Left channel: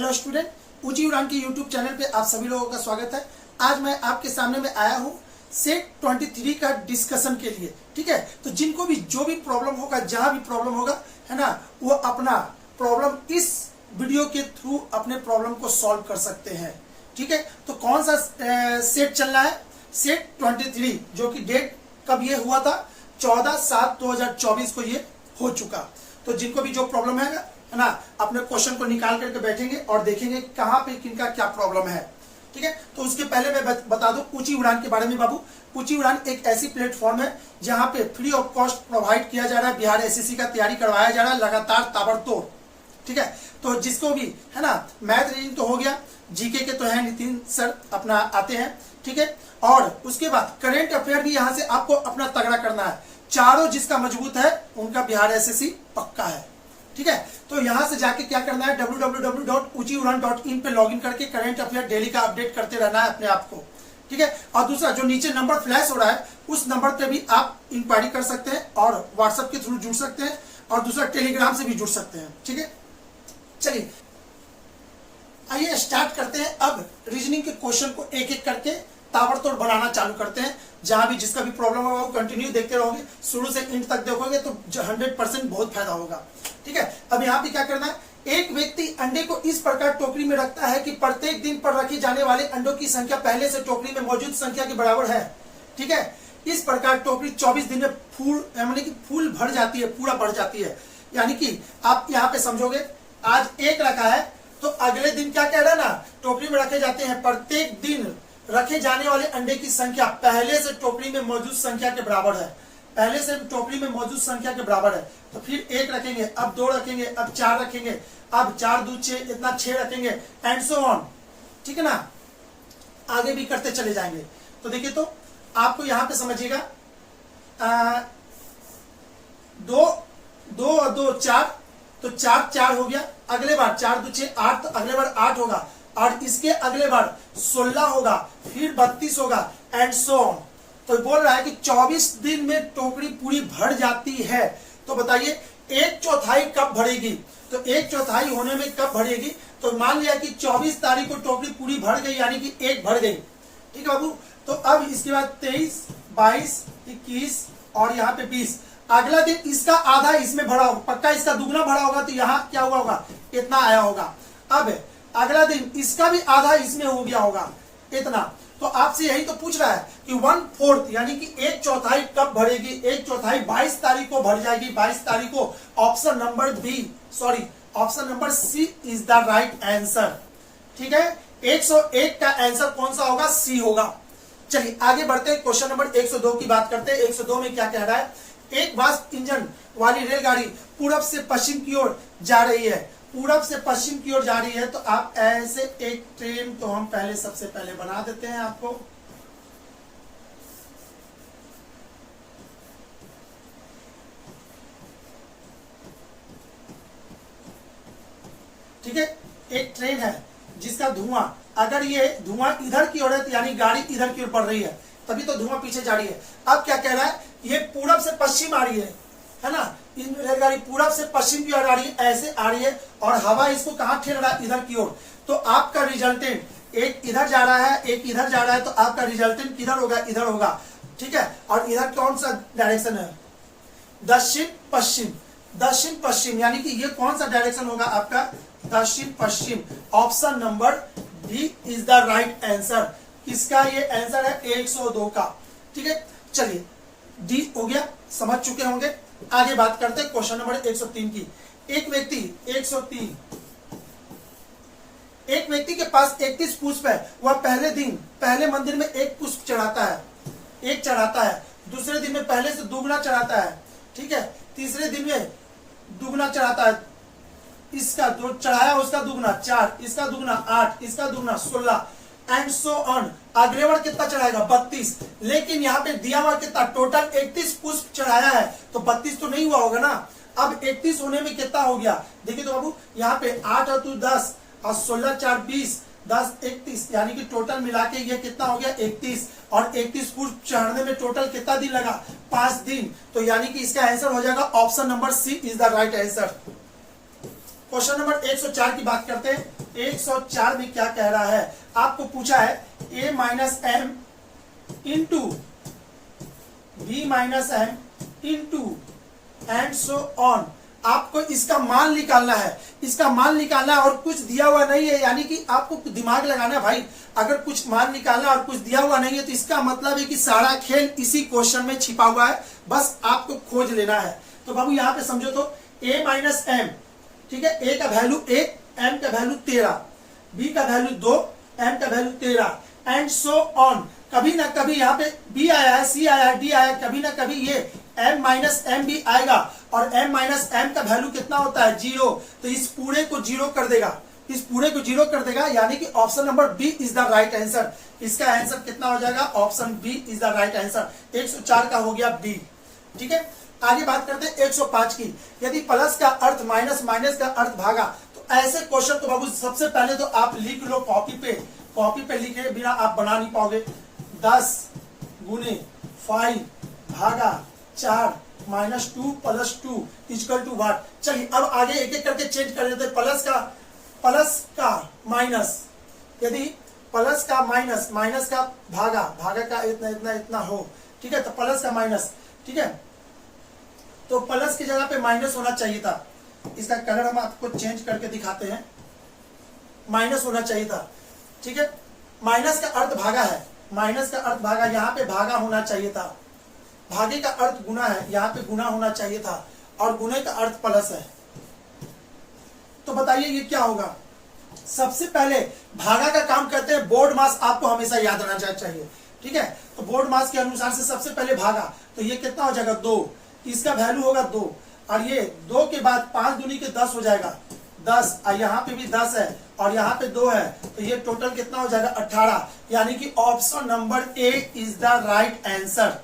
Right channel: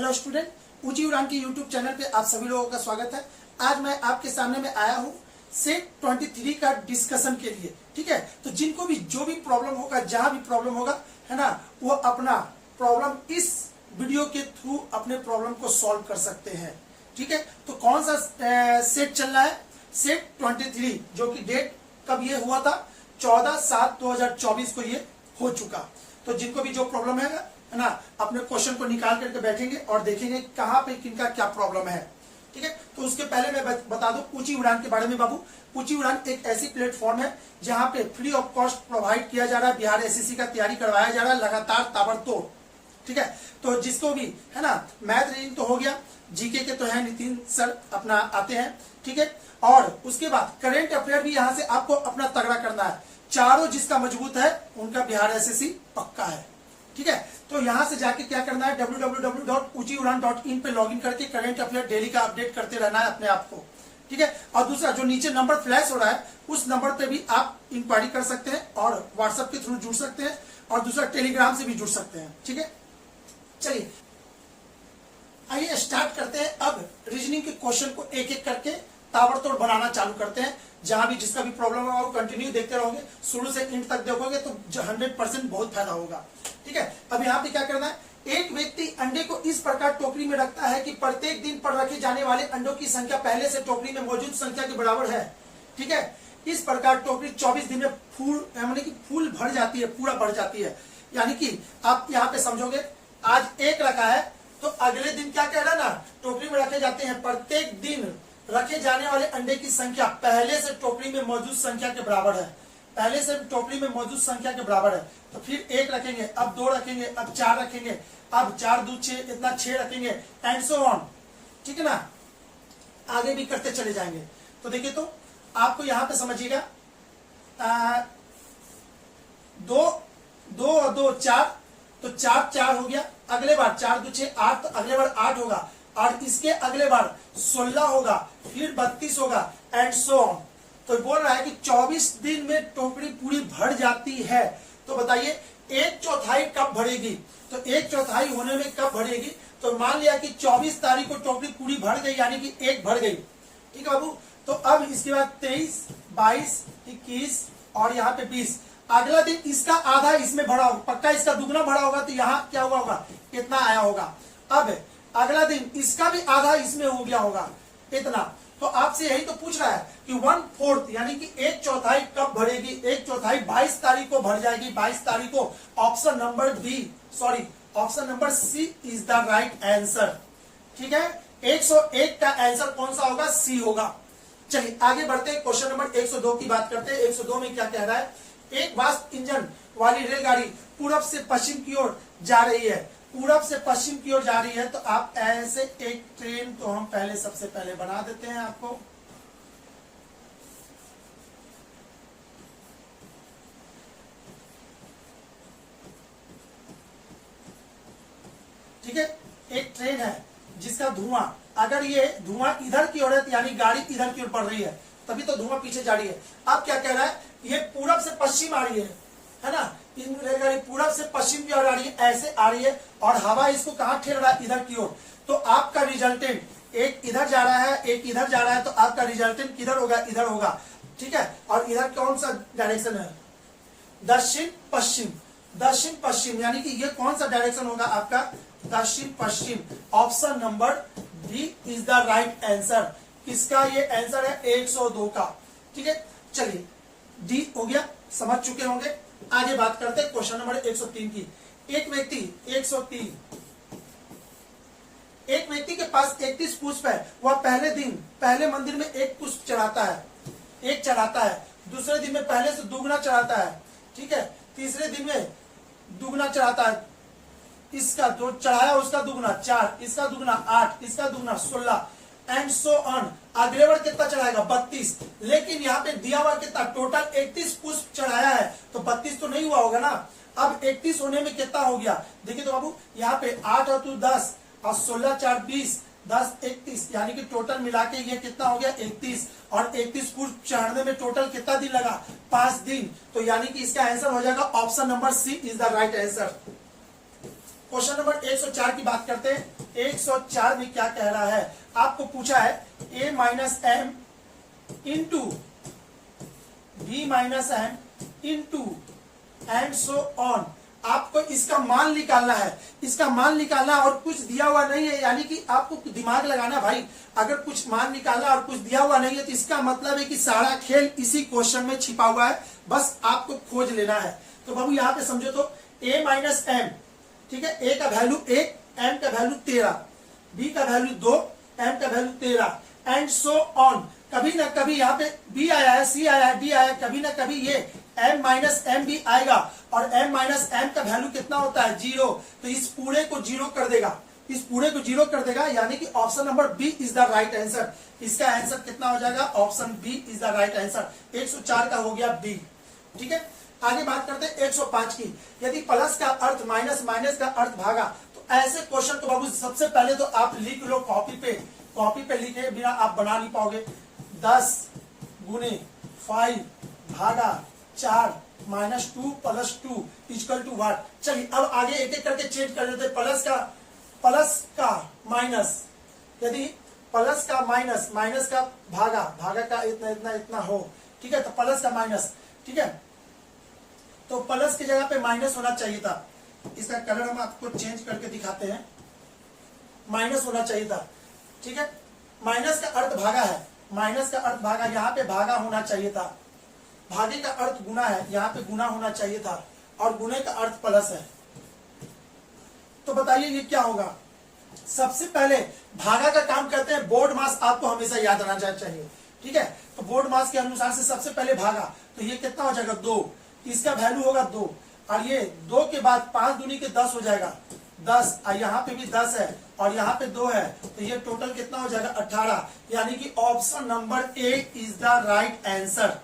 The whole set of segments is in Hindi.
हेलो स्टूडेंट, ऊंची उड़ान की यूट्यूब चैनल पे आप सभी लोगों का स्वागत है। आज मैं आपके सामने में आया हूँ सेट 23 का डिस्कशन के लिए। ठीक है, तो जिनको भी जो भी प्रॉब्लम होगा, जहां भी प्रॉब्लम होगा, है ना, वो अपना प्रॉब्लम इस वीडियो के थ्रू अपने प्रॉब्लम को सॉल्व कर सकते हैं। ठीक है, तो कौन सा सेट चल रहा है? सेट 23, जो कि डेट कब ये हुआ था? 14/7/2024 को ये हो चुका। तो जिनको भी जो प्रॉब्लम है ना, अपने क्वेश्चन को निकाल करके बैठेंगे और देखेंगे कहाँ पे किनका क्या प्रॉब्लम है। ठीक है, तो उसके पहले मैं बता दूं ऊंची उड़ान के बारे में। बाबू, ऊंची उड़ान एक ऐसी प्लेटफॉर्म है जहां पे फ्री ऑफ कॉस्ट प्रोवाइड किया जा रहा है। बिहार एसएससी का तैयारी करवाया जा रहा है लगातार ताबड़तोड़। ठीक है, तो जिसको भी है ना, मैथ रीडिंग तो हो गया, जीके के तो है नितिन सर अपना आते हैं। ठीक है, और उसके बाद करेंट अफेयर भी यहाँ से आपको अपना तगड़ा करना है। चारों जिसका मजबूत है उनका बिहार एसएससी पक्का है। ठीक है, तो यहां से जाके क्या करना है, www.uchiudan.in पे लॉगिन करके करंट अफेयर डेली का अपडेट करते रहना है अपने आप को। ठीक है, और दूसरा जो नीचे नंबर फ्लैश हो रहा है उस नंबर पे भी आप इंक्वायरी कर सकते हैं और व्हाट्सएप के थ्रू जुड़ सकते हैं, और दूसरा टेलीग्राम से भी जुड़ सकते हैं। ठीक है, चलिए आइए स्टार्ट करते हैं। अब रीजनिंग के क्वेश्चन को एक एक करके ताबड़तोड़ बनाना चालू करते हैं। जहां भी जिसका भी प्रॉब्लम होगा वो कंटिन्यू देखते रहोगे, शुरू से एंड तक देखोगे तो 100% बहुत फायदा होगा। ठीक है, अब यहाँ पे क्या करना है, एक व्यक्ति अंडे को इस प्रकार टोकरी में रखता है कि प्रत्येक दिन पर रखे जाने वाले अंडों की संख्या पहले से टोकरी में मौजूद संख्या के बराबर है। ठीक है, इस प्रकार टोकरी 24 दिन में फूल यानी कि फूल भर जाती है, पूरा भर जाती है। यानी कि आप यहाँ पे समझोगे, आज एक रखा है तो अगले दिन क्या कह रहा है ना, टोकरी में रखे जाते हैं, प्रत्येक दिन रखे जाने वाले अंडे की संख्या पहले से टोकरी में मौजूद संख्या के बराबर है। पहले से टोकरी में मौजूद संख्या के बराबर है, तो फिर एक रखेंगे, अब दो रखेंगे, अब चार रखेंगे, अब 4 2 6 इतना 6 रखेंगे, एंड सो ऑन। ठीक है ना, आगे भी करते चले जाएंगे। तो देखिए, तो आपको यहां पे समझिएगा, 2 2 और 2 4, तो 4 4 हो गया। अगले बार 4 2 6 8, तो अगले बार 8 होगा, और इसके अगले बार 16 होगा, फिर 32 होगा, एंड सो ऑन। तो बोल रहा है कि 24 दिन में टोकरी पूरी भर जाती है। तो बताइए 1/4 कब भरेगी? तो 1/4 होने में कब भरेगी? तो मान लिया कि 24 तारीख को टोकरी पूरी भर गई, यानी कि 1 भर गई। ठीक है बाबू, तो अब इसके बाद 23 22 21 और यहाँ पे 20। अगला दिन इसका आधा इसमें भरा होगा, पक्का इसका दुगना भरा होगा, तो यहाँ क्या हुआ होगा, इतना आया होगा। अब अगला दिन इसका भी आधा इसमें हो गया होगा, इतना। तो आपसे यही तो पूछ रहा है कि 1/4 यानी कि 1/4 कब भरेगी? 1/4 22 तारीख को भर जाएगी, 22 तारीख को। Option number option number C is the right answer. ठीक है, 101 का आंसर कौन सा होगा? सी होगा। चलिए आगे बढ़ते हैं, क्वेश्चन नंबर 102 की बात करते हैं। 102 में क्या कह रहा है, एक वाष्प इंजन वाली रेलगाड़ी पूरब से पश्चिम की ओर जा रही है। पूरब से पश्चिम की ओर जा रही है, तो आप ऐसे एक ट्रेन तो हम पहले सबसे पहले बना देते हैं आपको। ठीक है, एक ट्रेन है जिसका धुआं, अगर ये धुआं इधर की ओर है तो यानी गाड़ी इधर की ओर बढ़ रही है, तभी तो धुआं पीछे जा रही है। अब क्या कह रहा है, ये पूरब से पश्चिम आ रही है ना, इन रेलगाड़ी पूरब से पश्चिम की ओर आ रही है, ऐसे आ रही है, और हवा इसको कहाँ ठेल रहा है? इधर की ओर। तो आपका रिजल्टेंट एक इधर जा रहा है, एक इधर जा रहा है, तो आपका रिजल्टेंट किधर होगा? इधर होगा। ठीक है, और इधर कौन सा डायरेक्शन है? दक्षिण पश्चिम। दक्षिण पश्चिम यानी कि ये कौन सा डायरेक्शन होगा आपका? दक्षिण पश्चिम। Option number D is the right answer. किसका ये आंसर है? 102 का। ठीक है, चलिए डी हो गया, समझ चुके होंगे। आगे बात करते हैं क्वेश्चन नंबर 103 की। एक व्यक्ति के पास 31 पुष्प है। वह पहले दिन पहले मंदिर में एक पुष्प चढ़ाता है, दूसरे दिन में पहले से दुगना चढ़ाता है। ठीक है, तीसरे दिन में दुगना चढ़ाता है, इसका जो चढ़ाया उसका दुगना 4, इसका दुगना 8, इसका दुगना 16, एंड सो ऑन। अगले बार कितना चढ़ाएगा? 32। लेकिन यहाँ पे दिया हुआ कितना? टोटल 31 पुष्प चढ़ाया है, तो 32 तो नहीं हुआ होगा ना। अब 31 होने में कितना हो गया? देखिए तो बाबू, यहाँ पे 8 और 2 10 और 16 4 20, 10 31, यानी कि टोटल मिला के ये कितना हो गया? 31। और 31 पुष्प चढ़ने में टोटल कितना दिन लगा? 5 दिन। तो यानी कि इसका आंसर हो जाएगा option number C is the right answer. Question number 104 की बात करते हैं। 104 में क्या कह रहा है, आपको पूछा है a minus M into B minus M into and so on. आपको इसका मान निकालना है, इसका मान निकालना है और कुछ दिया हुआ नहीं है, यानी कि आपको दिमाग लगाना है भाई। अगर कुछ मान निकालना है और कुछ दिया हुआ नहीं है तो इसका मतलब है कि सारा खेल इसी क्वेश्चन में छिपा हुआ है, बस आपको खोज लेना है। तो बाबू यहाँ पे समझो तो a माइनस एम, ठीक है, a का वैल्यू 1, m का वैल्यू 13, b का वैल्यू 2, m का वैल्यू 13 एंड सो ऑन। कभी ना कभी यहाँ पे b आया है, c आया है, d आया है, कभी ना कभी ये m माइनस एम भी आएगा और m माइनस एम का वैल्यू कितना होता है 0, तो इस पूरे को 0 कर देगा, इस पूरे को 0 कर देगा, यानी कि option number B is the right answer. इसका आंसर कितना हो जाएगा, option B is the right answer. 104 का हो गया बी, ठीक है। आगे बात करते हैं 105 की। यदि प्लस का अर्थ माइनस, माइनस का अर्थ भागा, तो ऐसे क्वेश्चन तो बाबू सबसे पहले तो आप लिख लो कॉपी पे, कॉपी पे लिखे बिना आप बना नहीं पाओगे। 10 गुने 5 भागा 4 minus 2 plus 2 equal to what. चलिए अब आगे एक एक करके चेंज कर देते हैं। प्लस का माइनस, यदि प्लस का माइनस, माइनस का भागा, भागा का इतना इतना इतना हो, ठीक है, तो प्लस का माइनस, ठीक है, तो प्लस की जगह पे माइनस होना चाहिए था। इसका कलर हम आपको चेंज करके दिखाते हैं, माइनस होना चाहिए था, ठीक है। माइनस का अर्थ भागा है, माइनस का अर्थ भागा, यहाँ पे भागा होना चाहिए था। भागे का अर्थ गुना है, यहाँ पे गुना होना चाहिए था, और गुने का अर्थ प्लस है। तो बताइए ये क्या होगा। सबसे पहले भागा का काम करते हैं, बोर्ड मास आपको हमेशा याद रहना चाहिए, ठीक है। तो बोर्ड मास के अनुसार से सबसे पहले भागा, तो ये कितना हो जाएगा 2, इसका वैल्यू होगा 2, और ये 2 के बाद 5 दूनी के 10 हो जाएगा 10, और यहाँ पे भी 10 है और यहाँ पे 2 है, तो ये टोटल कितना हो जाएगा 18, यानी कि option number A is the right answer,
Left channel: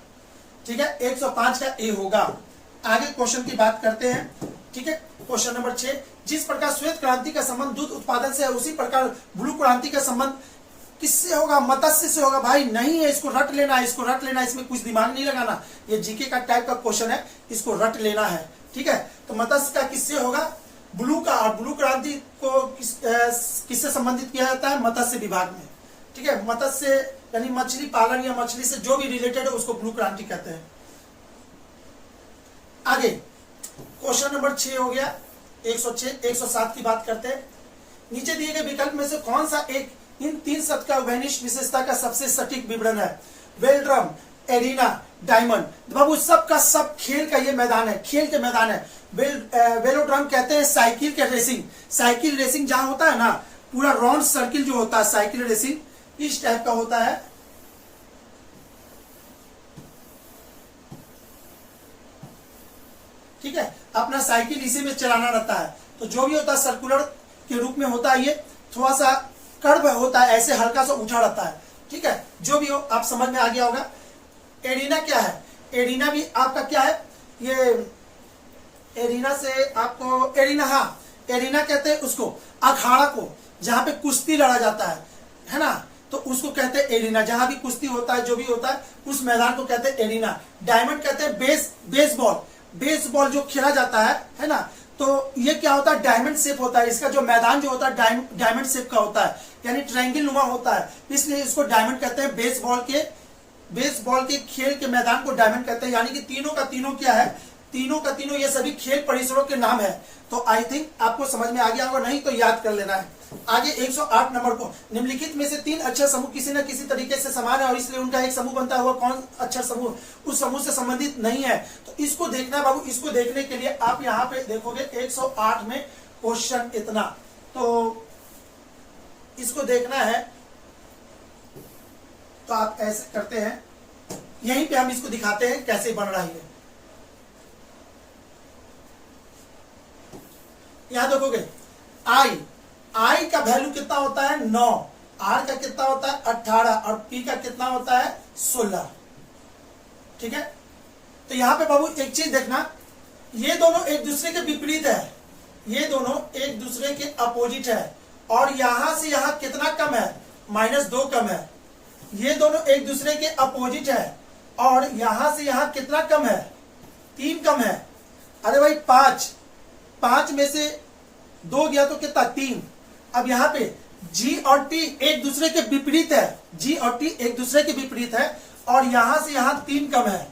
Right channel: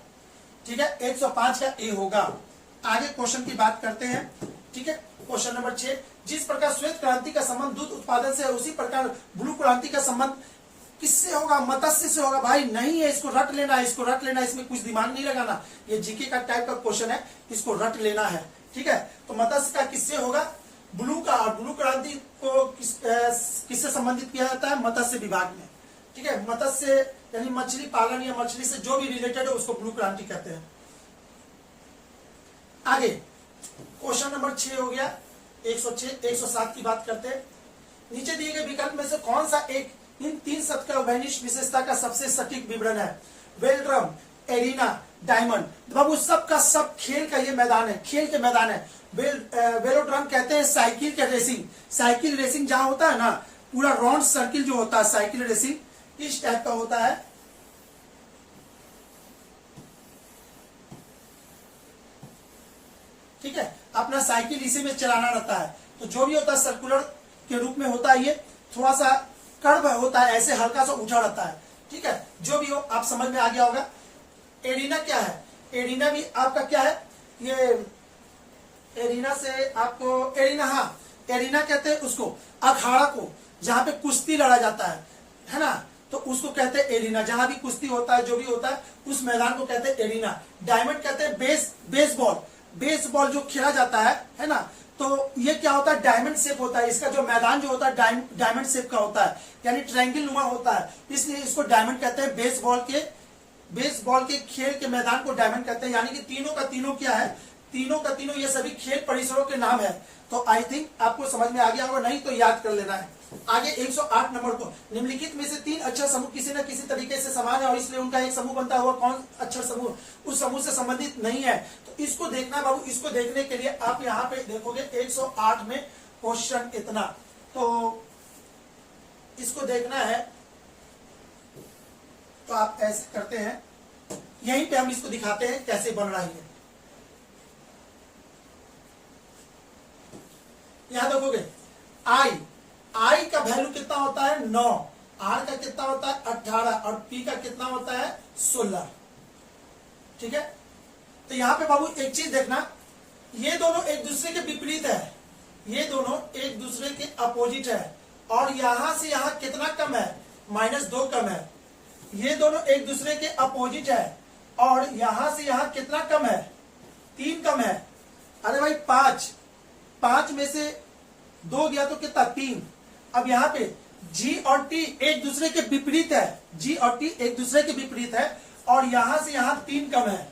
ठीक है। 105 का ए होगा। आगे क्वेश्चन की बात करते हैं, ठीक है। क्वेश्चन नंबर 6, जिस प्रकार श्वेत क्रांति का संबंध दूध उत्पादन से है, उसी प्रकार ब्लू क्रांति का संबंध किससे होगा, मत्स्य से होगा। भाई नहीं है, इसको रट लेना है, इसको रट लेना है, इसमें कुछ दिमाग नहीं लगाना। ये जीके का टाइप का क्वेश्चन है, इसको रट लेना है, ठीक है। तो मत्स्य का किससे होगा, ब्लू का, और ब्लू क्रांति को किससे संबंधित किया जाता है, मत्स्य विभाग में, ठीक है। मत्स्य यानी मछली पालन या मछली से जो भी रिलेटेड है उसको ब्लू क्रांति कहते हैं। आगे क्वेश्चन नंबर 6 हो गया। 106, 107 की बात करते हैं। नीचे दिए गए विकल्प में से कौन सा एक इन 3 शब्द का वैनिश विशेषता का सबसे सटीक विवरण है। वेलड्रम, एरिना, डायमंड। बाबू सब का सब खेल का ये मैदान है, खेल के मैदान है। वेलोड्रम कहते हैं साइकिल के रेसिंग, साइकिल रेसिंग जहां होता है ना, पूरा राउंड सर्किल जो होता है साइकिल रेसिंग, इस टाइप का होता है। ठीक है, अपना साइकिल इसी में चलाना रहता है। तो जो भी होता है सर्कुलर के रूप में होता है, ये थोड़ा सा कर्व होता है, ऐसे हल्का सा उठा रहता है, ठीक है। जो भी हो आप समझ में आ गया होगा। एरिना क्या है, एरिना भी आपका क्या है, ये एरिना से आपको एरिना, हाँ एरिना कहते हैं उसको अखाड़ा को, जहां पे कुश्ती लड़ा जाता है ना, तो उसको कहते हैं एरिना। जहां भी कुश्ती होता है, जो भी होता है, उस मैदान को कहते हैं एरिना। डायमंड कहते हैं बेसबॉल, बेसबॉल जो खेला जाता है ना, तो ये क्या होता है, डायमंड शेप होता है। इसका जो मैदान जो होता है डायमंड शेप का होता है, यानी ट्रायंगल नुमा होता है, इसलिए इसको डायमंड कहते हैं। बेसबॉल के खेल के मैदान को डायमंड कहते हैं। यानी कि तीनों का तीनों क्या है, तीनों का तीनों ये सभी खेल परिसरों के नाम है। तो आई थिंक आपको समझ में आ गया होगा, नहीं तो याद कर लेना है। आगे 108 नंबर को, निम्नलिखित में से 3 अक्षर समूह किसी न किसी तरीके से समान है और इसलिए उनका एक समूह बनता हुआ कौन अक्षर समूह उस समूह से संबंधित नहीं है। तो इसको देखना बाबू, इसको देखने के लिए आप यहाँ पे देखोगे 108 में क्वेश्चन इतना, तो इसको देखना है। तो आप ऐसे करते हैं, यहीं पे हम इसको दिखाते हैं कैसे बन रहा है। यहां देखोगे आई का वैल्यू कितना होता है 9, आर का कितना होता है 18 और पी का कितना होता है 16, ठीक है। तो यहां पे बाबू एक चीज देखना, ये दोनों एक दूसरे के विपरीत है, ये दोनों एक दूसरे के अपोजिट है, और यहां से यहां कितना कम है, -2 कम है। ये दोनों एक दूसरे के अपोजिट है, और यहां से यहां कितना कम है, 3 कम है। अरे भाई 5 में से 2 गया तो कितना 3। अब यहाँ पे G और T एक दूसरे के विपरीत है, G और T एक दूसरे के विपरीत है, और यहां से यहां 3 कम है,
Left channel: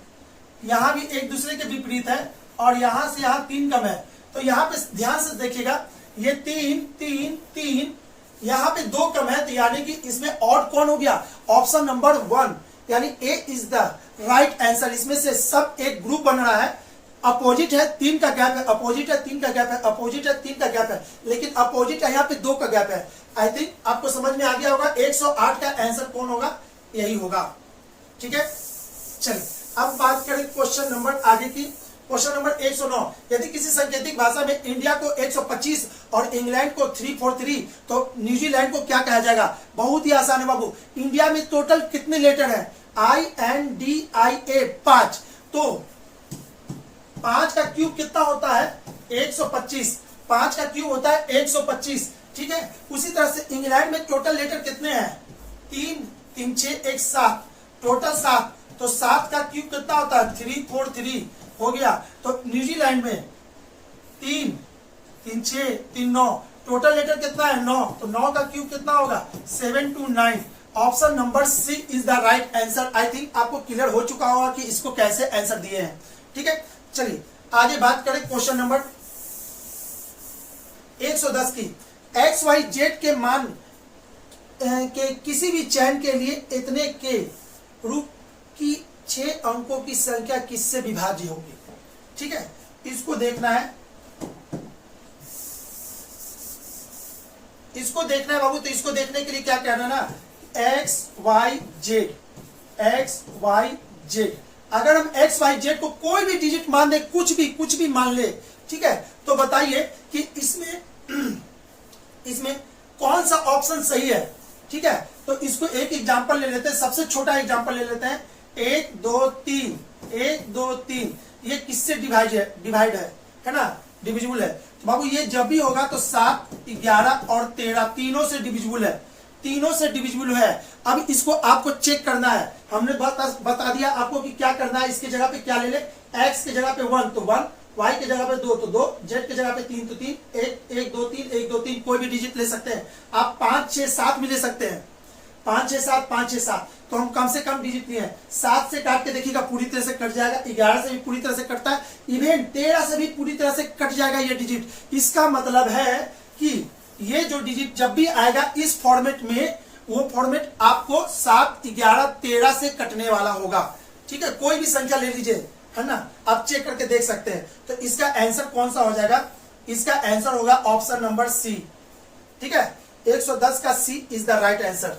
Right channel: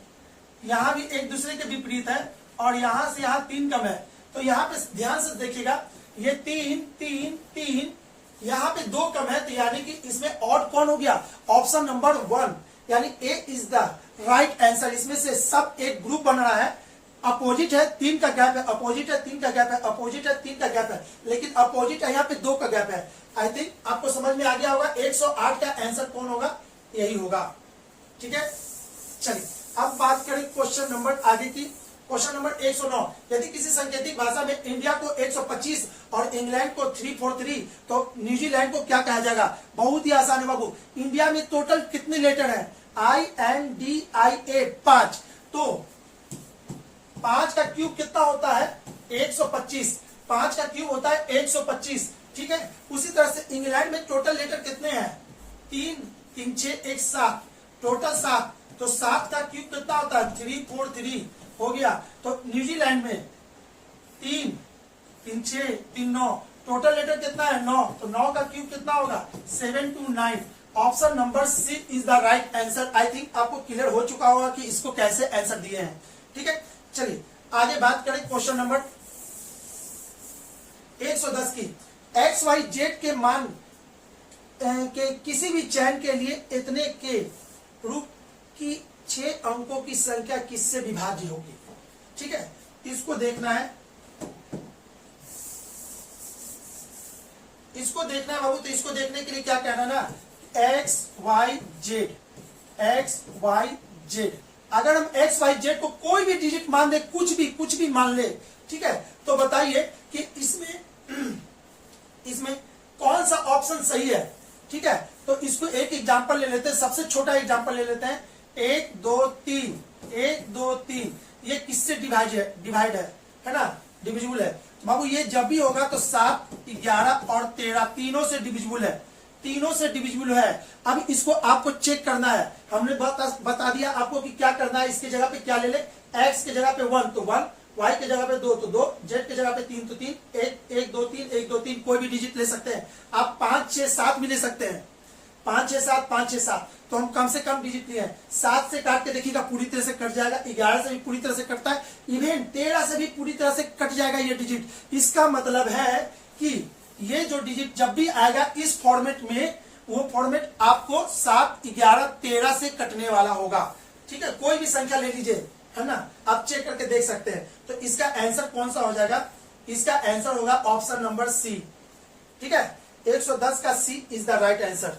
यहां भी एक दूसरे के विपरीत है, और यहां से यहां 3 कम है। तो यहाँ पे ध्यान से देखिएगा, ये 3 3 3, यहाँ पे 2 कम है, तो यानी कि इसमें ऑड कौन हो गया, ऑप्शन नंबर 1, यानी ए इज द राइट आंसर। इसमें से सब एक ग्रुप बन रहा है, अपोजिट है, 3 का गैप है, अपोजिट है 3 का गैप है, अपोजिट है 3 का गैप है, लेकिन अपोजिट है यहाँ पे 2 का गैप है। आई थिंक आपको समझ में आ गया होगा 108 का आंसर कौन होगा, यही होगा। ठीक है, चलिए अब बात करें क्वेश्चन नंबर आगे की। क्वेश्चन नंबर 109, यदि किसी सांकेतिक भाषा में इंडिया को 125 और इंग्लैंड को 343 तो न्यूजीलैंड को क्या कहा जाएगा। बहुत ही आसान है बाबू। इंडिया में टोटल कितने लेटर हैं, INDIA 5, तो 5 का क्यूब कितना होता है 125, 5 का क्यूब होता है 125। ठीक है, उसी तरह से इंग्लैंड में टोटल लेटर कितने हैं, 3 3 6 1 7, टोटल 7, तो 7 का क्यूब कितना होता है 343 हो गया। तो न्यूजीलैंड में 3 3 6 3 9, टोटल लेटर कितना है 9, तो 9 का क्यूब कितना होगा 729। Option number C is the right answer. I think आपको क्लियर हो चुका होगा कि इसको कैसे आंसर दिए हैं। ठीक है, चलिए आगे बात करें क्वेश्चन नंबर 110 की। XYZ के मान के किसी भी चयन के लिए इतने के रूप की 6 अंकों की संख्या किससे विभाज्य होगी। ठीक है, इसको देखना है, इसको देखना है बाबू। तो इसको देखने के लिए क्या कहना ना, XYZ, XYZ। अगर हम XYZ को कोई भी डिजिट मान दे, कुछ भी मान ले, ठीक है, तो बताइए कि इसमें कौन सा ऑप्शन सही है। ठीक है, तो इसको एक एग्जांपल ले लेते हैं, सबसे छोटा एग्जांपल ले लेते हैं। 1 2 3, 1 2 3, ये किससे डिवाइड है ना, डिविजिबल है। तो बाबू ये जब भी होगा तो 7 11 और 13 तीनों से डिविजिबल है, तीनों से डिविजिबल है। अब इसको आपको चेक करना है, हमने बता दिया आपको कि क्या करना है। इसके जगह पे क्या ले ले, x के जगह पे 1 तो 1, y के जगह पे 2 तो 2, z के जगह पे 3 तो 3, 1 2 3 1 2 3, कोई भी डिजिट ले सकते हैं आप। 5 6 7 भी ले सकते हैं, 5 6 7 5 6 7, तो हम कम से कम डिजिट लिए हैं। 7 से काट के देखिएगा पूरी तरह से कट जाएगा, 11 से भी पूरी तरह से कटता है, इवन 13 से भी पूरी तरह से कट जाएगा ये डिजिट। इसका मतलब है कि ये जो डिजिट जब भी आएगा इस फॉर्मेट में, वो फॉर्मेट आपको 7 11 13 से कटने वाला होगा। ठीक है, कोई भी संख्या ले लीजिए, है ना, आप चेक करके देख सकते हैं। तो इसका आंसर कौन सा हो जाएगा, इसका आंसर होगा ऑप्शन नंबर सी। ठीक है, 110 का सी इज द राइट आंसर।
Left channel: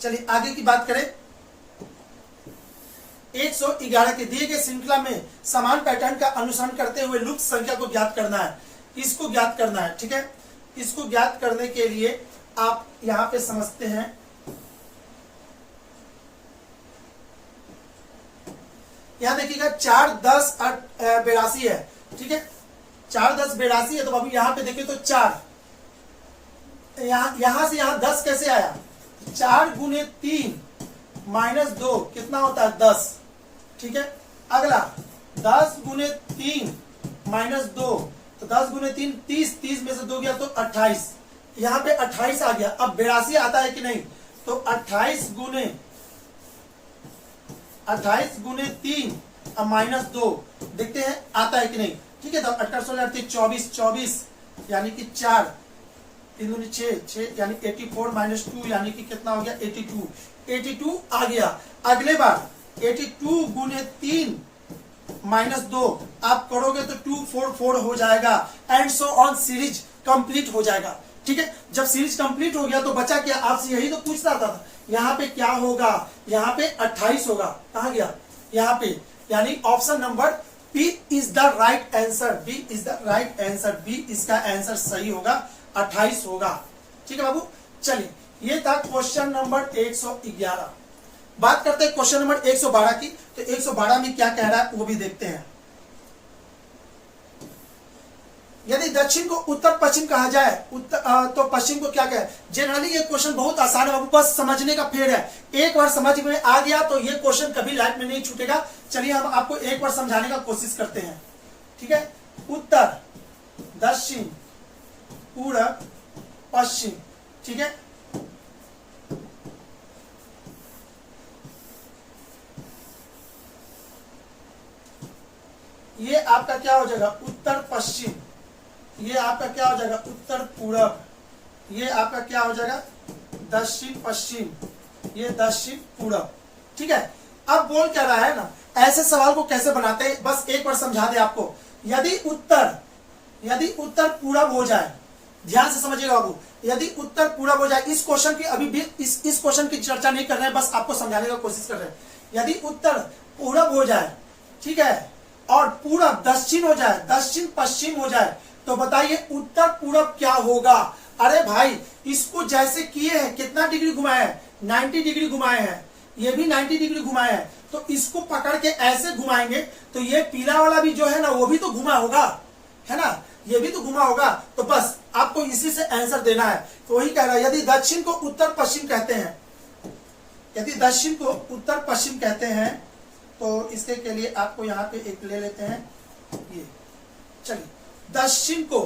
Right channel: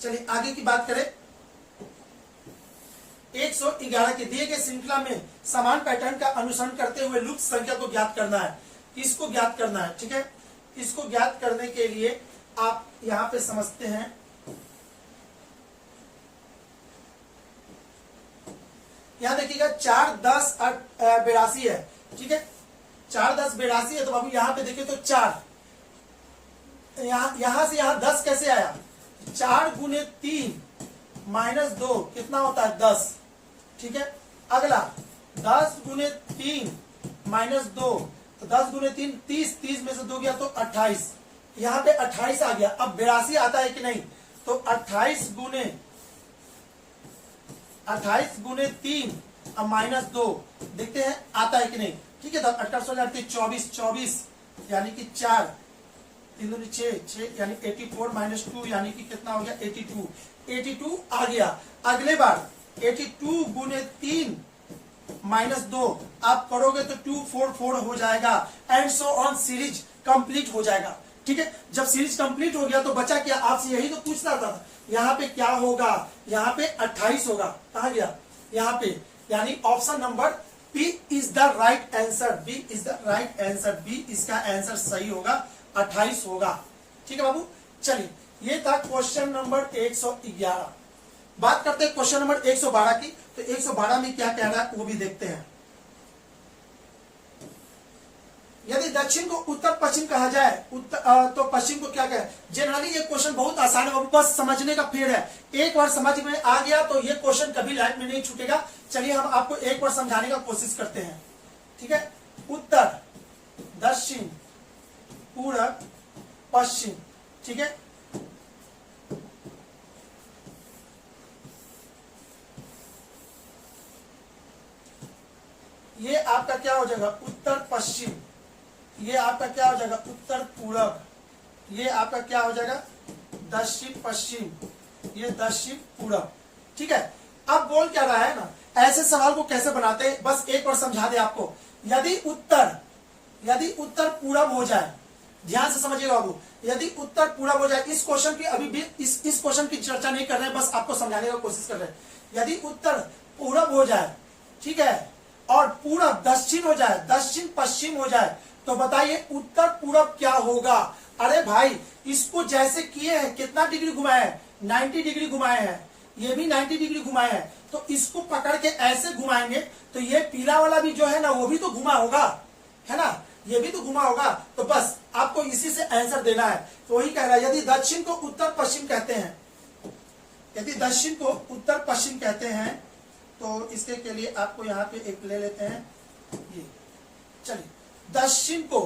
चलिए आगे की बात करें। 111 के दिए गए श्रृंखला में समान पैटर्न का अनुसरण करते हुए लुप्त संख्या को ज्ञात करना है, इसको ज्ञात करना है। ठीक है, इसको ज्ञात करने के लिए आप यहां पे समझते हैं, यहां देखिएगा 4 10 82 है। ठीक है, 4 10 82 है, तो अभी यहां पे देखिए तो 4, यहां से यहां 10 कैसे आया, 4 गुने 3 माइनस 2 कितना होता है 10। ठीक है, अगला 10 गुने 3 माइनस 2, तो 10 गुने 3 30, 30 में से 2 गया तो 28, यहां पे 28 आ गया। अब 82 आता है कि नहीं, तो 28 गुने 3 अब माइनस 2, देखते हैं आता है कि नहीं। ठीक है, तो 28 24 24 यानी कि 4 3 दूनी 6 यानी 84 माइनस 2 यानी कि कितना हो गया 82 आ गया। अगले बार 82 गुने 3 माइनस 2 आप करोगे तो 244 हो जाएगा, and so on, series complete हो जाएगा। ठीक है, जब सीरीज कंप्लीट हो गया तो बचा क्या, आपसे यही तो पूछता था, यहाँ पे क्या होगा, यहाँ पे 28 होगा, कहा गया यहाँ पे, यानी option number B is the right answer, B is the right answer, B इसका आंसर सही होगा, 28 होगा। ठीक है बाबू, चलिए ये था क्वेश्चन नंबर 111। बात करते हैं क्वेश्चन नंबर 112 की। तो 112 में क्या कह रहा है वो भी देखते हैं। यदि दक्षिण को उत्तर पश्चिम कहा जाए तो पश्चिम को क्या कहे। जनरली ये क्वेश्चन बहुत आसान है, बस समझने का फेर है। एक बार समझ में आ गया तो ये क्वेश्चन कभी लाइफ में नहीं छूटेगा। चलिए हम आपको एक बार समझाने का कोशिश करते हैं। ठीक है, उत्तर दक्षिण, पूरब, पश्चिम। ठीक है, ये आपका क्या हो जाएगा उत्तर पश्चिम, ये आपका क्या हो जाएगा उत्तर पूरब, ये आपका क्या हो जाएगा दक्षिण पश्चिम, ये दक्षिण पूरब। ठीक है, अब बोल क्या रहा है ना, ऐसे सवाल को कैसे बनाते हैं बस एक बार समझा दे आपको। यदि उत्तर पूरब हो जाए, ध्यान से समझिएगा बाबू, यदि उत्तर पूरब हो जाए, इस क्वेश्चन की अभी भी इस क्वेश्चन की चर्चा नहीं कर रहे हैं, बस आपको समझाने का कोशिश कर रहे हैं। यदि उत्तर पूरब हो जाए, ठीक है, और पूरब दक्षिण हो जाए, दक्षिण पश्चिम हो जाए, तो बताइए उत्तर पूरब क्या होगा। अरे भाई, इसको जैसे किए हैं, कितना डिग्री घुमाए हैं, 90 डिग्री घुमाए हैं, ये भी 90 डिग्री घुमाए हैं, तो इसको पकड़ के ऐसे घुमाएंगे तो ये पीला वाला भी जो है ना वो भी तो घुमा होगा, है ना, ये भी तो घुमा होगा। तो बस आपको इसी से आंसर देना है। तो वही कह रहा है, यदि दक्षिण को उत्तर पश्चिम कहते हैं, यदि दक्षिण को उत्तर पश्चिम कहते हैं, तो इसके के लिए आपको यहाँ पे एक ले लेते हैं, ये चलिए, दक्षिण को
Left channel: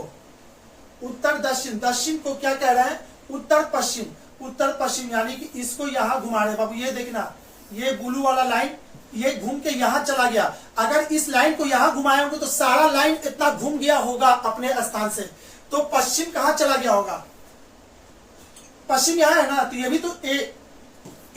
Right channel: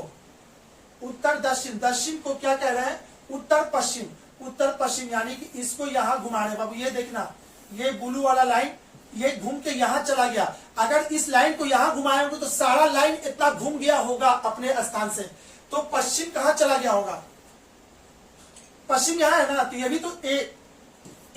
उत्तर दक्षिण, दक्षिण को क्या कह रहा है उत्तर पश्चिम, उत्तर पश्चिम, यानी कि इसको यहाँ घुमा रहे बाबू, ये देखना, ये ब्लू वाला लाइन ये घूम के यहाँ चला गया। अगर इस लाइन को यहाँ घुमाए होंगे तो सारा लाइन इतना घूम गया होगा अपने स्थान से, तो पश्चिम कहाँ चला गया होगा, पश्चिम यहाँ है ना, तो ये भी तो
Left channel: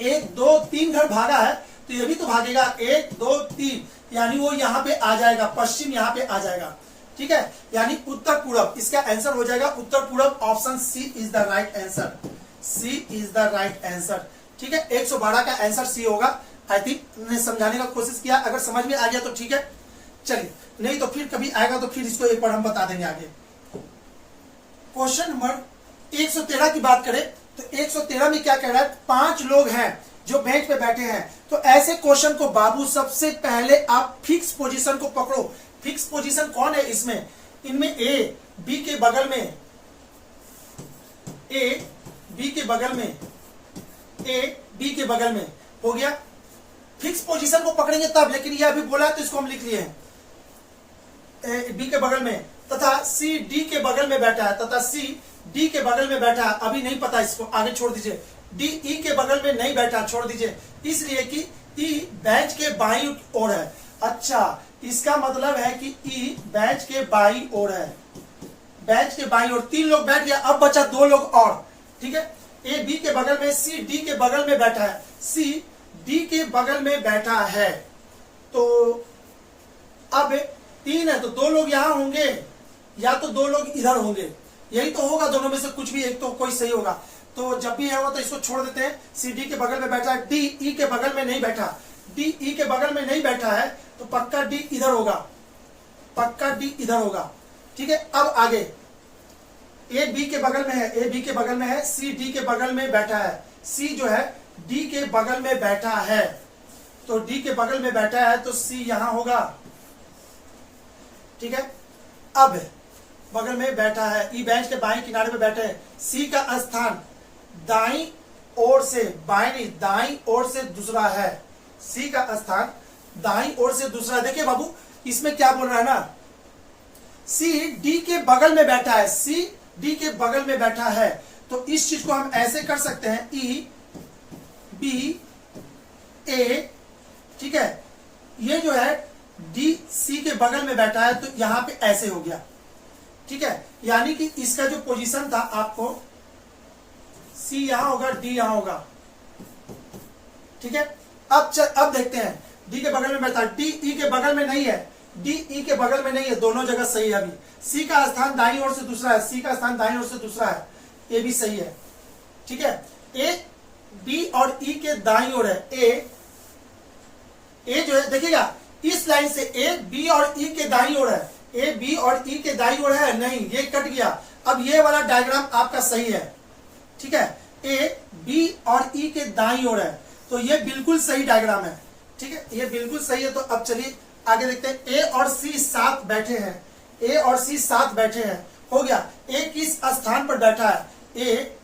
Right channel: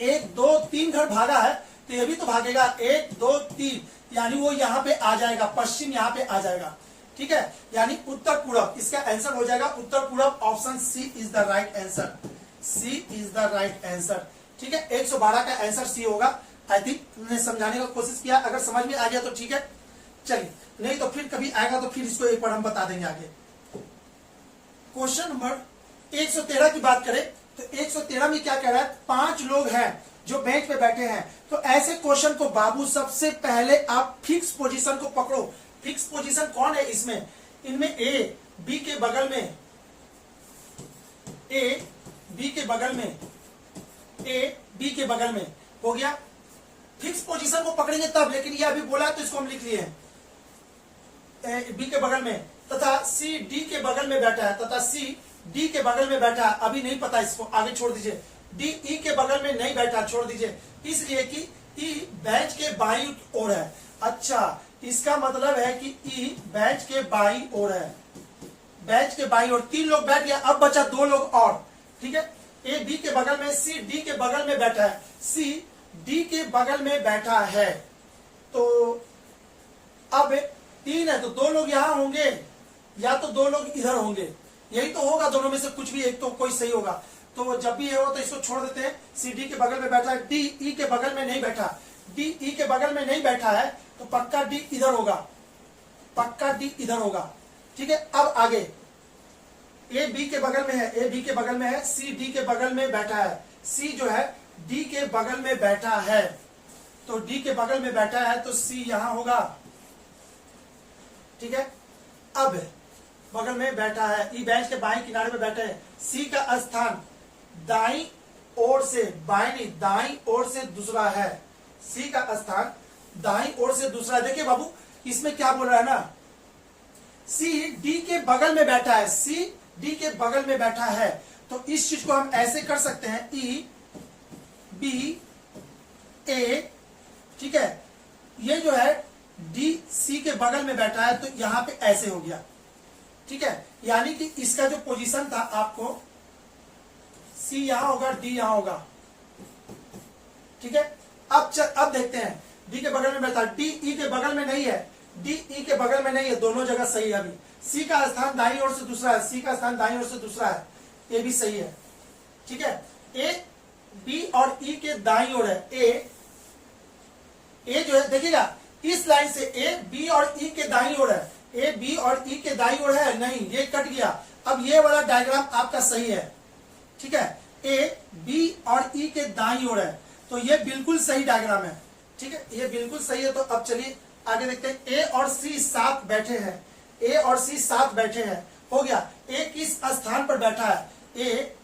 एक दो तीन घर भागा है, तो ये भी तो भागेगा 1 2 3, यानी वो यहाँ पे आ जाएगा, पश्चिम यहाँ पे आ जाएगा। ठीक है, यानी उत्तर पूरब, इसका आंसर हो जाएगा उत्तर पूरब। Option C is the right answer, C is the right answer. ठीक है, 112 का आंसर सी होगा। आई थिंक मैंने समझाने का कोशिश किया, अगर समझ में आ गया तो ठीक है, चलिए, नहीं तो फिर कभी आएगा तो फिर इसको एक बार हम बता देंगे आगे। क्वेश्चन नंबर 113 की बात करें तो 113 में क्या कह रहा है, 5 लोग हैं जो बेंच पे बैठे हैं, तो ऐसे क्वेश्चन को बाबू सबसे पहले आप फिक्स पोजीशन को पकड़ो। फिक्स पोजीशन कौन है इसमें, इनमें ए बी के बगल में, ए बी के बगल में, ए बी के बगल में हो गया। फिक्स पोजीशन को पकड़ेंगे तब, लेकिन ये अभी बोला है तो इसको हम लिख लिए हैं, ए बी के बगल में, तथा सी डी के बगल में बैठा है, तथा सी डी के बगल में बैठा है, अभी नहीं पता, इसको आगे छोड़ दीजिए। डी ई के बगल में नहीं बैठा, छोड़ दीजिए, इसलिए कि ई बेंच के बाईं ओर है। अच्छा, इसका मतलब है कि ई बेंच के बाईं ओर है, बेंच के बाईं ओर 3 लोग बैठ गए, अब बचा 2 लोग और। ठीक है, ए बी के बगल में, सी डी के बगल में बैठा है, सी डी के बगल में बैठा है, तो अब 3 है तो 2 लोग यहां होंगे या तो 2 लोग इधर होंगे, यही तो होगा, दोनों में से कुछ भी एक तो कोई सही होगा। तो जब भी होगा तो इसको छोड़ देते हैं। सी डी के बगल में बैठा है, डी ई के बगल में नहीं बैठा, डी ई के बगल में नहीं बैठा है, तो पक्का डी इधर होगा, पक्का डी इधर होगा। ठीक है, अब आगे ए बी के बगल में है, ए बी के बगल में है, सी डी के बगल में बैठा है, सी जो है डी के बगल में बैठा है, तो डी के बगल में बैठा है तो सी यहां होगा। ठीक है, अब बगल में बैठा है, ई बेंच के बाएं किनारे पे बैठे हैं, सी का स्थान दाईं ओर से, बाएं नहीं दाईं ओर से दूसरा है, सी का स्थान दाईं ओर से दूसरा। देखिए बाबू, इसमें क्या बोल रहा है ना, सी डी के बगल में बैठा है, सी डी के बगल में बैठा है, तो इस चीज को हम ऐसे कर सकते हैं, ई बी ए, ठीक है, ये जो है डी सी के बगल में बैठा है, तो यहां पे ऐसे हो गया। ठीक है, यानी कि इसका जो पोजीशन था आपको, सी यहां होगा, डी यहां होगा। ठीक है, अब देखते हैं, डी के बगल में बैठा, डी ई के बगल में नहीं है, डी ई के बगल में नहीं है, दोनों जगह सही है। अभी सी का स्थान दाईं ओर से दूसरा है, सी का स्थान दाईं ओर से दूसरा है, ये भी सही है। ठीक है, ए बी और ई के दाईं ओर है, ए जो है देखिएगा, इस लाइन से ए बी और ई के दाईं ओर है, ए बी और ई के दाईं ओर है, नहीं ये कट गया। अब ये वाला डायग्राम आपका सही है। ठीक है, ए बी और ई के दाईं ओर है, तो ये बिल्कुल सही डायग्राम है। ठीक है, ये बिल्कुल सही है। तो अब चलिए आगे देखते हैं, ए और सी साथ बैठे हैं, ए और सी साथ बैठे हैं, हो गया। ए किस स्थान पर बैठा है, ए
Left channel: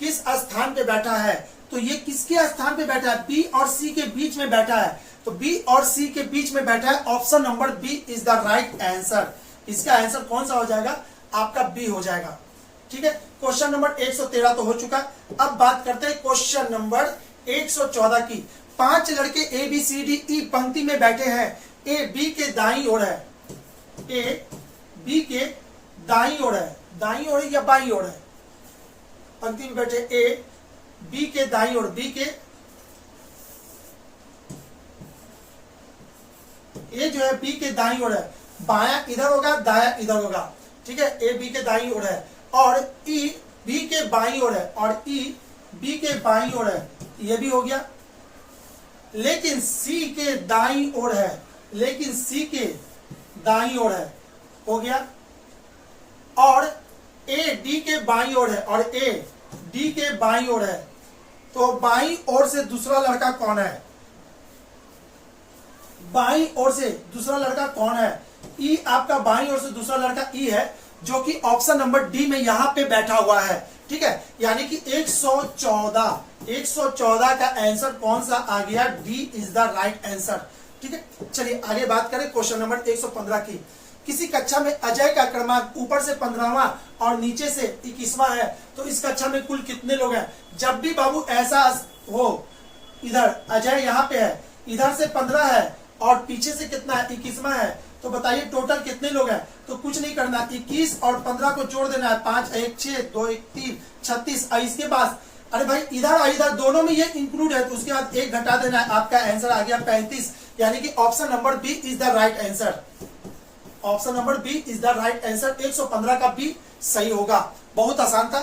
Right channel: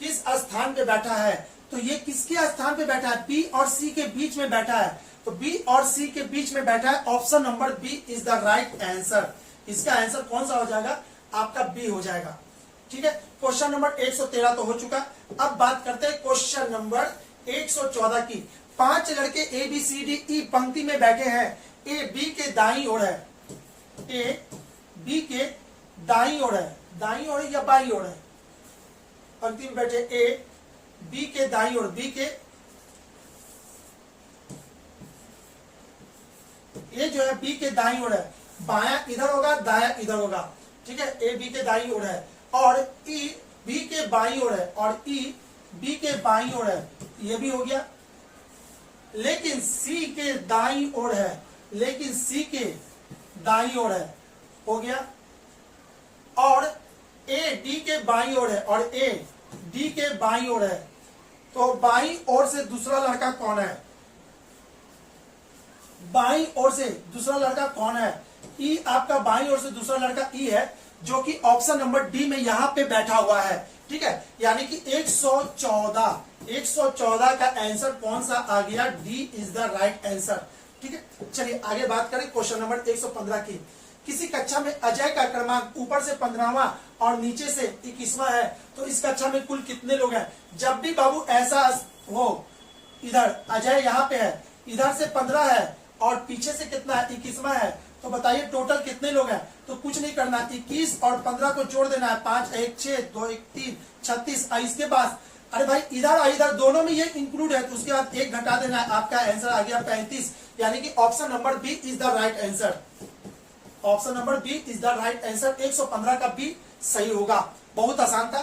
किस स्थान पे बैठा है, तो ये किसके स्थान पे बैठा है, बी और सी के बीच में बैठा है, तो बी और सी के बीच में बैठा है। Option number B is the right answer, इसका आंसर कौन सा हो जाएगा? आपका बी हो जाएगा। ठीक है, क्वेश्चन नंबर 113 तो हो चुका। अब बात करते हैं क्वेश्चन नंबर 114 की। 5 लड़के A B C D E पंक्ति में बैठे हैं। ए बी के दाईं ओर है, ए बी के दाईं ओर है, दाईं ओर या बाईं ओर है? पंक्ति में बैठे ए बी के दाईं ओर, बी के ए जो है बी के दाईं ओर है, बायां इधर होगा, दायां इधर होगा। ठीक है, ए बी के दाईं ओर है और ई बी के बाईं ओर है, और ई बी के बाईं ओर है, ये भी हो गया। लेकिन सी के दाईं ओर है, लेकिन सी के दाईं ओर है, हो गया। और ए डी के बाईं ओर है, और ए डी के बाईं ओर है, तो बाईं ओर से दूसरा लड़का कौन है? बाईं ओर से दूसरा लड़का कौन है? ई आपका बाईं ओर से दूसरा लड़का ई है, जो कि ऑप्शन नंबर डी में यहां पे बैठा हुआ है। ठीक है, यानी कि 114 का आंसर कौन सा आ गया? D is the right answer. ठीक है, चलिए आगे बात करें क्वेश्चन नंबर 115 की। किसी कक्षा में अजय का क्रमांक ऊपर से 15वां और नीचे से 21वां है, तो इस कक्षा में कुल कितने लोग हैं? जब भी बाबू ऐसा हो, इधर अजय यहाँ पे है, इधर से 15 है और पीछे से कितना है? 21वां है, तो बताइए टोटल कितने लोग हैं? तो कुछ नहीं करना, 21 और 15 को जोड़ देना है, 5 1 6 2 1 3 36। इसके बाद अरे भाई इधर और इधर दोनों में ये इंक्लूड है, तो उसके बाद 1 घटा देना है, आपका आंसर आ गया 35। यानी कि option number B is the right answer. Option number B is the right answer. 115 का बी सही होगा। बहुत आसान था,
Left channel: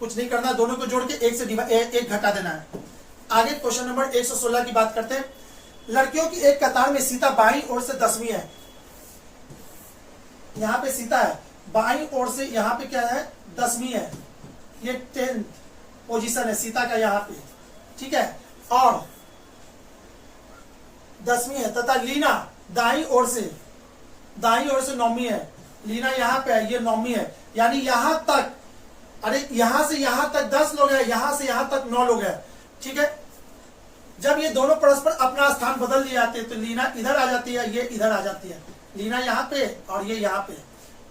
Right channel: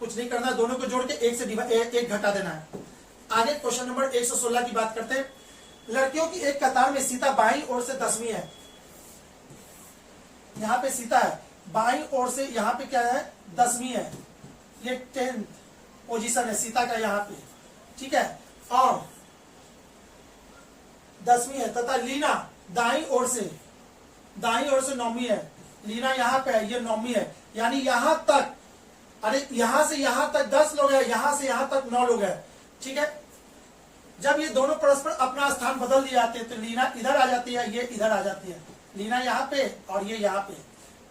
कुछ नहीं करना, दोनों को जोड़ के 1 से एक घटा देना है। आगे क्वेश्चन नंबर 116 की बात करते हैं। लड़कियों की एक कतार में सीता बाईं ओर से 10वीं है, यहाँ पे सीता है, बाईं ओर से यहाँ पे क्या है? 10वीं है, ये 10th पोजीशन है सीता का यहाँ पे। ठीक है, और 10वीं है, तथा लीना दाईं ओर से 9वीं है। लीना यहाँ पे है, ये 9वीं है, यानी यहां तक, अरे यहां से यहां तक 10 लोग हैं, यहां से यहां तक 9 लोग हैं। ठीक है, जब ये दोनों परस्पर अपना स्थान बदल दिए जाते हैं, तो लीना इधर आ जाती है, ये इधर आ जाती है, लीना यहाँ पे और ये यहाँ पे।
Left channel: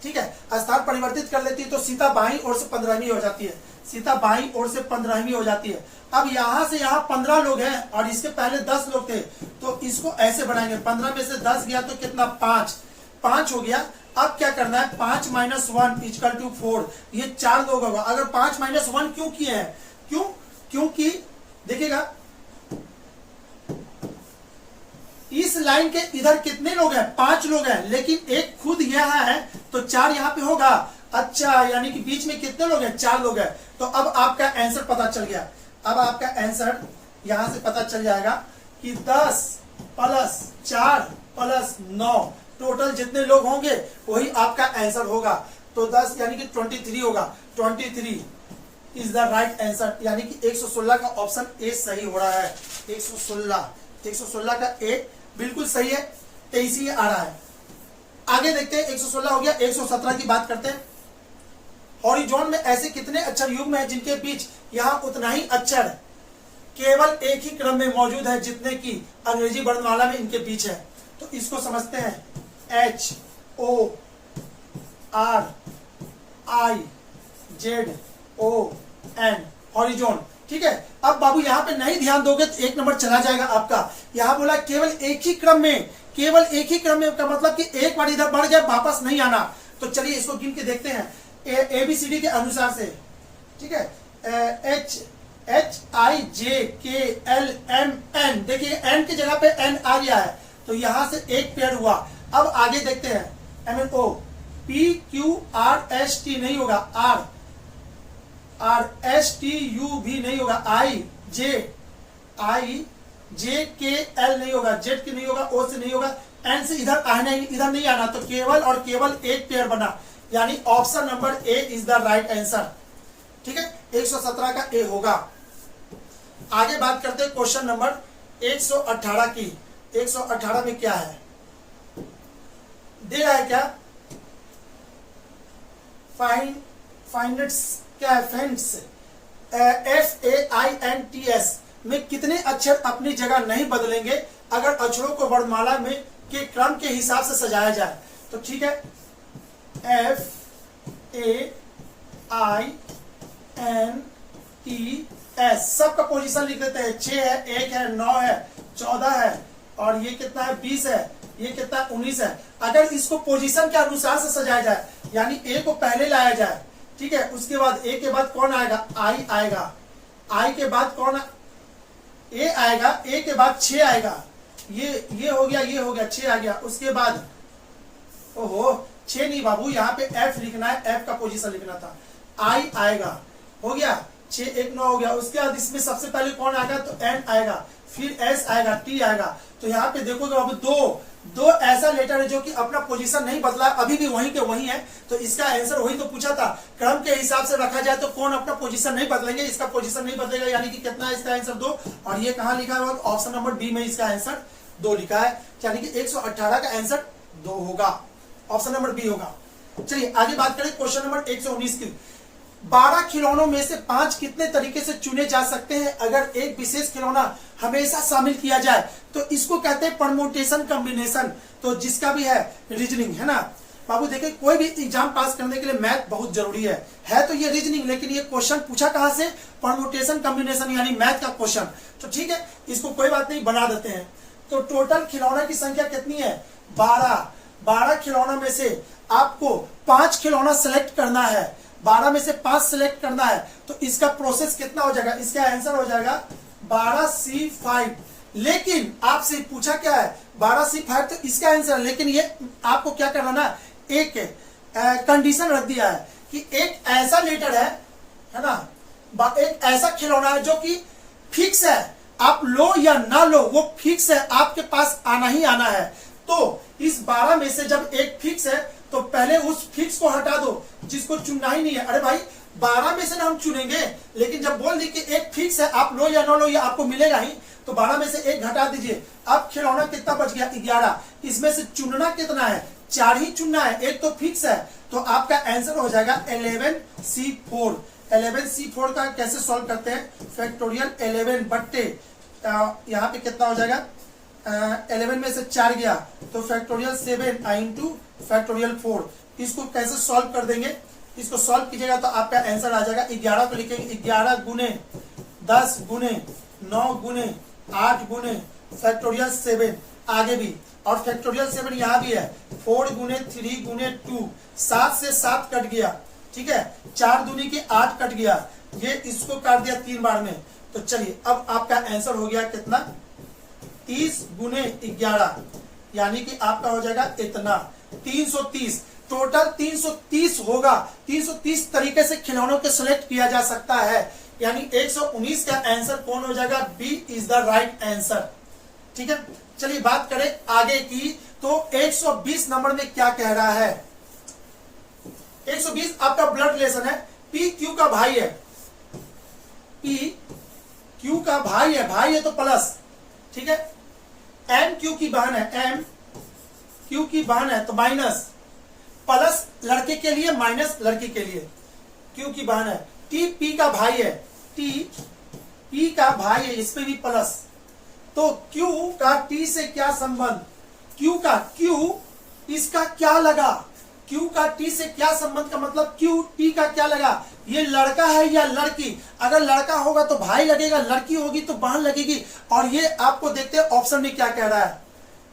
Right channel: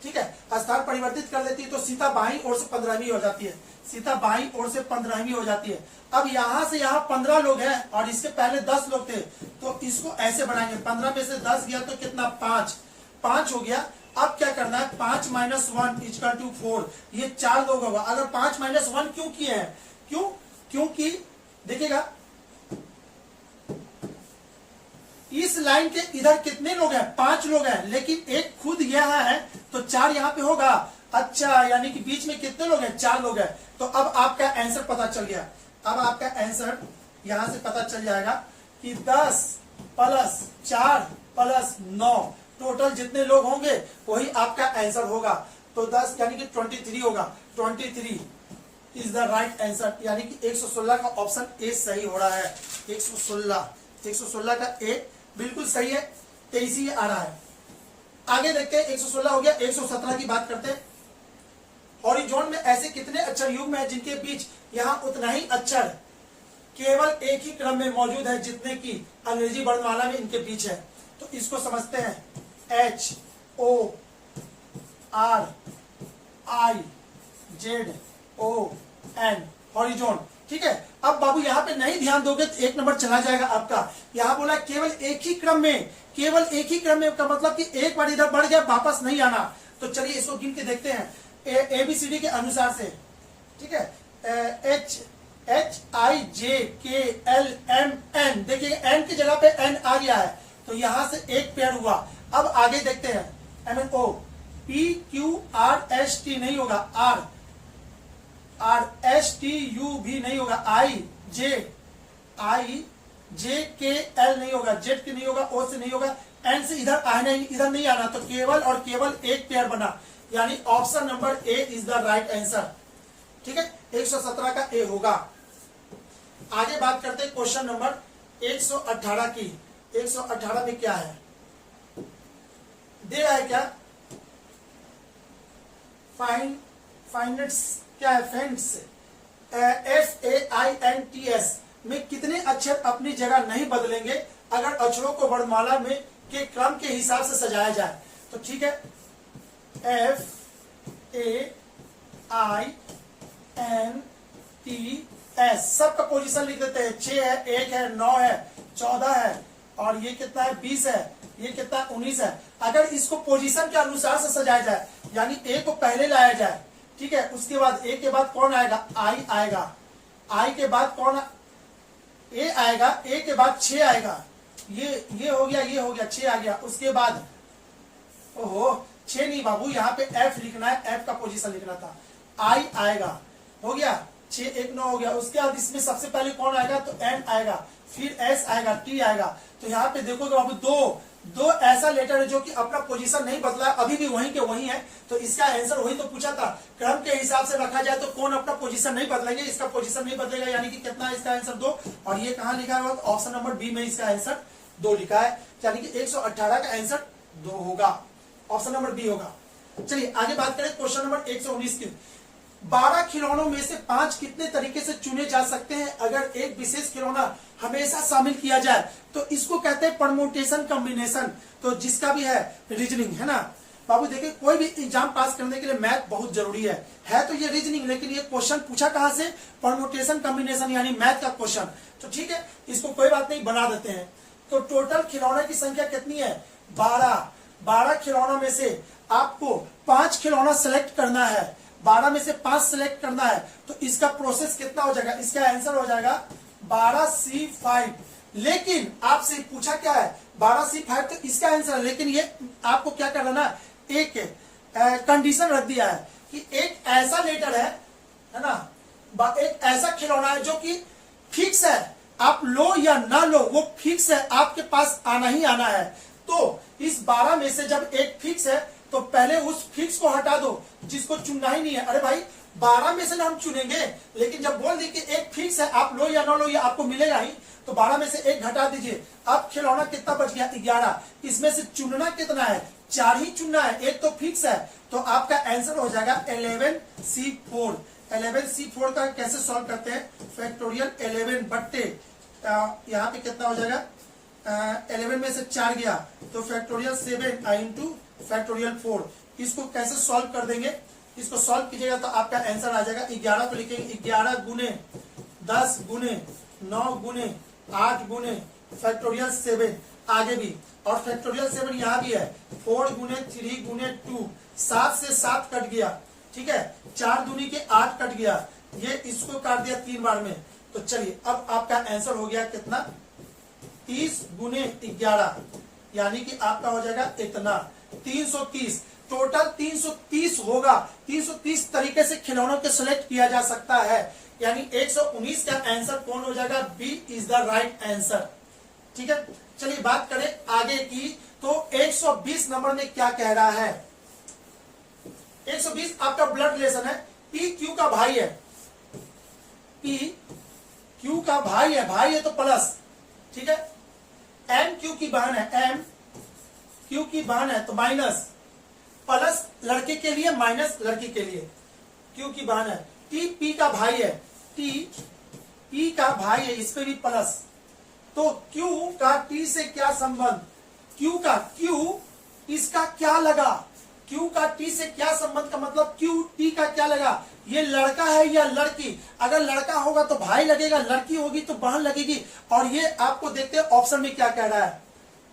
ठीक है, स्थान परिवर्तित कर लेती है, तो सीता बाईं ओर से 15वीं हो जाती है, सीता बाईं ओर से 15वीं हो जाती है। अब यहां से यहाँ 15 लोग हैं और इसके पहले 10 लोग थे, तो इसको ऐसे बढ़ाएंगे, 15 में से 10 गया तो कितना? 5 हो गया। अब क्या करना है? 5 - 1 = 4, ये 4 लोग होगा। अगर 5 - 1 क्यों किए हैं? क्योंकि देखिएगा इस लाइन के इधर कितने लोग हैं? 5 लोग हैं, लेकिन एक खुद यहाँ है, तो 4 यहाँ पे होगा। अच्छा, यानी कि बीच में कितने लोग हैं? 4 लोग हैं। तो अब आपका आंसर पता चल गया। अब आपका आंसर यहां से पता चल जाएगा कि 10 + 4 + 9 टोटल जितने लोग होंगे वही आपका आंसर होगा। तो 10 यानी कि 23 होगा। 23 इज द राइट आंसर, यानी कि 116 का ऑप्शन ए सही हो रहा है। 116 का ए बिल्कुल सही है, 23 ही आ रहा है। आगे देखते हैं, 116 हो गया। 117 की बात करते हैं। हॉरिजॉन में ऐसे कितने अक्षर युग्म हैं जिनके बीच यहाँ उतना ही अक्षर केवल एक ही क्रम में मौजूद है जितने की अंग्रेजी वर्णमाला में इनके बीच है? तो इसको समझते हैं। HORIZON, horizon. ठीक है, अब बाबू यहाँ पे नहीं ध्यान दोगे तो 1 नंबर चला जाएगा आपका। यहाँ बोला केवल एक ही क्रम में, केवल एक ही क्रम में का मतलब कि एक बार इधर बढ़ गया वापस नहीं आना। तो चलिए इसको गिन के देखते हैं ABCD के अनुसार से। ठीक है, HIJKLMN, देखिए N की जगह पे N आ गया है, तो यहां से एक पेयर हुआ। अब आगे देखते हैं, MNO, PQRST नहीं होगा, RSTU भी नहीं होगा, IJKL नहीं होगा, Z की नहीं होगा, O से नहीं होगा, N से इधर नहीं आना, तो केवल और केवल एक पेयर बना, यानी option number A is the right answer. ठीक है, 117 का ए होगा। आगे बात करते हैं क्वेश्चन नंबर 118 की। 118 में क्या है दे रहा है? क्या फाइंड्स क्या है? FAINTS में कितने अक्षर अपनी जगह नहीं बदलेंगे अगर अक्षरों को वर्णमाला में के क्रम के हिसाब से सजाया जाए? तो ठीक है, FAINTS सबका पोजीशन लिख देते हैं। 6 है, 1 है, 9 है, 14 है, और ये कितना है 20 है, ये कितना 19 है। अगर इसको पोजीशन के अनुसार से सजाया जाए, यानी ए को पहले लाया जाए, ठीक है, उसके बाद ए के बाद कौन आएगा, आई आएगा, आई के बाद कौन ए आएगा, ए के बाद 6 आएगा, ये हो गया, ये हो गया, 6 आ गया। उसके बाद ओहो 6 नहीं बाबू, यहाँ पे एफ लिखना है, एफ का पोजीशन लिखना था। आई आएगा, हो गया 6 1 9 हो गया। उसके बाद इसमें सबसे पहले कौन आएगा, तो एन आएगा, फिर एस आएगा, टी आएगा। तो यहाँ पे देखोगे बाबू दो ऐसा लेटर है जो कि अपना पोजीशन नहीं बदला, अभी भी वहीं के वहीं है। तो इसका आंसर वही तो पूछा था, क्रम के हिसाब से रखा जाए तो कौन अपना पोजीशन नहीं बदलेंगे, इसका पोजीशन नहीं बदलेगा, यानी कि कितना है इसका आंसर 2। और ये कहाँ लिखा है, ऑप्शन नंबर बी में इसका आंसर 2 लिखा है, यानी कि 118 का आंसर 2 होगा, ऑप्शन नंबर बी होगा। चलिए आगे बात करें क्वेश्चन नंबर 119 की। 12 खिलौनों में से 5 कितने तरीके से चुने जा सकते हैं अगर एक विशेष खिलौना हमेशा शामिल किया जाए, तो इसको कहते हैं परम्यूटेशन कॉम्बिनेशन। तो जिसका भी है रीजनिंग है ना बाबू, देखिए कोई भी एग्जाम पास करने के लिए मैथ बहुत जरूरी है तो ये रीजनिंग, लेकिन ये क्वेश्चन पूछा कहां से, परम्यूटेशन कॉम्बिनेशन यानी मैथ का क्वेश्चन। तो ठीक है, इसको कोई बात नहीं, बना देते हैं। तो टोटल खिलौना की संख्या कितनी है, 12 खिलौना में से आपको 5 खिलौना सेलेक्ट करना है, 12 में से 5 सेलेक्ट करना है। तो इसका प्रोसेस कितना हो जाएगा, इसका आंसर हो जाएगा 12C5। लेकिन आपसे पूछा क्या है 12C5, तो इसका आंसर, लेकिन ये आपको क्या करना ना, एक कंडीशन रख दिया है कि एक ऐसा लेटर है ना, एक ऐसा खिलौना है जो कि फिक्स है, आप लो या ना लो वो फिक्स है, आपके पास आना ही आना है। तो इस 12 में से जब एक फिक्स है तो पहले उस फिक्स को हटा दो जिसको चुनना ही नहीं है। अरे भाई 12 में से ना हम चुनेंगे, लेकिन जब बोल दी कि एक फिक्स है, आप लो या ना लो ये आपको मिलेगा ही, तो 12 में से एक घटा दीजिए। अब खिलौना कितना बच गया, 11। इसमें से चुनना कितना है, 4 ही चुनना है, एक तो फिक्स है। तो आपका आंसर हो जाएगा 11C4। 11C4 का कैसे सॉल्व करते हैं, फैक्टोरियल 11 बट्टे यहाँ पे कितना हो जाएगा, 11 में से 4 गया तो फैक्टोरियल 7 इंटू फैक्टोरियल 4। इसको कैसे सॉल्व कर देंगे, इसको सॉल्व कीजिएगा तो आपका आंसर आ जाएगा 11 को लिखेंगे 11 गुने 10 गुने 9 गुने 8 गुने फैक्टोरियल 7, आगे भी, और फैक्टोरियल 7 यहाँ भी है, 4 गुने 3 गुने 2, 7 से 7 कट गया, ठीक है, 4 दूनी के 8 कट गया, ये इसको काट दिया 3 बार में। तो चलिए अब आपका आंसर हो गया कितना, 30 गुने 11, यानी कि आपका हो जाएगा इतना 330। टोटल 330 होगा। 330 तरीके से खिलौनों के सिलेक्ट किया जा सकता है, यानी 119 का आंसर कौन हो जाएगा, B is the right answer. ठीक है, चलिए बात करें आगे की। तो 120 नंबर में क्या कह रहा है, 120 आपका ब्लड रिलेशन है, पी क्यू का भाई है, पी क्यू का भाई है तो प्लस, ठीक है, एम क्यू की बहन है, एम क्यू की बहन है तो माइनस, प्लस लड़के के लिए माइनस लड़की के लिए, क्यू की बहन है, टी पी का भाई है, टी पी का भाई है, इस पे भी प्लस। तो क्यू का टी से क्या संबंध, क्यू का क्यू इसका क्या लगा, क्यू का टी से क्या संबंध का मतलब क्यू टी का क्या लगा, ये लड़का है या लड़की, अगर लड़का होगा तो भाई लगेगा, लड़की होगी तो बहन लगेगी। और ये आपको देखते हैं ऑप्शन में क्या कह रहा है,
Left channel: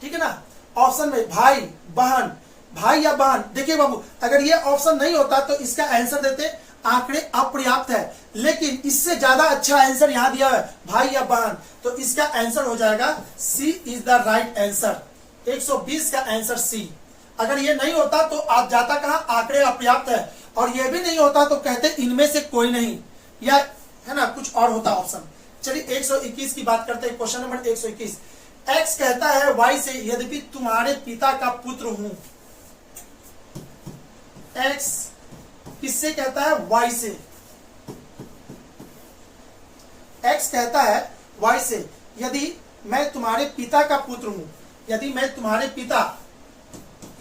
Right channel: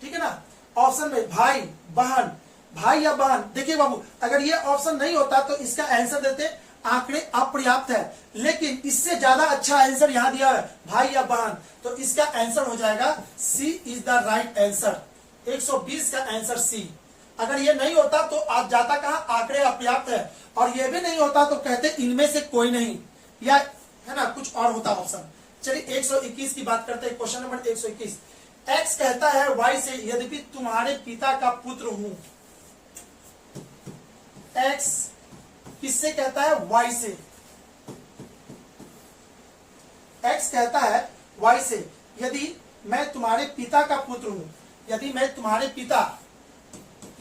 ठीक है ना, ऑप्शन में भाई बहन, भाई या बहन। देखिए बाबू, अगर ये ऑप्शन नहीं होता तो इसका आंसर देते, आंकड़े अपर्याप्त है, लेकिन इससे ज्यादा अच्छा आंसर यहां दिया है, भाई या बहन। तो इसका आंसर हो जाएगा सी इज द राइट आंसर, 120 का आंसर सी। अगर ये नहीं होता तो आप जाता कहा, आंकड़े अपर्याप्त है, और ये भी नहीं होता तो कहते इनमें से कोई नहीं, या है ना कुछ और होता ऑप्शन। चलिए 121 की बात करते हैं, क्वेश्चन नंबर 121। एक्स कहता है वाई से, यद्यपि तुम्हारे पिता का पुत्र हूं। एक्स किससे कहता है, वाई से। एक्स कहता है वाई से, यदि मैं तुम्हारे पिता का पुत्र हूं, यदि मैं तुम्हारे पिता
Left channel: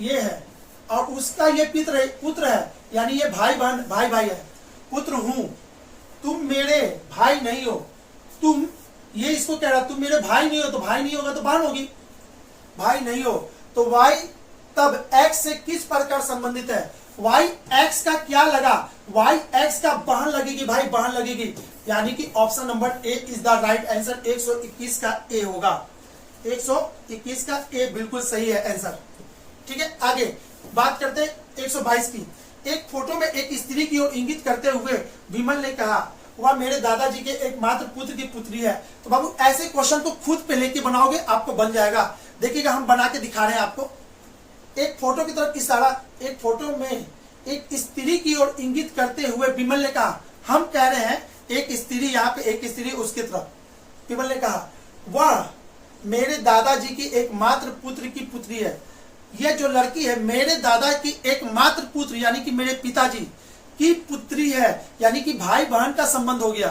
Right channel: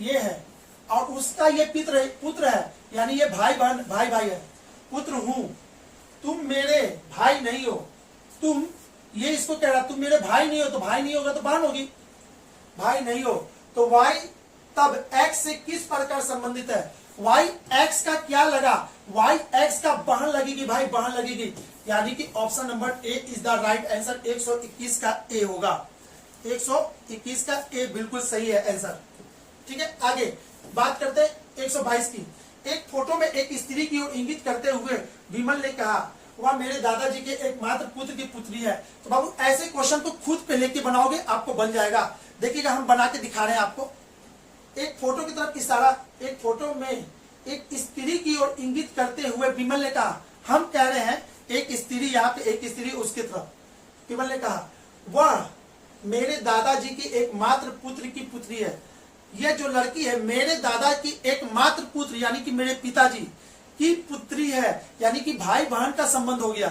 ये है और उसका ये पुत्र है, यानी ये भाई बहन, भाई है, पुत्र हूं, तुम मेरे भाई नहीं हो, तुम ये इसको कह रहा, तुम मेरे भाई नहीं हो, तो भाई नहीं होगा तो बहन होगी, भाई नहीं हो, तो वाई तब एक्स से किस प्रकार संबंधित है, वाई एक्स का क्या लगा, वाई एक्स का बहन लगेगी भाई, बहन लगेगी, यानी कि option number A is the right answer. 121 का ए होगा, 121 का ए बिल्कुल सही है आंसर। ठीक है, आगे बात करते हैं 122 की। एक फोटो में एक स्त्री की ओर इंगित करते हुए विमल ने कहा वह मेरे दादाजी के एकमात्र पुत्र की पुत्री है। तो बाबू ऐसे क्वेश्चन को खुद पे लेके बनाओगे, आपको बन जाएगा। देखिएगा हम बना के दिखा रहे हैं आपको। एक फोटो की तरफ इशारा, एक फोटो में एक स्त्री की ओर इंगित करते हुए विमल ने कहा, हम कह रहे हैं एक स्त्री, यहाँ पे एक स्त्री उसकी तरफ, विमल ने कहा वह मेरे दादाजी की एकमात्र पुत्र की पुत्री है। यह जो लड़की है मेरे दादा की एकमात्र पुत्र यानी कि मेरे पिताजी की पुत्री है, यानी कि भाई बहन का संबंध हो गया।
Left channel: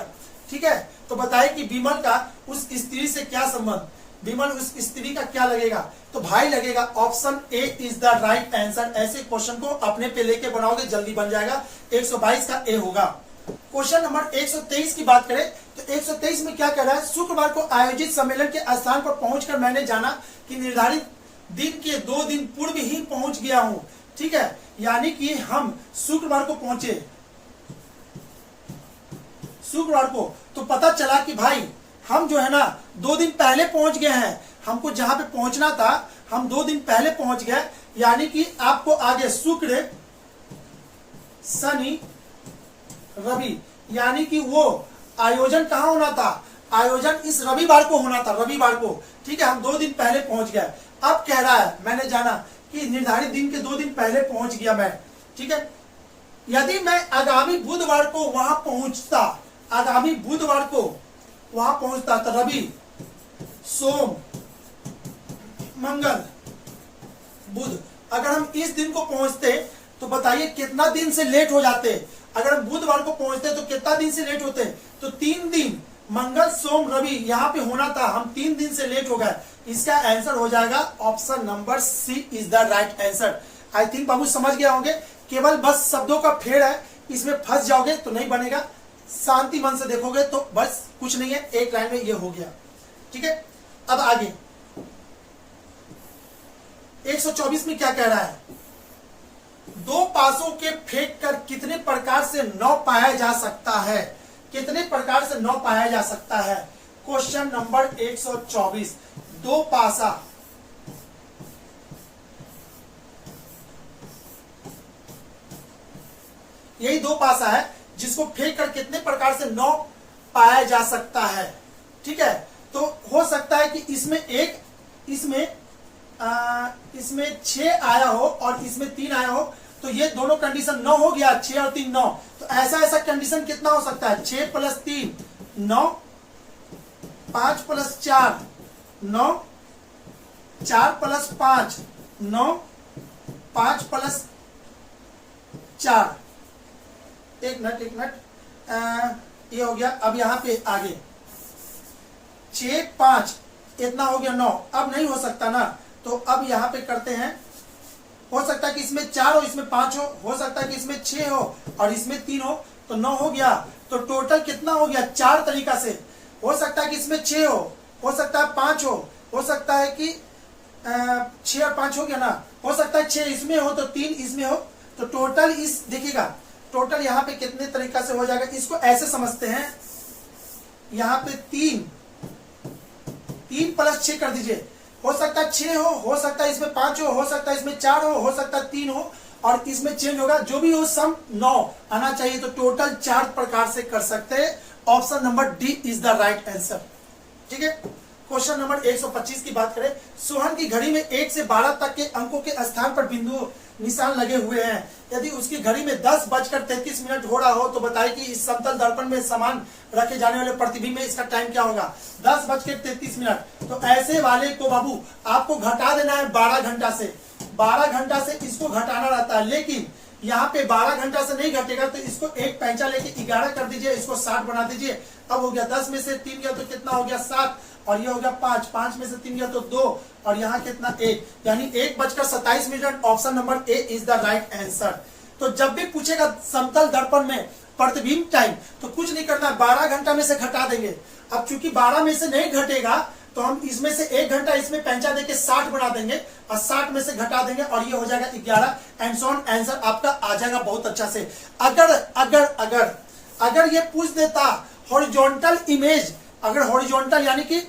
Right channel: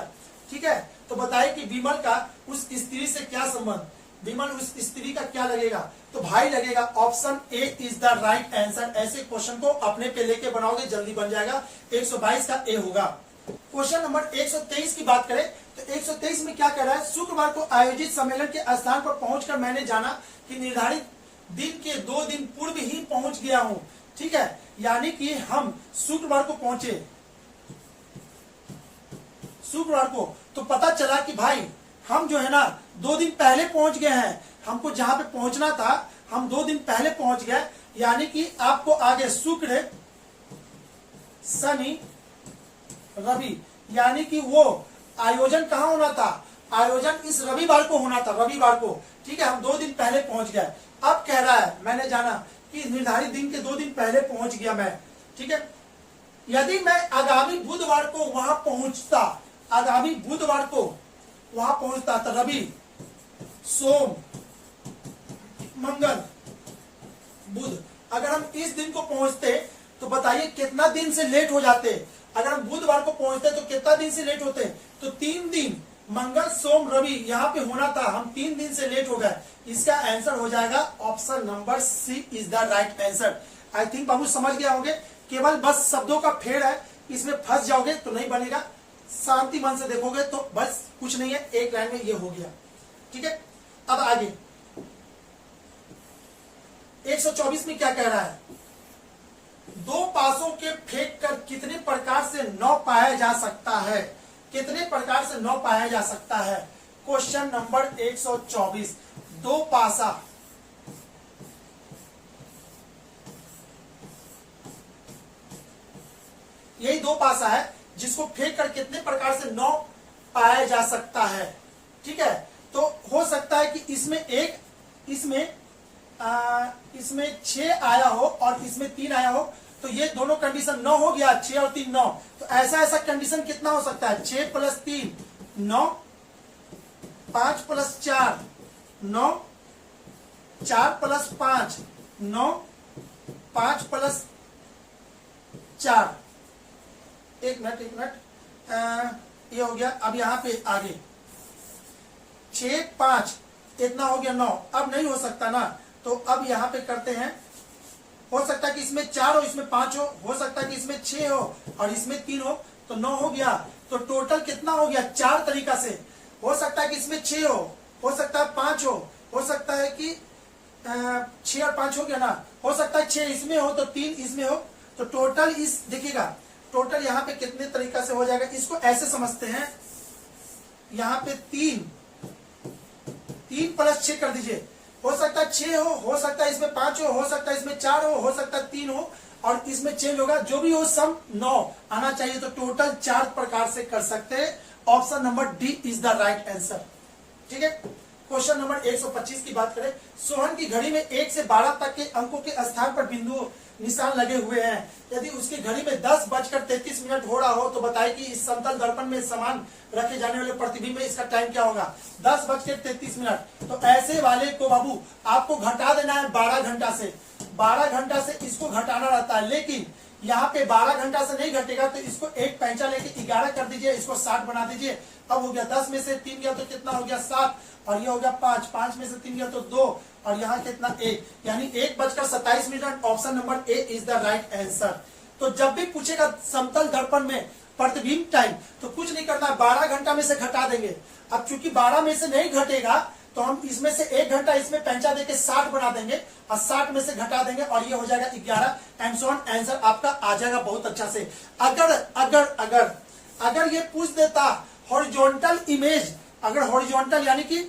ठीक है, तो बताइए कि विमल का उस स्त्री से क्या संबंध, विमल उस स्त्री का क्या लगेगा, तो भाई लगेगा। Option A is the right answer. ऐसे क्वेश्चन को अपने पे लेके बनाओगे जल्दी बन जाएगा। 122 का ए होगा। क्वेश्चन नंबर 123 की बात करें तो 123 में क्या कह रहा है, शुक्रवार को आयोजित सम्मेलन के स्थान पर पहुंचकर मैंने जाना कि निर्धारित दिन के 2 दिन पूर्व ही पहुंच गया हूं। ठीक है, यानी कि हम शुक्रवार को पहुंचे, शुक्रवार को, तो पता चला कि भाई हम जो है ना 2 दिन पहले पहुंच गए हैं। हमको जहां पे पहुंचना था हम 2 दिन पहले पहुंच गए, यानी कि आपको आगे शुक्र शनि रवि, यानी कि वो आयोजन कहाँ होना था, आयोजन इस रविवार को होना था, रविवार को। ठीक है, हम 2 दिन पहले पहुंच गए। अब कह रहा है मैंने जाना कि निर्धारित दिन के 2 दिन पहले पहुंच गया मैं। ठीक है, यदि मैं आगामी बुधवार को वहां पहुंचता, आगामी बुधवार को वहां पहुंचता तो रवि सोम मंगल बुध, अगर हम इस दिन को पहुंचते तो बताइए कितना दिन से लेट हो जाते। अगर हम बुधवार को पहुंचते तो कितना दिन से लेट होते, तो 3 दिन, मंगल सोम रवि यहाँ पे होना था, हम 3 दिन से लेट हो गए। इसका आंसर हो जाएगा option number C is the right answer. I think बाबू समझ गया होंगे, केवल बस शब्दों का फेड़ है, इसमें फंस जाओगे तो नहीं बनेगा। शांति मन से देखोगे तो बस कुछ नहीं है, एक लाइन में ये हो गया। ठीक है, अब आगे 124 में क्या कह रहा है, 2 पासों के फेंक कर कितने प्रकार से 9 पाया जा सकता है, कितने प्रकार से 9 पाया जा सकता है। क्वेश्चन नंबर 124, 2 पासा, यही 2 पासा है जिसको फेंक कर कितने प्रकार से 9 पाया जा सकता है। ठीक है, तो हो सकता है कि इसमें एक, इसमें 6 आया हो और इसमें 3 आया हो, तो ये दोनों कंडीशन 9 हो गया, 6 और 3 9। तो ऐसा ऐसा कंडीशन कितना हो सकता है, 6 + 3 9, 5 + 4 9, 4 + 5 9, 5 + 4, एक मिनट, ये हो गया। अब यहाँ पे आगे 6 5 इतना हो गया 9, अब नहीं हो सकता ना, तो अब यहाँ पे करते हैं, हो सकता है कि इसमें 4 हो, इसमें 5 हो सकता है कि इसमें 6 हो और इसमें 3 हो, तो 9 हो गया। तो टोटल कितना हो गया, 4 तरीका से हो सकता है कि इसमें 6 हो सकता है 5 हो सकता है कि 6 और 5 हो गया ना, हो सकता है 6 इसमें हो तो 3 इसमें हो, तो टोटल इस देखिएगा टोटल यहाँ पे कितने तरीका से हो जाएगा। इसको ऐसे समझते हैं, यहाँ पे 3 + 6 कर दीजिए, हो सकता है 6 हो सकता है इसमें 5 हो सकता है इसमें 4 हो सकता है 3 हो और इसमें चेंज होगा, जो भी हो सम 9 आना चाहिए। तो टोटल 4 प्रकार से कर सकते हैं। Option number D is the right answer. ठीक है, क्वेश्चन नंबर 125 की बात करें, सोहन की घड़ी में 1 से 12 तक के अंकों के स्थान पर बिंदु निशान लगे हुए हैं। यदि उसकी घड़ी में 10:33 हो रहा हो तो बताइए कि इस समतल दर्पण में समान रखे जाने वाले प्रतिबिंब में इसका टाइम क्या होगा, 10:33। तो ऐसे वाले को बाबू आपको घटा देना है 12 घंटा से, 12 घंटा से इसको घटाना रहता है, लेकिन यहाँ पे 12 घंटा से नहीं घटेगा, तो इसको एक पैंचा लेके 11 कर दीजिए, इसको 60 बना दीजिए। अब हो गया 10 में से 3 गया तो कितना हो गया 7, और ये हो गया 5, 5 में से 3 गया तो 2, और यहाँ कितना 1, यानी 1:27। Option number A is the right answer. तो जब भी पूछेगा समतल दर्पण में प्रतिबिंब टाइम, तो कुछ नहीं करना है, 12 घंटा में से घटा देंगे। अब चूंकि 12 में से नहीं घटेगा तो हम इसमें से 1 घंटा इसमें पैंचा देके 60 बना देंगे और 60 में से घटा देंगे और ये हो जाएगा 11 एंड सो ऑन। आंसर आपका आ जाएगा बहुत अच्छा से। अगर अगर अगर अगर ये पूछ देता हॉरिजॉन्टल इमेज, अगर हॉरिजॉन्टल यानी कि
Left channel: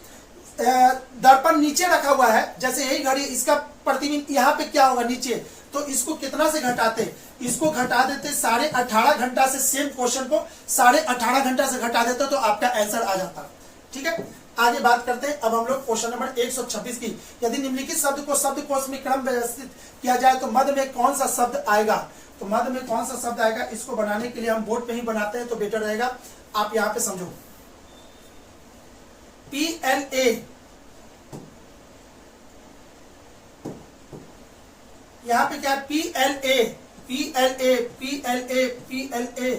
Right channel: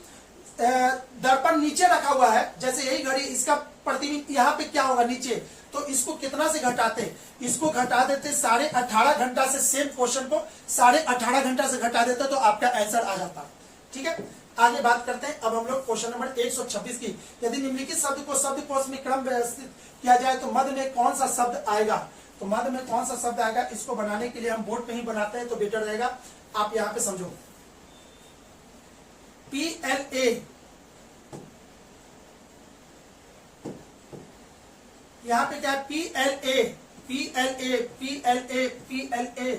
दर्पण नीचे रखा हुआ है, जैसे यही घड़ी, इसका प्रतिबिंब यहाँ पे क्या होगा नीचे, तो इसको कितना से घटाते, इसको घटा देते 18.5 घंटा से, सेम क्वेश्चन को 18.5 घंटा से घटा देते तो आपका आंसर आ जाता। ठीक है, आगे बात करते हैं अब हम लोग क्वेश्चन नंबर 126 की। यदि निम्नलिखित शब्द को शब्दकोश में क्रम व्यवस्थित किया जाए तो मध्य में कौन सा शब्द आएगा, तो मध्य में कौन सा शब्द आएगा, इसको बनाने के लिए हम बोर्ड पे ही बनाते हैं तो बेटर रहेगा। आप यहाँ पे समझो, PLA, यहाँ पे क्या है, PLA PLA PLA PLA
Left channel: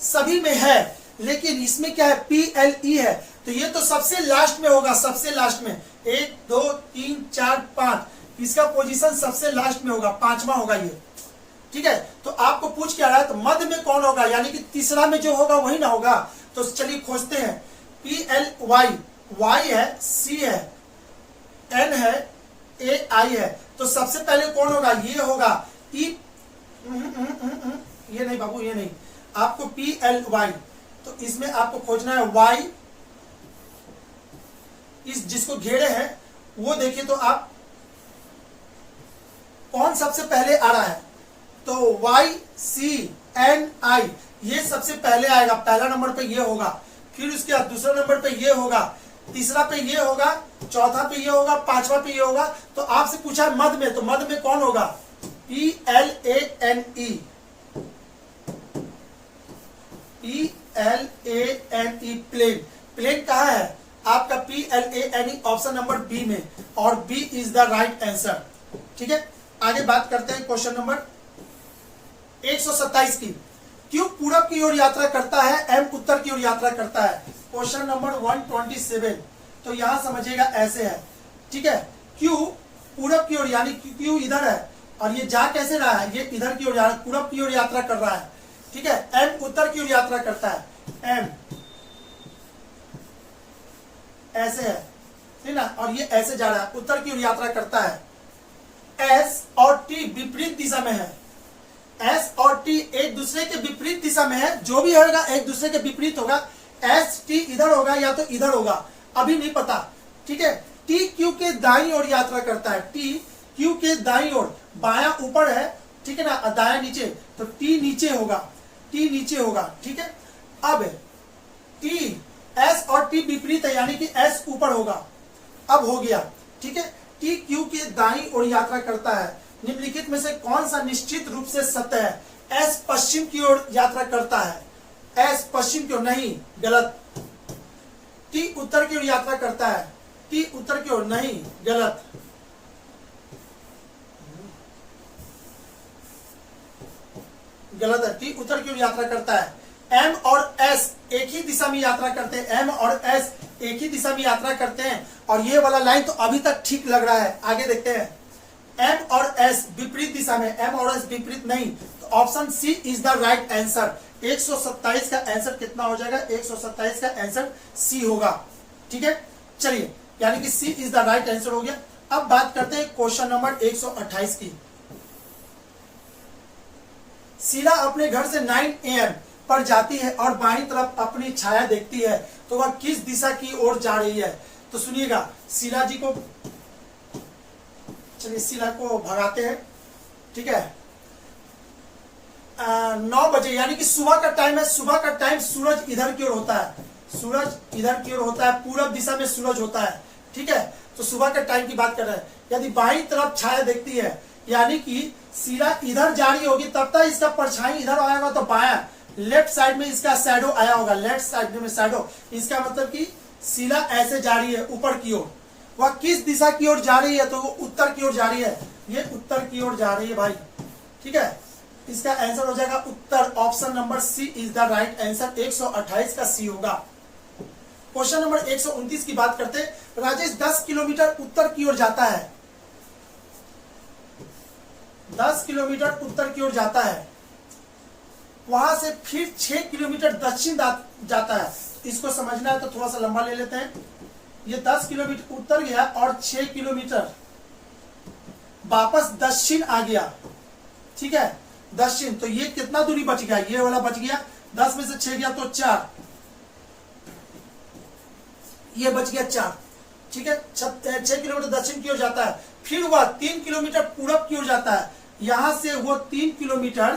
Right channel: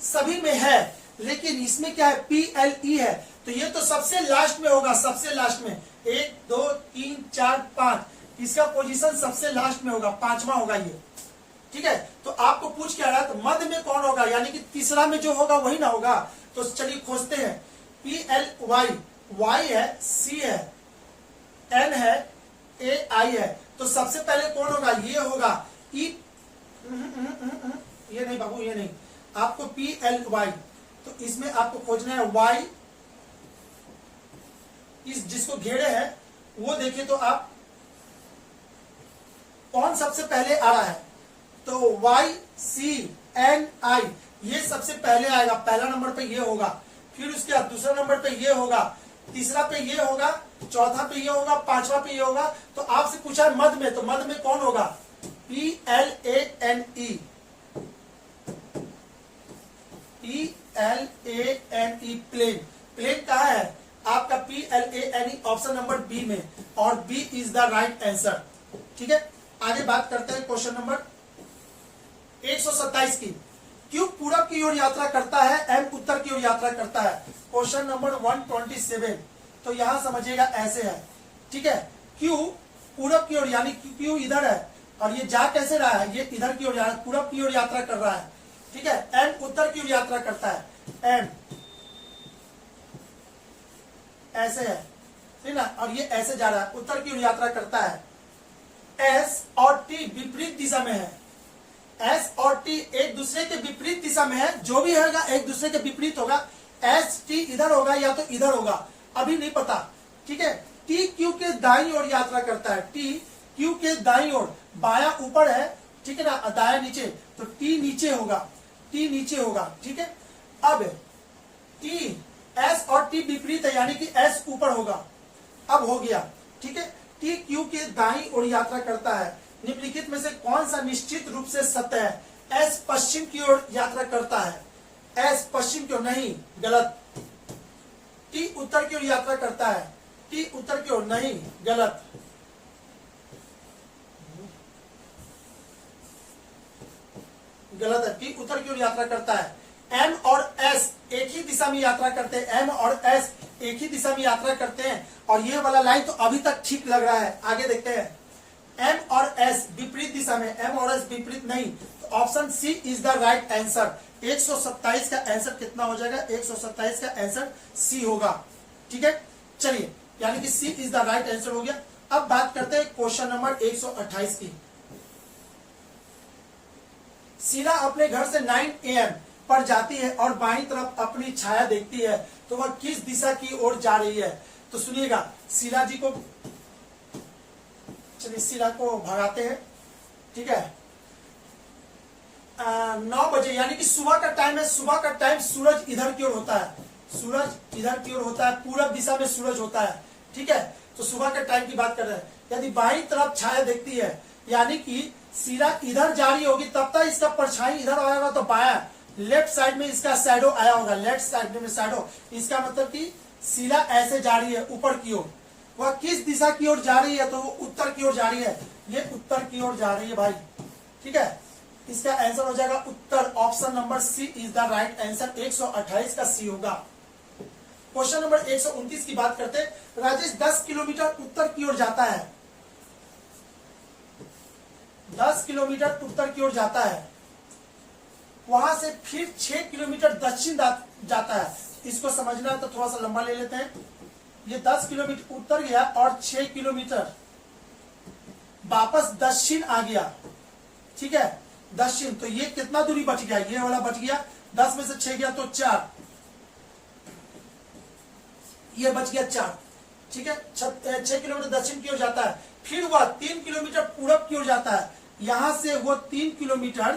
सभी में है, लेकिन इसमें क्या है, PLE है, तो ये तो सबसे लास्ट में होगा, सबसे लास्ट में 1 2 3 4 5, इसका पोजीशन सबसे लास्ट में होगा, 5वां होगा ये। ठीक है, तो आपको पूछ क्या रहा है, तो मध्य में कौन होगा, यानी कि तीसरा में जो होगा वही ना होगा। तो चलिए खोजते हैं, PLY, Y है, C है, N है, AI है, तो सबसे पहले कौन होगा, ये होगा E, ये नहीं बाबू, ये नहीं, आपको PLY, तो इसमें आपको खोजना है Y, इस जिसको घेरे है वो देखिए तो आप कौन सबसे पहले आ रहा है, तो YCNI ये सबसे पहले आएगा, पहला नंबर पे ये होगा, फिर उसके बाद दूसरा नंबर पे ये होगा, तीसरा पे ये होगा, चौथा पे ये होगा, 5वां पे ये होगा। तो आपसे पूछा है मध्य में, तो मध्य में कौन होगा, PLANE, PLANE प्लेन, प्लेन कहाँ है आपका, PLANE ऑप्शन नंबर बी में, और B is the right answer. ठीक है, आगे बात करते हैं क्वेश्चन नंबर 127 की। क्यू पूरब की ओर यात्रा करता है, एम उत्तर की ओर यात्रा करता है, क्वेश्चन नंबर 127। तो यहां समझिएगा ऐसे है, ठीक है, क्यू पूरब की ओर, यानी क्यू इधर है और ये जा कैसे रहा है, ये इधर की ओर पूरब की ओर यात्रा कर रहा है। ठीक है, एम उत्तर की ओर यात्रा करता है, एम ऐसे है, ठीक ना, और ये ऐसे जा रहा है, उत्तर की ओर यात्रा करता है। एस और टी विपरीत दिशा में है, एस और टी एक दूसरे के विपरीत दिशा में है, जो भी होगा एक दूसरे के विपरीत होगा। एस टी इधर होगा या तो इधर होगा, अभी नहीं पता। ठीक है, टी क्यू के दाईं ओर यात्रा करता है, टी क्यू के दाईं ओर, बायां ऊपर है, ठीक है ना, दायां नीचे, तो टी नीचे होगा, टी नीचे होगा। ठीक है, अब टी एस और टी विपरीत है, यानी कि एस ऊपर होगा, अब हो गया। ठीक है, टी क्यू के दाईं ओर यात्रा करता है, निम्नलिखित में से कौन सा निश्चित रूप से सत्य है, एस पश्चिम की ओर यात्रा करता है, एस पश्चिम की ओर नहीं, गलत। टी उत्तर की ओर यात्रा करता है, टी उत्तर की ओर नहीं, गलत। गलत है, टी उत्तर की ओर यात्रा करता है। एम और एस एक ही दिशा में यात्रा करते हैं, एम और एस एक ही दिशा में यात्रा करते हैं, और ये वाला लाइन तो अभी तक ठीक लग रहा है। आगे देखते हैं, एम और एस विपरीत दिशा में, एम और एस विपरीत नहीं, तो option C is the right answer. 127 का आंसर कितना हो जाएगा, 127 का आंसर सी होगा। ठीक है, चलिए, यानी कि सी इज द राइट आंसर हो गया। अब बात करते हैं क्वेश्चन नंबर 128 की। शीला अपने घर से 9 AM पर जाती है और बाईं तरफ अपनी छाया देखती है, तो वह किस दिशा की ओर जा रही है। तो सुनिएगा, शीला जी को, चलिए शीला को भगाते हैं। ठीक है, 9 बजे यानी कि सुबह का टाइम है, सुबह का टाइम सूरज इधर की ओर होता है, सूरज इधर की ओर होता है, पूरब दिशा में सूरज होता है। ठीक है, तो सुबह के टाइम की बात कर रहे हैं। यदि बाईं तरफ छाया देखती है, यानी कि शीला इधर जा रही होगी, तब तक इसका परछाई इधर आएगा, तो बाया लेफ्ट साइड में इसका शैडो आया होगा, लेफ्ट साइड में शैडो, इसका मतलब कि शीला ऐसे जा रही है ऊपर की ओर। वह किस दिशा की ओर जा रही है, तो वो उत्तर की ओर जा रही है, ये उत्तर की ओर जा रही है भाई। ठीक है, इसका आंसर हो जाएगा उत्तर, option number C is the right answer. 128 का सी होगा। क्वेश्चन नंबर 129 की बात करते हैं। राजेश 10 किलोमीटर उत्तर की ओर जाता है, 10 किलोमीटर उत्तर की ओर जाता है, वहां से फिर 6 किलोमीटर दक्षिण जाता है। इसको समझना है तो थोड़ा सा लंबा ले लेते हैं, ये 10 किलोमीटर उत्तर गया और 6 किलोमीटर वापस दक्षिण आ गया, ठीक है, दक्षिण। तो ये कितना दूरी बच गया, ये वाला बच गया, 10 में से 6 गया तो 4, ये बच गया 4, ठीक है। 6 किलोमीटर दक्षिण की ओर जाता है, फिर वह 3 किलोमीटर पूरब की ओर जाता है, यहां से वो 3 किलोमीटर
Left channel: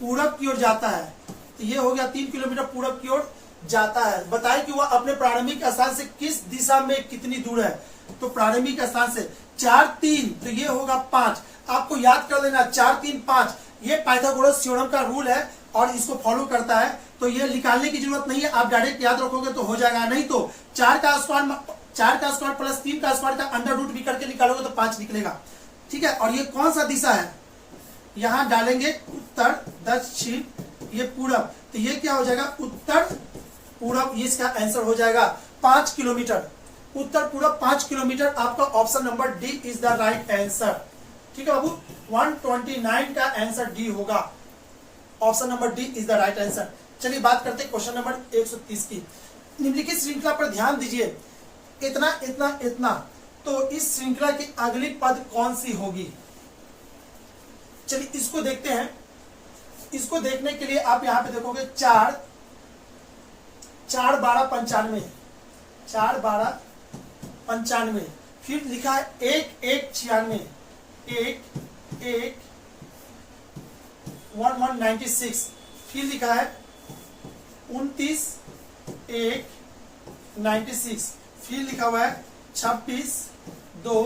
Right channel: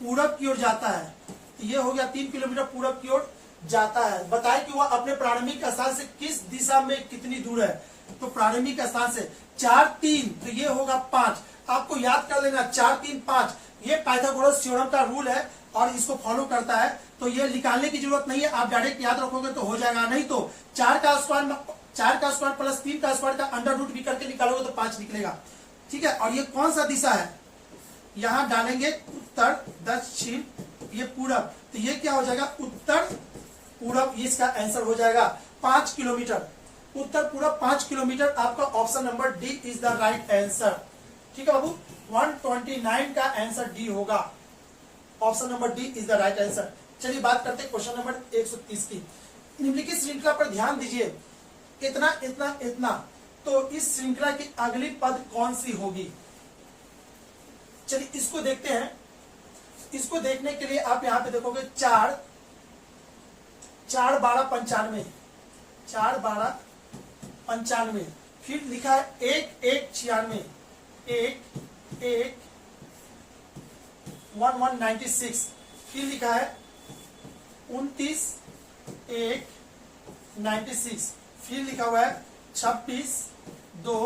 पूरब की ओर जाता है। तो ये हो गया 3 किलोमीटर पूरब की ओर जाता है। बताए कि वह अपने प्रारंभिक स्थान से किस दिशा में कितनी दूर है। तो प्रारंभिक स्थान से 4 3, तो ये होगा 5। आपको याद कर लेना 4 3 5, ये पाइथागोरस थ्योरम का रूल है और इसको फॉलो करता है। तो ये निकालने की जरूरत नहीं है, आप डायरेक्ट याद रखोगे तो हो जाएगा। नहीं तो 4 का स्क्वायर प्लस 3 का स्क्वायर का अंडर रूट भी करके निकालोगे तो 5 निकलेगा, ठीक है। और ये कौन सा दिशा है, यहां डालेंगे उत्तर दक्षिण, ये पूरब, तो ये क्या हो जाएगा उत्तर पूरब, इसका आंसर हो जाएगा 5 किलोमीटर, उत्तर पूरब 5 किलोमीटर। आपका option number D is the right answer, ठीक है बाबू। 129 का आंसर डी होगा, option number D is the right answer. चलिए बात करते हैं क्वेश्चन नंबर 130 की। निम्नलिखित श्रृंखला पर ध्यान दीजिए, इतना इतना इतना, तो इस श्रृंखला की अगली पद कौन सी होगी। चलिए इसको देखते हैं। इसको देखने के लिए आप यहां पे देखोगे 4 4 12 95, 4 12 95, फिर लिखा है 1 1 96, 1 1 1 1 96, फिर लिखा है 29 1 96, फिर लिखा हुआ है 26 2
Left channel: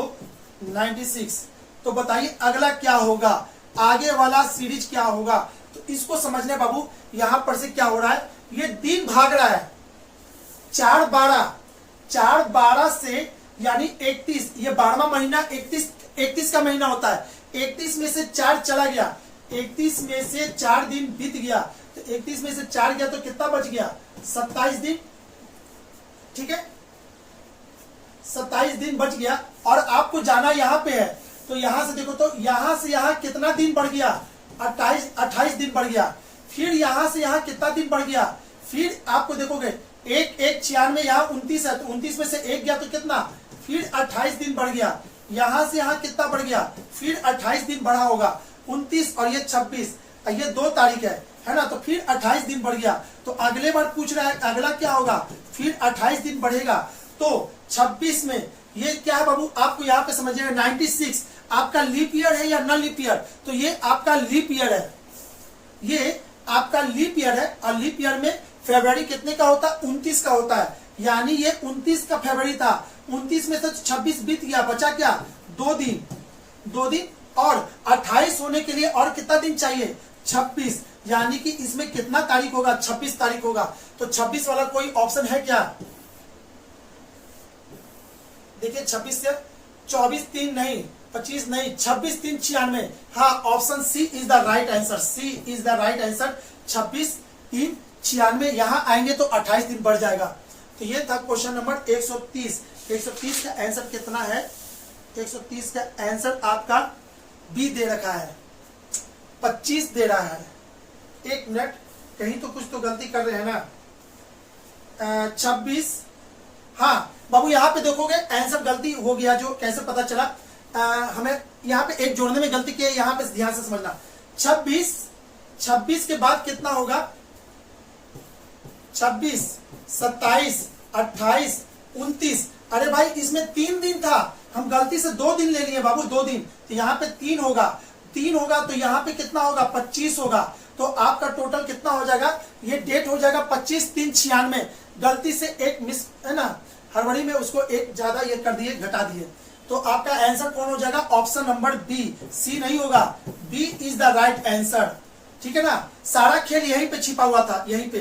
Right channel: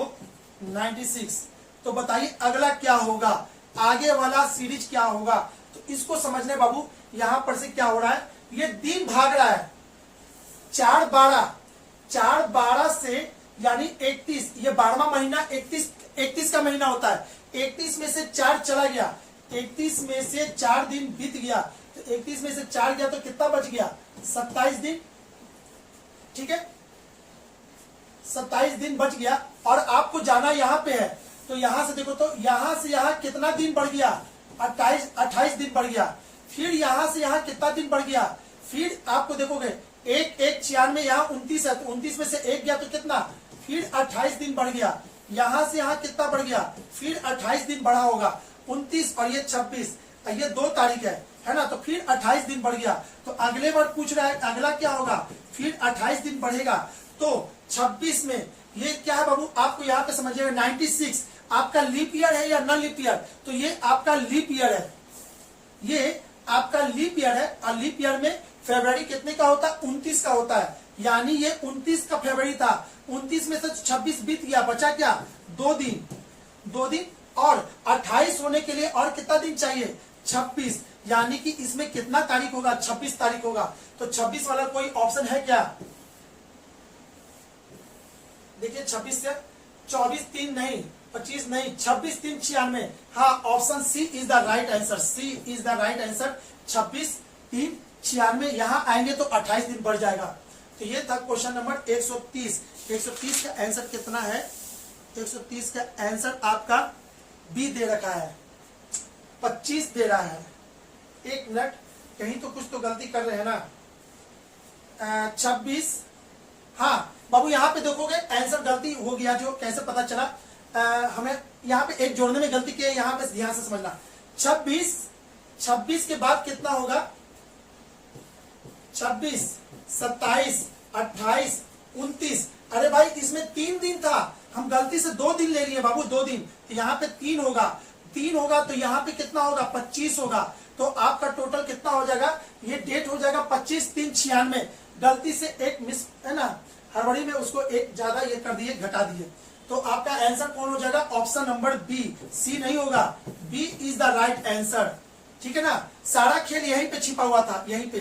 96। तो बताइए अगला क्या होगा, आगे वाला सीरीज क्या होगा। तो इसको समझने बाबू, यहां पर से क्या हो रहा है, ये दिन भाग रहा है 4 12 से यानी 31, ये 12वां महीना 31 का महीना होता है। 31 में से 4 चला गया, 31 में से 4 दिन बीत गया, तो 31 में से 4 गया तो कितना बच गया 27 दिन, ठीक है, 27 दिन बच गया। और आपको जाना यहां पे है, तो यहां से देखो, तो यहां से यहां कितना दिन बढ़ गया 28 दिन बढ़ गया। फिर यहां से यहां कितना दिन बढ़ गया, फिर आपको देखोगे 1 1 96, यहाँ 29 है, तो 29 में से 1 गया तो कितना, फिर 28 दिन बढ़ गया। यहां से यहां कितना बढ़ गया, फिर 28 दिन बढ़ा होगा, 29 और ये 26, ये 2 तारीख है ना, तो फिर 28 दिन बढ़ गया। तो अगले बार पूछ रहा है अगला क्या होगा, फिर 28 दिन बढ़ेगा। तो 26 में ये क्या है बाबू, आपको यहाँ पे समझिएगा 96 आपका लीप ईयर है या नॉन लीप ईयर। तो ये आपका लीप ईयर है, ये आपका लीप ईयर है। और लीप ईयर में फरवरी कितने का होता है, 29 का होता है, यानी ये 29 का फरवरी था। 29 में से 26 बीत गया, बचा क्या 2 दिन और 28 होने के लिए और कितना दिन चाहिए 26, यानी कि इसमें कितना तारीख होगा 26 तारीख होगा। तो 26 वाला कोई ऑप्शन है क्या, देखिए 26 से 24 3 नहीं, 25 नहीं, 26 3 96। हाँ, option C is the right answer, C is the right answer. 26 3 96 यहां आएंगे तो 28 दिन बढ़ जाएगा। तो ये था क्वेश्चन नंबर 130। 130 का आंसर कितना है, 130 का आंसर आपका बी दे रखा है, 25 दे रहा है। एक मिनट, कहीं तो कुछ तो गलती कर रहे हैं ना। 26, हाँ बाबू यहाँ पे देखोगे आंसर गलती हो गया, जो कैसे पता चला, हमें यहाँ पे एक जोड़ने में गलती की है, यहाँ पे ध्यान से समझना। 26 के बाद कितना होगा, 26 27 28 29। अरे भाई इसमें 3 दिन था, हम गलती से 2 दिन ले लिए बाबू, 2 दिन, तो यहाँ पे 3 होगा तो यहाँ पे कितना होगा 25 होगा। तो आपका टोटल कितना हो जाएगा, ये डेट हो जाएगा 25 3 96। गलती से एक मिस है ना, हड़बड़ी में उसको एक ज्यादा ये कर दिए, घटा दिए। तो आपका आंसर कौन हो जाएगा, ऑप्शन नंबर बी, सी नहीं होगा, B is the right answer, ठीक है ना। सारा खेल यहीं पे छिपा हुआ था, यहीं पे।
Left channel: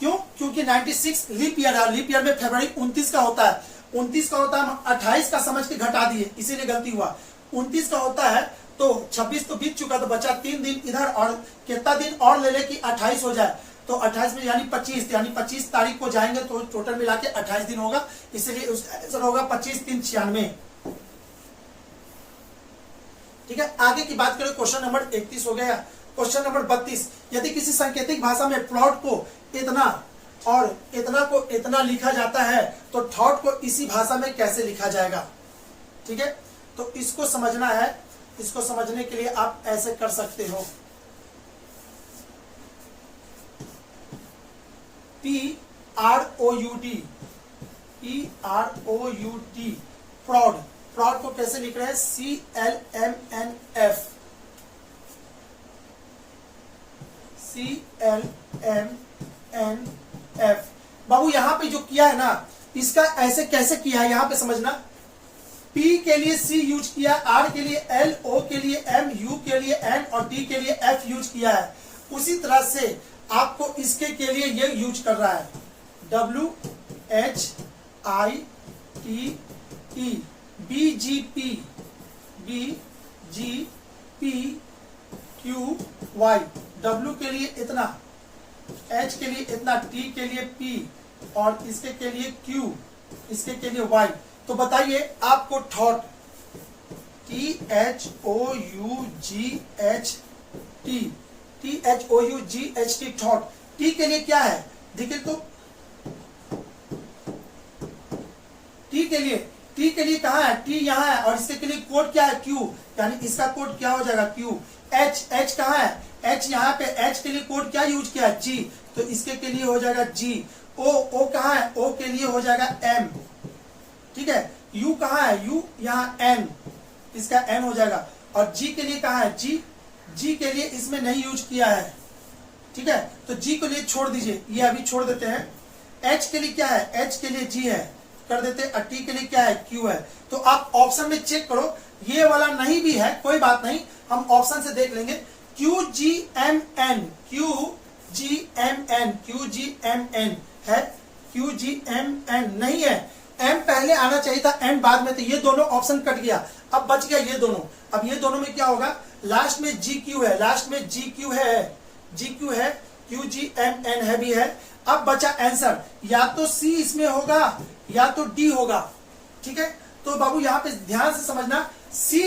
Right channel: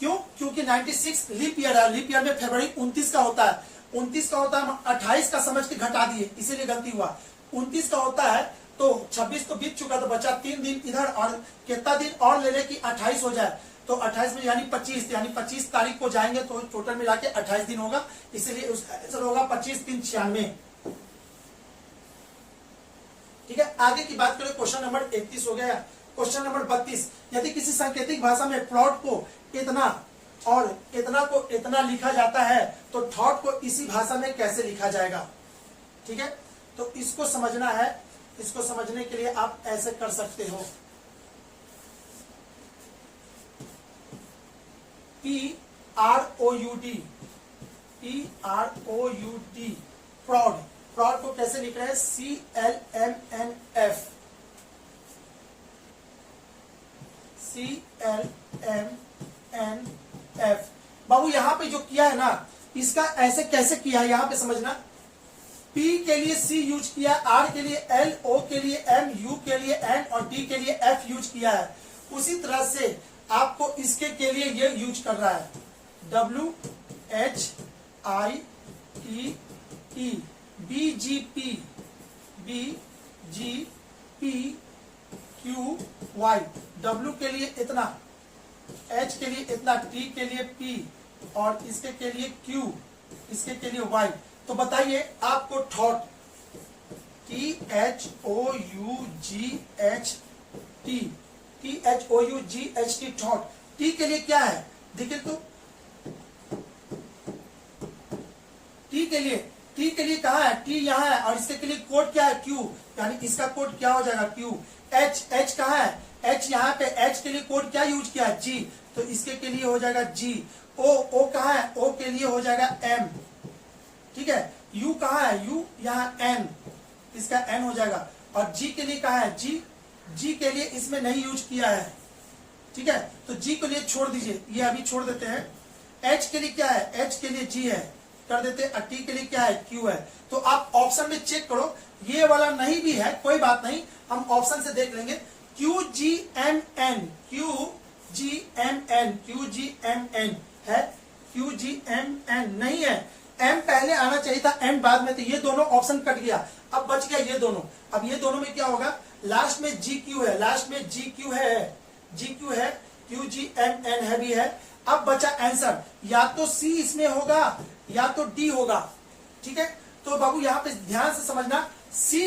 क्यों, क्योंकि 96 लीप ईयर है, लीप ईयर में फरवरी 29 का होता है, 29 का होता है, 28 का समझ के घटा दिए, इसीलिए गलती हुआ। 29 का होता है तो 26 तो बीत चुका, तो बचा 3 दिन इधर, और कितना दिन और ले ले कि 28 हो जाए। तो 28 में यानी 25, यानी 25 तारीख को जाएंगे तो टोटल मिला के 28 दिन होगा, इसलिए उसका आंसर होगा 25 3 96। ठीक है, आगे की बात करें, क्वेश्चन नंबर 31 हो गया। क्वेश्चन नंबर 32, यदि किसी सांकेतिक भाषा में प्लॉट को इतना, और इतना को इतना लिखा जाता है, तो थॉट को इसी भाषा में कैसे लिखा जाएगा। ठीक है, तो इसको समझना है। इसको समझने के लिए आप ऐसे कर सकते हो, PROUD, प्रॉड। प्रॉड को कैसे लिख रहे हैं, CLMNF। बाबू यहां पे जो किया है ना, इसका ऐसे कैसे किया है यहां पे समझना। P के लिए C यूज किया, R के लिए L, O के लिए M, U के लिए N और D के लिए F यूज किया है। उसी तरह से आपको इसके के लिए ये यूज कर रहा है, WHITE, BGPQY। W के लिए इतना, H के लिए इतना, T के लिए P और इसके के लिए Q, इसके के लिए Y। तो बताइए आपको थॉट, THOUGHT, थॉट। T के लिए क्या है, देखिए तो T के लिए कहा है, T यहाँ है और इसके के लिए कोड क्या है, Q, यानी इसका कोड क्या हो जाएगा, Q। H कहा है, H यहाँ पे, H के लिए कोड क्या यूज किया है, G, तो इसके के लिए हो जाएगा G। O कहा है, O के लिए हो जाएगा M। ठीक है, U कहा है, U यहाँ N, इसका N हो जाएगा। और G के लिए कहा है, G के लिए इसमें नहीं यूज किया है। ठीक है, तो G के लिए छोड़ दीजिए, ये अभी छोड़ देते हैं। H के लिए क्या है, H के लिए G है, कर देते हैं। T के लिए क्या है, Q है। तो आप ऑप्शन में चेक करो, ये वाला नहीं भी है कोई बात नहीं, हम ऑप्शन से देख लेंगे। QGMN है, QGMN नहीं है, M पहले आना चाहिए था, N बाद में, तो ये दोनों ऑप्शन कट गया। अब बच गया ये दोनों। अब ये दोनों में क्या होगा, लास्ट में GQ है, लास्ट में GQ है, QGMN है भी है। अब बचा आंसर, या तो C इसमें होगा या तो D होगा। ठीक है, तो बाबू यहाँ पे ध्यान से समझना, C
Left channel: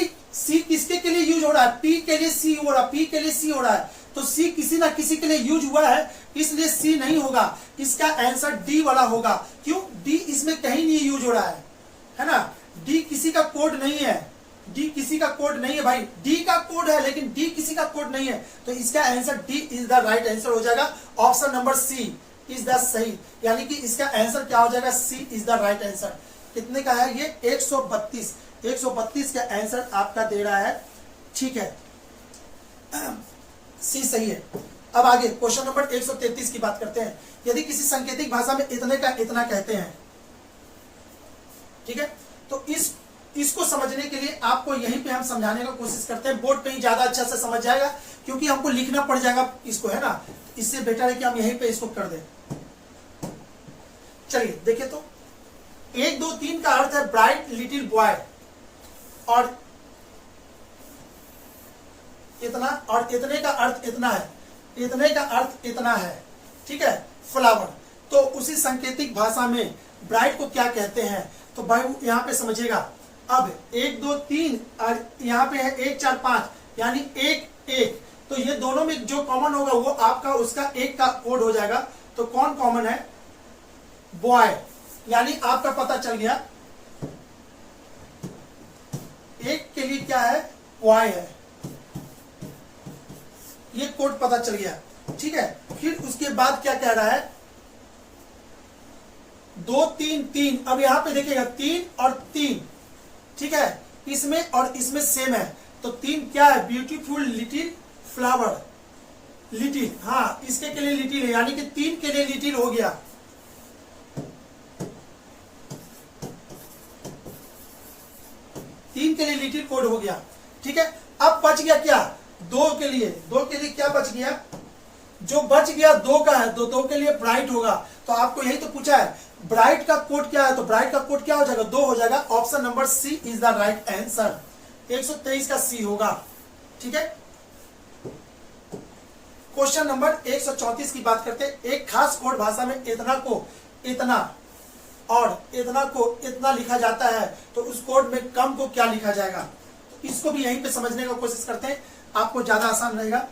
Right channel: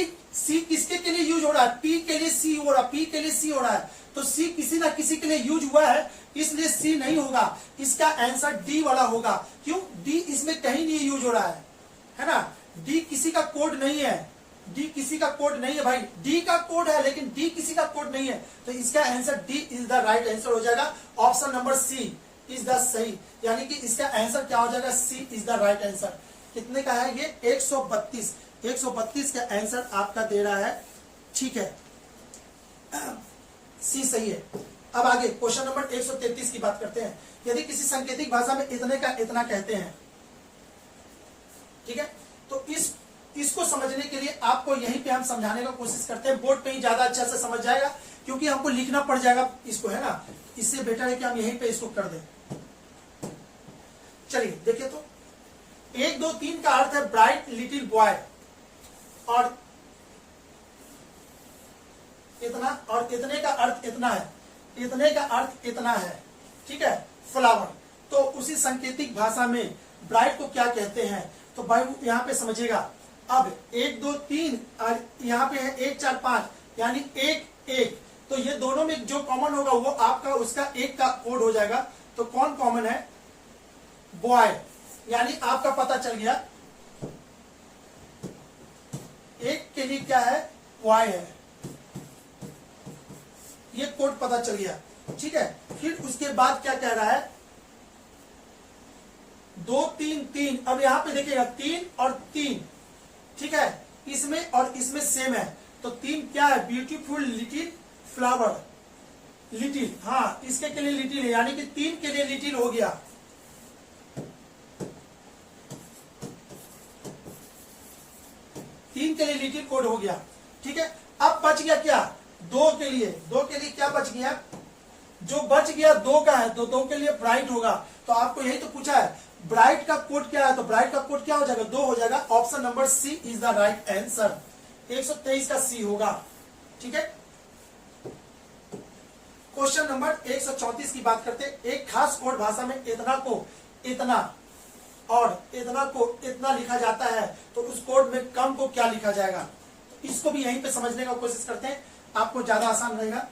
किसके के लिए यूज हो रहा है, P के लिए C हो रहा है, P के लिए C हो रहा है, तो C किसी ना किसी के लिए यूज हुआ है, इसलिए C नहीं होगा, इसका आंसर D वाला होगा। क्यों, D इसमें कहीं नहीं यूज हो रहा है ना, D किसी का कोड नहीं है, D किसी का कोड नहीं है भाई, D का कोड है लेकिन D किसी का कोड नहीं है, तो इसका answer D is the right answer हो जाएगा। Option number C is the सही, यानी कि इसका आंसर क्या हो जाएगा, C is the right answer. कितने का है ये, 132 का आंसर आपका दे रहा है। ठीक है, C सही है। अब आगे क्वेश्चन नंबर 133 की बात करते हैं। यदि किसी सांकेतिक भाषा में इतने का इतना कहते हैं, ठीक है, तो इसको समझने के लिए आपको यहीं पे हम समझाने का कोशिश करते हैं। बोर्ड पे ही ज्यादा अच्छा से समझ जाएगा, क्योंकि हमको लिखना पड़ जाएगा इसको, है ना, इससे बेटर है कि हम यहीं पे इसको कर दें। चलिए देखिए, तो 1 2 3 का अर्थ है ब्राइट लिटिल बॉय, और इतना, और इतने का अर्थ इतना है, इतने का अर्थ इतना है। ठीक है, फ्लावर। तो उसी सांकेतिक भाषा में ब्राइट को क्या कहते हैं, तो भाई यहां पे समझिएगा। अब 1 2 3 और यहाँ पे है 1 4 5, यानी 1 1, तो ये दोनों में जो कॉमन होगा वो आपका उसका 1 का कोड हो जाएगा। तो कौन कॉमन है, बॉय, यानी आपका पता चल गया, एक के लिए क्या है, बॉय है, ये कोड पता चल गया। ठीक है, फिर उसके बाद क्या कह रहा है, 2 3 3। अब यहां पे देखिएगा 3 और 3, ठीक है, इसमें और इसमें सेम है, तो 3 क्या है, ब्यूटीफुल लिटिल फ्लावर, लिटिल, हाँ इसके के लिए लिटिल है, यानी कि 3 के लिए लिटिल हो गया। तीन के लिए लिटिल कोड हो गया। ठीक है, अब बच गया क्या, 2 के लिए, 2 के लिए क्या बच गया, जो बच गया 2 का है, तो 2 के लिए ब्राइट होगा। तो आपको यही तो पूछा है, ब्राइट का कोड क्या है, तो ब्राइट का कोड क्या हो जाएगा, 2 हो जाएगा। Option number C is the right answer, 123 का C होगा। ठीक है, क्वेश्चन नंबर 134 की बात करते हैं। एक खास कोड भाषा में इतना को इतना और इतना को इतना लिखा जाता है, तो उस कोड में कम को क्या लिखा जाएगा, इसको भी यहीं पे समझने का कोशिश करते हैं, आपको ज्यादा आसान रहेगा।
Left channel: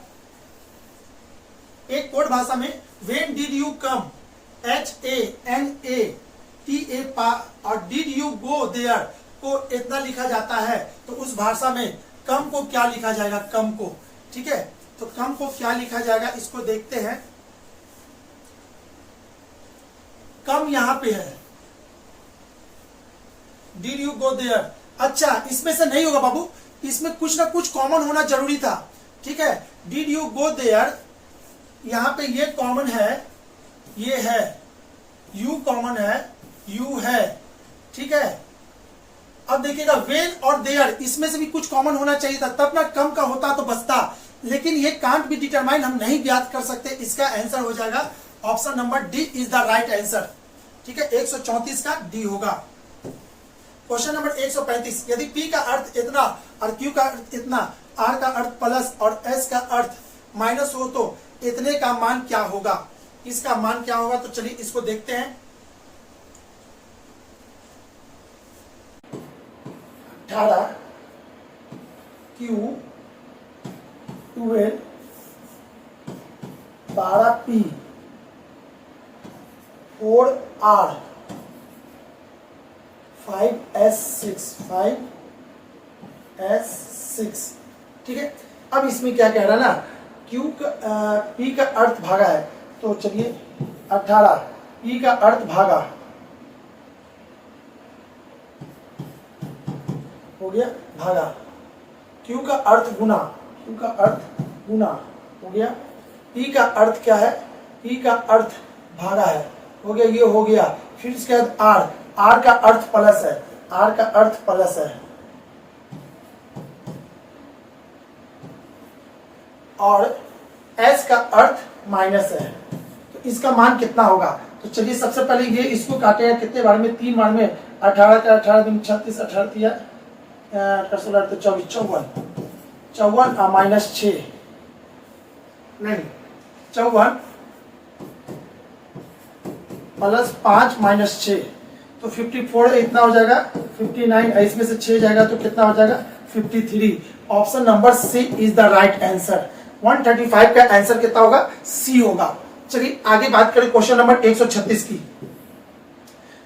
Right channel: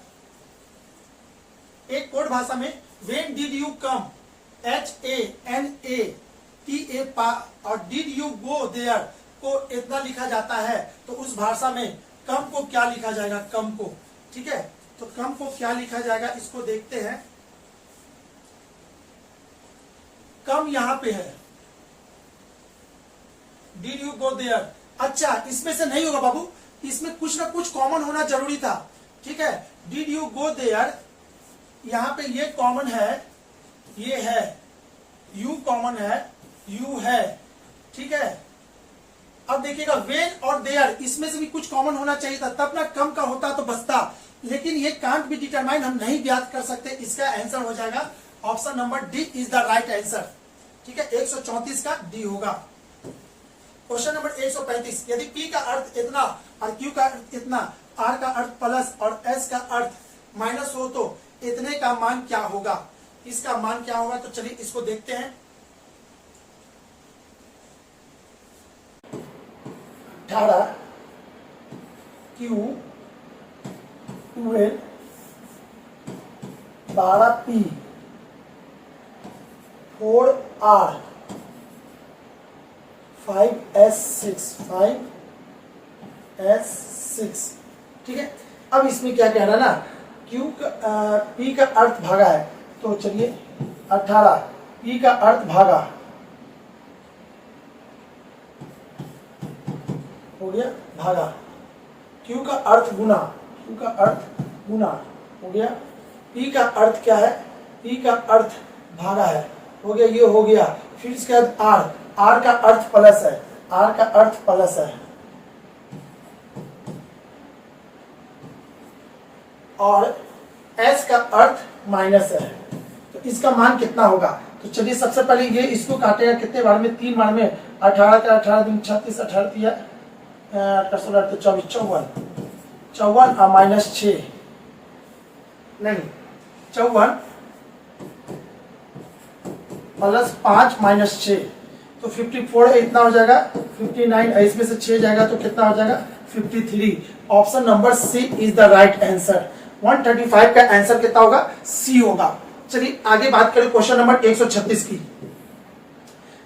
एक कोड भाषा में when did you come, HANATA पा और डिड यू गो देयर को इतना लिखा जाता है, तो उस भाषा में कम को क्या लिखा जाएगा, कम को। ठीक है, तो कम को क्या लिखा जाएगा इसको देखते हैं। कम यहां पे है, डिड यू गो देयर। अच्छा, इसमें से नहीं होगा बाबू, इसमें कुछ ना कुछ कॉमन होना जरूरी था। ठीक है, डिड यू गो देयर, यहां पे ये कॉमन है, ये है, यू कॉमन है, यू है। ठीक है, अब देखिएगा वेन और देयर, इसमें से भी कुछ कॉमन होना चाहिए था, तब ना कम का होता तो बचता, लेकिन ये कांट बी डिटरमाइन, हम नहीं ज्ञात कर सकते। इसका आंसर हो जाएगा option number D is the right answer. ठीक है, 134 का डी होगा। क्वेश्चन नंबर 135, यदि P का अर्थ इतना और Q का अर्थ इतना, R का अर्थ प्लस और S का अर्थ माइनस हो तो इतने का मान क्या होगा, इसका मान क्या होगा। तो चलिए इसको देखते हैं। 18 Q 12 12 P 4 R 5 S 6 ठीक है। अब इसमें क्या कह रहा है ना, Q का P का अर्थ भागा है, तो चलिए 18 P का अर्थ भागा हो गया, भागा Q का अर्थ गुना, Q का अर्थ गुना हो गया, P का अर्थ क्या है, P का अर्थ भागा है, हो गया, ये हो गया। फिर इसके बाद R का अर्थ प्लस है, R का अर्थ प्लस है, और S का अर्थ माइनस है, तो इसका मान कितना होगा। तो चलिए सबसे पहले ये इसको काटेगा कितने बार में, 3 बार में। 18 का 18 दिन 36, 18 दिया 16 तो 24, 54 और माइनस 6 नहीं 54 प्लस 5 माइनस 6 तो 54 इतना हो जाएगा 59, इसमें से 6 जाएगा तो कितना हो जाएगा 53। Option number C is the right answer. 135 का आंसर कितना होगा, सी होगा। चलिए आगे बात करें क्वेश्चन नंबर 136 की।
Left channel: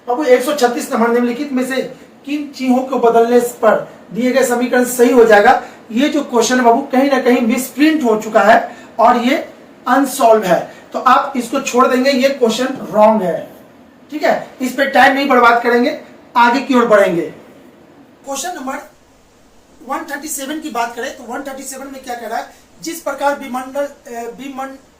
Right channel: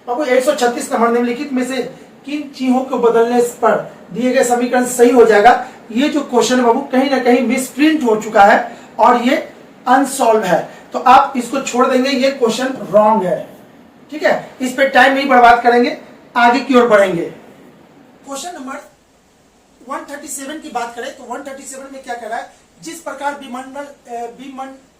बाबू 136 नंबर निम्नलिखित में से किन चिन्हों को बदलने पर दिए गए समीकरण सही हो जाएगा। ये जो क्वेश्चन है बाबू कहीं ना कहीं मिसप्रिंट हो चुका है और ये अनसॉल्व है, तो आप इसको छोड़ देंगे, ये क्वेश्चन रॉन्ग है। ठीक है, इस पे टाइम नहीं बर्बाद करेंगे, आगे की ओर बढ़ेंगे। क्वेश्चन नंबर 137 की बात करें तो 137 में क्या कह रहा है, जिस प्रकार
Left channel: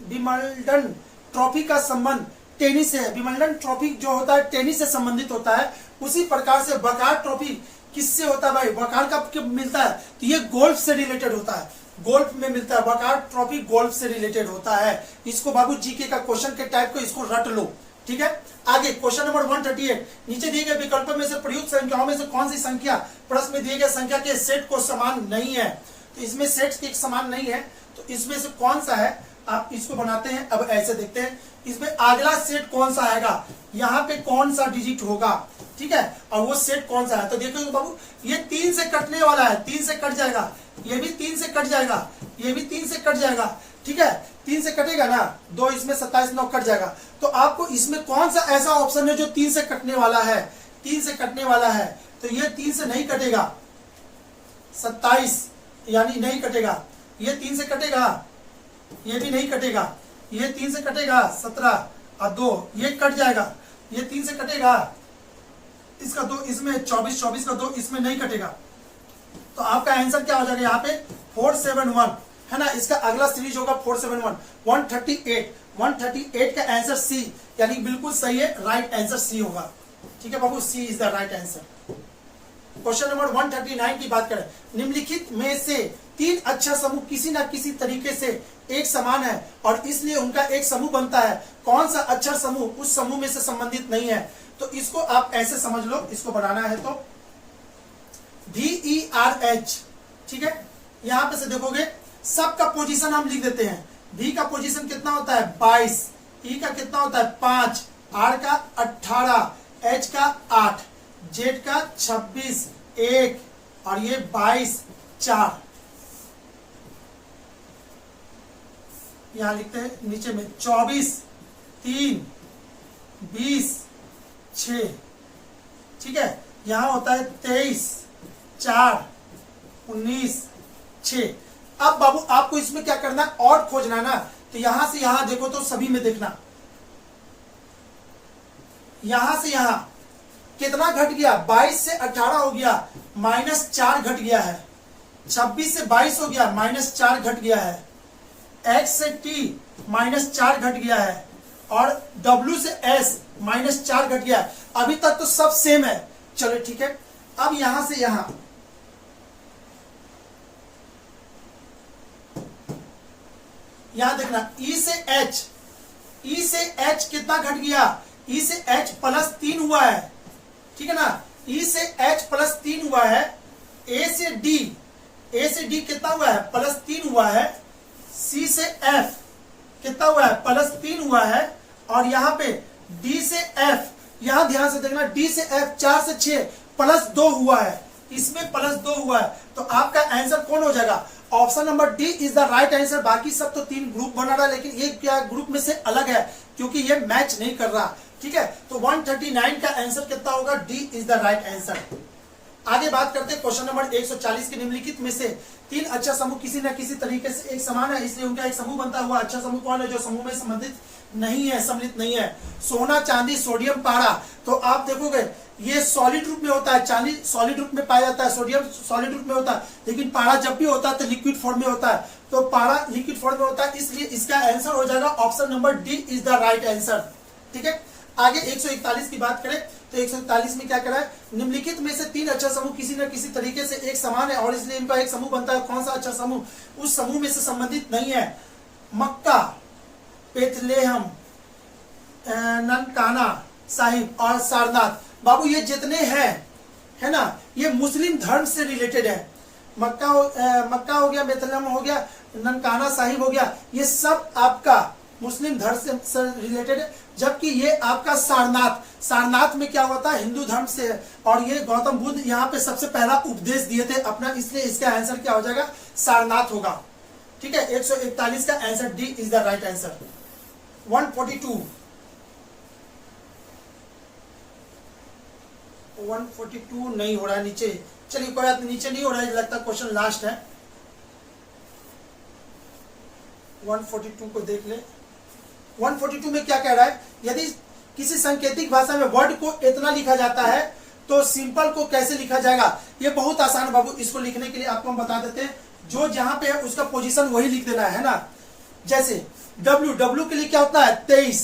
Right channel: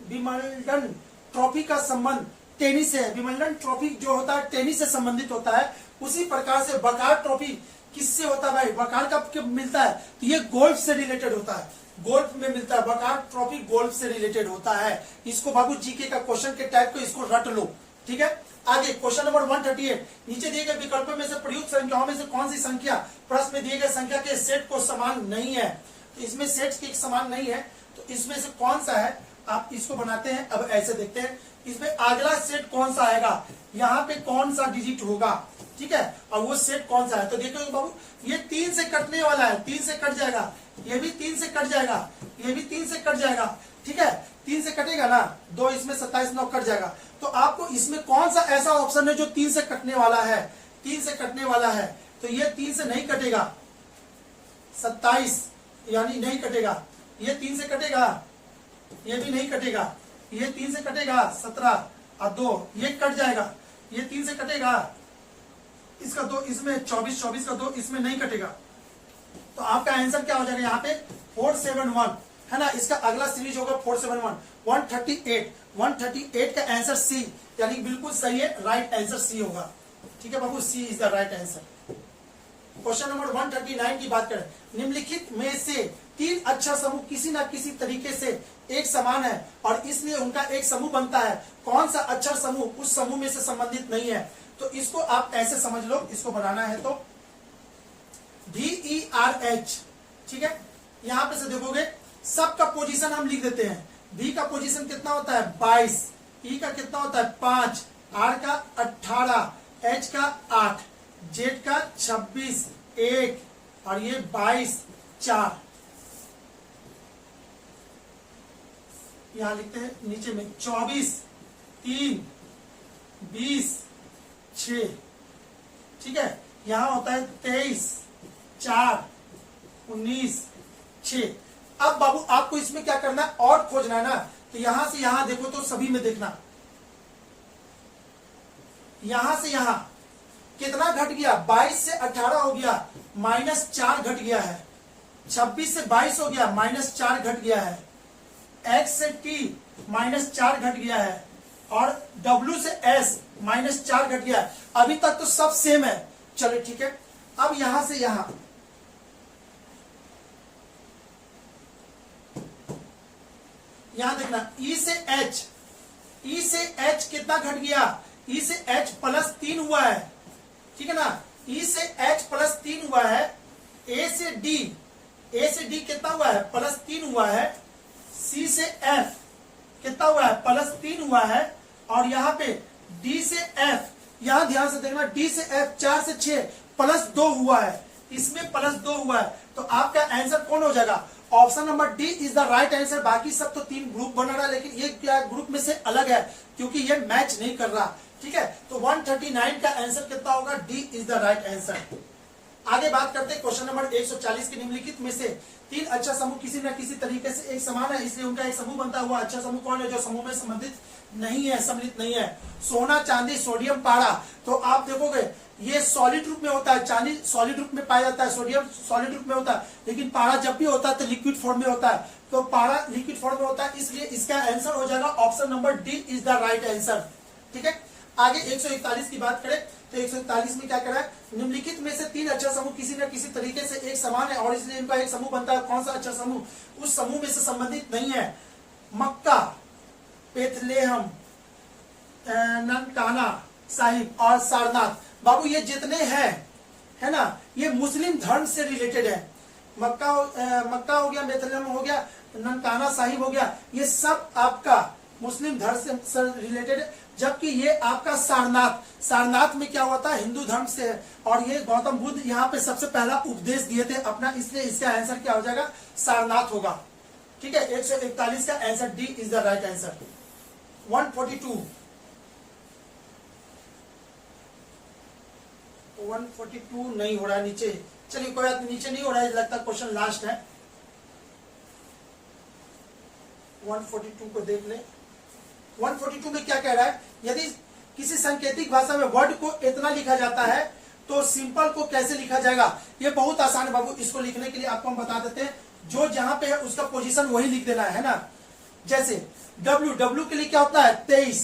विमल्डन ट्रॉफी का संबंध टेनिस से है, विमल्डन ट्रॉफी जो होता है टेनिस से संबंधित होता है, उसी प्रकार से वकार ट्रॉफी किससे होता है भाई, वकार कब मिलता है, तो ये गोल्फ से रिलेटेड होता है, गोल्फ में मिलता है, वकार ट्रॉफी गोल्फ से रिलेटेड होता है। इसको बाबू जीके का क्वेश्चन के टाइप को इसको रट लो। ठीक है, आगे क्वेश्चन नंबर 138, नीचे दिए गए विकल्पों में से प्रयुक्त संख्याओं में से कौन सी संख्या प्रश्न में दिए गए संख्या के सेट को समान नहीं है। तो इसमें सेट के समान नहीं है, तो इसमें से कौन सा है, आप इसको बनाते हैं। अब ऐसे देखते हैं, इसमें अगला सेट कौन सा आएगा, यहाँ पे कौन सा डिजिट होगा। ठीक है, और वो सेट कौन सा है, तो देखो बाबू ये 3 से कटने वाला है, 3 से कट जाएगा, ये भी 3 से कट जाएगा, ये भी 3 से कट जाएगा। ठीक है, 3 से कटेगा ना, 2 इसमें 27 9 कट जाएगा। तो आपको इसमें कौन सा ऐसा ऑप्शन है जो 3 से कटने वाला है, 3 से कटने वाला है, तो ये 3 से नहीं कटेगा, 27 यानी नहीं कटेगा, ये 3 से कटेगा, ये भी नहीं कटेगा, ये 3 से कटेगा 17 और 2 ये कट जाएगा, ये 3 से कटेगा, इसका 2 इसमें 24 24 का 2 इसमें नहीं कटेगा। तो आपका आंसर क्या हो जाएगा यहाँ पे 471 है ना। इसका अगला सीरीज होगा 471 138 का आंसर सी, यानी बिल्कुल सही है, राइट आंसर सी होगा। ठीक है बाबू, C is the right answer. Question number 139 की बात करें, निम्नलिखित में से 3 अक्षर समूह किसी न किसी तरीके से एक समान है और इसलिए उनका एक समूह बनता है, कौन सा अक्षर समूह उस समूह में से संबंधित नहीं है। तो इसको आप ऐसे समझ लो, इसको बनाना है तो VERH। ठीक है, यहां पे से देखोगे सबका पोजीशन हम लिख देते हैं। V का पोजीशन कितना होता है 22, E का कितना होता है 5, R का 18, H का 8, Z का 26 1 और ये 22 4। यहां लिखते हैं नीचे में 24 3 20 6, ठीक है। यहां होता है 23 4 19 6। अब बाबू आपको इसमें क्या करना है, और खोजना है ना, तो यहां से यहां देखो तो सभी में देखना, यहां से यहां कितना घट गया, 22 से 18 हो गया, -4 घट गया है। 26 से 22 हो गया, -4 घट गया है। X से T -4 घट गया है, और W से S -4 घट गया है। अभी तक तो सब सेम है, चलो ठीक है। अब यहां से यहां देखना, E से H कितना घट गया, E से H +3 हुआ है, ठीक है ना। E से H +3 हुआ है। A से D कितना हुआ है, +3 हुआ है। C से F कितना हुआ है, +3 हुआ है। और यहाँ पे D से F, यहां ध्यान से देखना, D से F 4 से 6 +2 हुआ है, इसमें +2 हुआ है। तो आपका आंसर कौन हो जाएगा, option number D is the right answer. बाकी सब तो 3 ग्रुप बना रहा है, लेकिन ये क्या ग्रुप में से अलग है, क्योंकि ये मैच नहीं कर रहा, ठीक है। तो 139 का आंसर कितना होगा, D is the right answer. आगे बात करते हैं क्वेश्चन नंबर 140 के निम्नलिखित में से 3 अच्छा समूह किसी न किसी तरीके से एक समान है, इसलिए उनका एक समूह बनता हुआ अच्छा समूह कौन है, जो समूह में संबंधित नहीं है, सम्मिलित नहीं है। सोना, चांदी, सोडियम, पारा। तो आप देखोगे ये सॉलिड रूप में होता है, चांदी सॉलिड रूप में पाया जाता है, सोडियम सॉलिड रूप में होता है, लेकिन पारा जब भी होता है तो लिक्विड फॉर्म में होता है। तो पारा लिक्विड फॉर्म में होता है, इसलिए इसका आंसर हो जाएगा option number D is the right answer, ठीक है। आगे 141 की बात करें तो 141 में क्या करा है, निम्नलिखित में से 3 अच्छा समूह किसी न किसी तरीके से एक समान है और इसलिए इनका एक समूह बनता है। कौन सा अच्छा समूह उस समूह में से संबंधित नहीं है, मक्का, बेथलेहम, ननकाना साहिब और सारनाथ। बाबू ये जितने हैं, है ना, ये मुस्लिम धर्म से रिलेटेड है। मक्का हो गया, बेथलेहम हो गया, ननकाना साहिब हो गया, ये सब आपका मुस्लिम धर्म से रिलेटेड है। जबकि ये आपका सारनाथ में क्या हुआ था, हिंदू धर्म से है। और ये गौतम बुद्ध यहाँ पे सबसे पहला उपदेश दिए थे अपना, इसलिए इसका आंसर क्या हो जाएगा, सारनाथ होगा, ठीक है। 141 का answer D is the right answer. 142 नहीं हो रहा है नीचे, चलिए कोई बात नीचे नहीं हो रहा है, लगता क्वेश्चन लास्ट है। 142 को देख ले। 142 में क्या कह रहा है, यदि किसी सांकेतिक भाषा में वर्ड को इतना लिखा जाता है तो सिंपल को कैसे लिखा जाएगा। ये बहुत आसान है बाबू, इसको लिखने के लिए आपको हम बता देते हैं, जो जहां पे है उसका पोजीशन वही लिख देना है ना। जैसे W के लिए क्या होता है 23,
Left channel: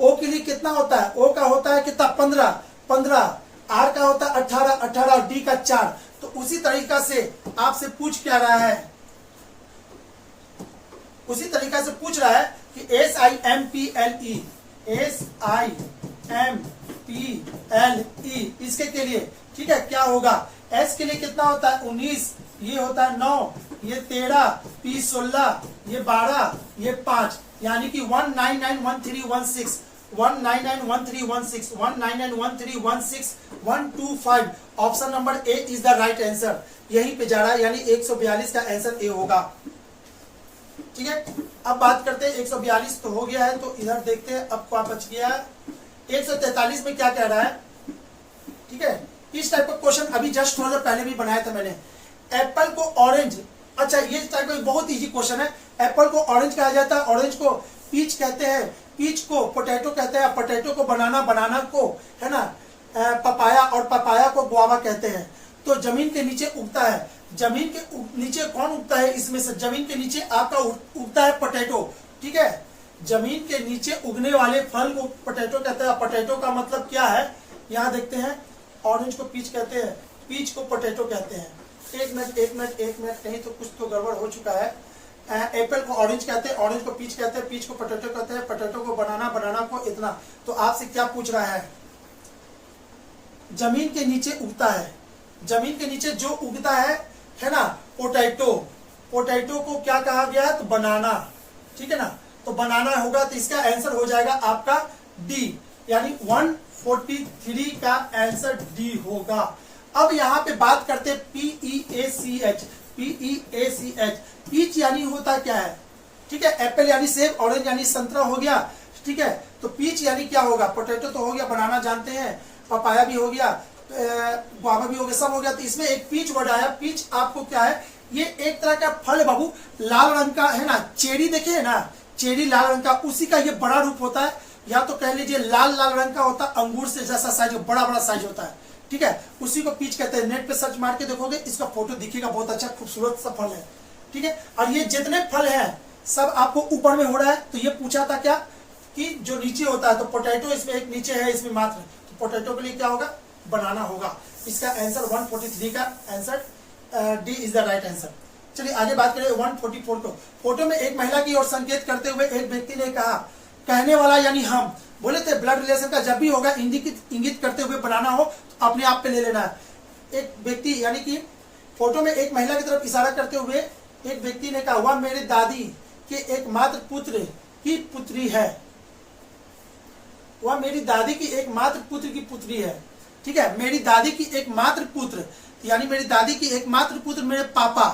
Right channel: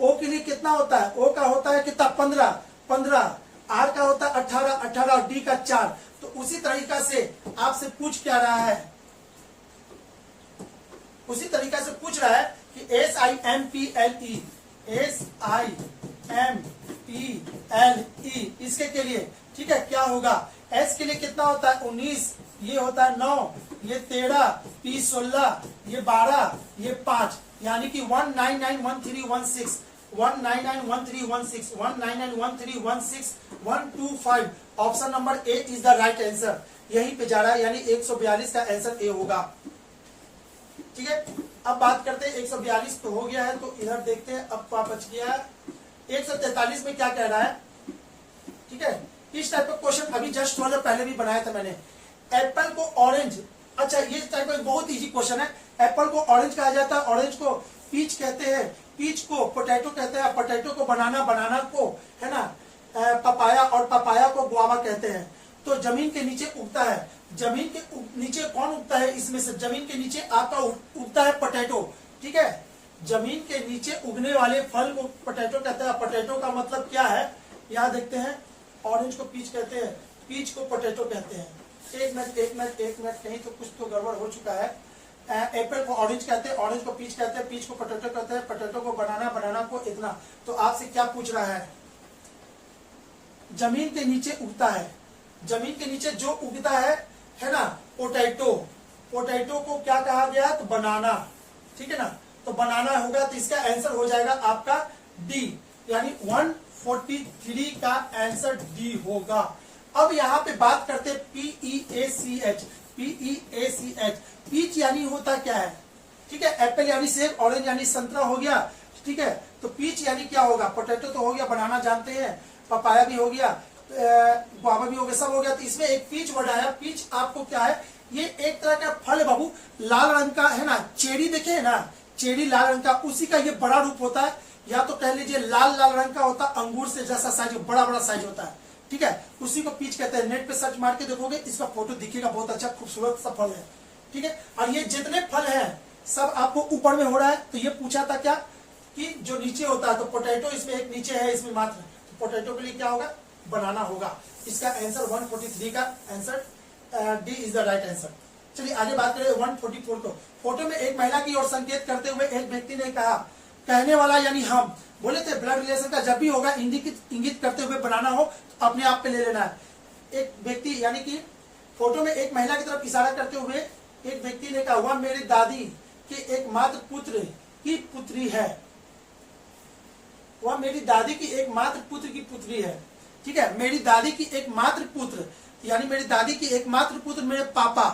O के लिए कितना होता है, O का होता है कितना 15, R का होता है 18 और D का 4। तो उसी तरीका से आपसे पूछ क्या रहा है, उसी तरीका से पूछ रहा है कि SIMPLE इसके के लिए, ठीक है, क्या होगा। S के लिए कितना होता है 19, ये होता है 9, ये 13, P 16, ये 12, ये 5, यानी कि 1991316 1991316 1991316 125। Option number A is the right answer, यहीं पे जा रहा है, यानी 142 का आंसर ए होगा, ठीक है। अब बात करते हैं 142 तो हो गया है, तो इधर देखते हैं अब क्या बच गया है। 143 में क्या कह रहा है, ठीक है। इस टाइप का क्वेश्चन अभी जस्ट थोड़ा देर पहले भी बनाया था मैंने। एप्पल को ऑरेंज, अच्छा ये टाइप का बहुत इजी क्वेश्चन है। एप्पल को ऑरेंज कहा जाता है, ऑरेंज को पीच कहते हैं, पीच को पोटैटो कहते हैं, पोटैटो को बनाना, बनाना को है ना पपाया, और पपाया को गुआवा कहते हैं। तो जमीन के नीचे उगता है, जमीन के नीचे कौन उगता है, इसमें से जमीन के नीचे आपका उगता है पोटैटो, ठीक है। जमीन के नीचे उगने वाले फल को पोटैटो कहते हैं। पोटैटो का मतलब क्या है, यहाँ देखते हैं, ऑरेंज को पीच कहते हैं, पीच को पोटैटो कहते हैं। एक मिनट कहीं तो कुछ तो गड़बड़ हो चुका है। एप्पल को ऑरेंज कहते हैं, ऑरेंज को पीच कहते हैं, पीच को पोटैटो कहते हैं, पोटैटो को बनाना, बनाना को इतना। तो आपसे क्या पूछ रहा है, जमीन के नीचे उगता है, जमीन के नीचे जो उगता है ना पोटैटो, पोटैटो को क्या कहा गया है, तो बनाना, ठीक है ना। तो बनाना होगा, तो इसका आंसर हो जाएगा आपका डी, यानी 143 का आंसर डी होगा। अब यहाँ पे बात करते हैं PEACH, पीच यानी होता क्या है, ठीक है। एप्पल यानी सेब, ऑरेंज यानी संतरा हो गया, ठीक है। तो पीच यानी क्या होगा, पोटैटो तो हो गया, बनाना जानते हैं, पपाया भी हो गया, गुआवा भी हो गया, सब हो गया। तो इसमें एक पीच वर्ड आया। पीच आपको क्या है, ये एक तरह का फल है बाबू, लाल रंग का है ना, चेरी देखे है ना, चेरी लाल रंग का, उसी का ये बड़ा रूप होता है, या तो कह लीजिए लाल लाल रंग का होता है, अंगूर से जैसा साइज, बड़ा बड़ा साइज होता है, ठीक है, उसी को पीच कहते हैं। नेट पे सर्च मार के देखोगे, इसका फोटो दिखेगा, बहुत अच्छा खूबसूरत सा फल है, ठीक है। और ये जितने फल हैं सब आपको ऊपर में हो रहा है। तो ये पूछा था क्या कि जो नीचे होता है, तो पोटैटो इसमें एक नीचे है, इसमें मात्र, तो पोटैटो के लिए क्या होगा, बनाना होगा। इसका आंसर 143 का answer D is the right answer. चलिए आगे बात करें 144 को। फोटो में एक महिला की ओर संकेत करते हुए एक व्यक्ति ने कहा, कहने वाला यानी हम बोले थे ब्लड रिलेशन का जब भी होगा इंगित करते हुए बनाना हो तो अपने आप पे ले लेना है। एक व्यक्ति यानी कि फोटो में एक महिला की तरफ इशारा करते हुए एक व्यक्ति ने कहा, वह मेरी दादी के एकमात्र पुत्र की पुत्री है, वह मेरी दादी की एकमात्र पुत्र की पुत्री है, ठीक है, मेरी दादी की एकमात्र पुत्र, यानी मेरी दादी की एकमात्र पुत्र मेरे पापा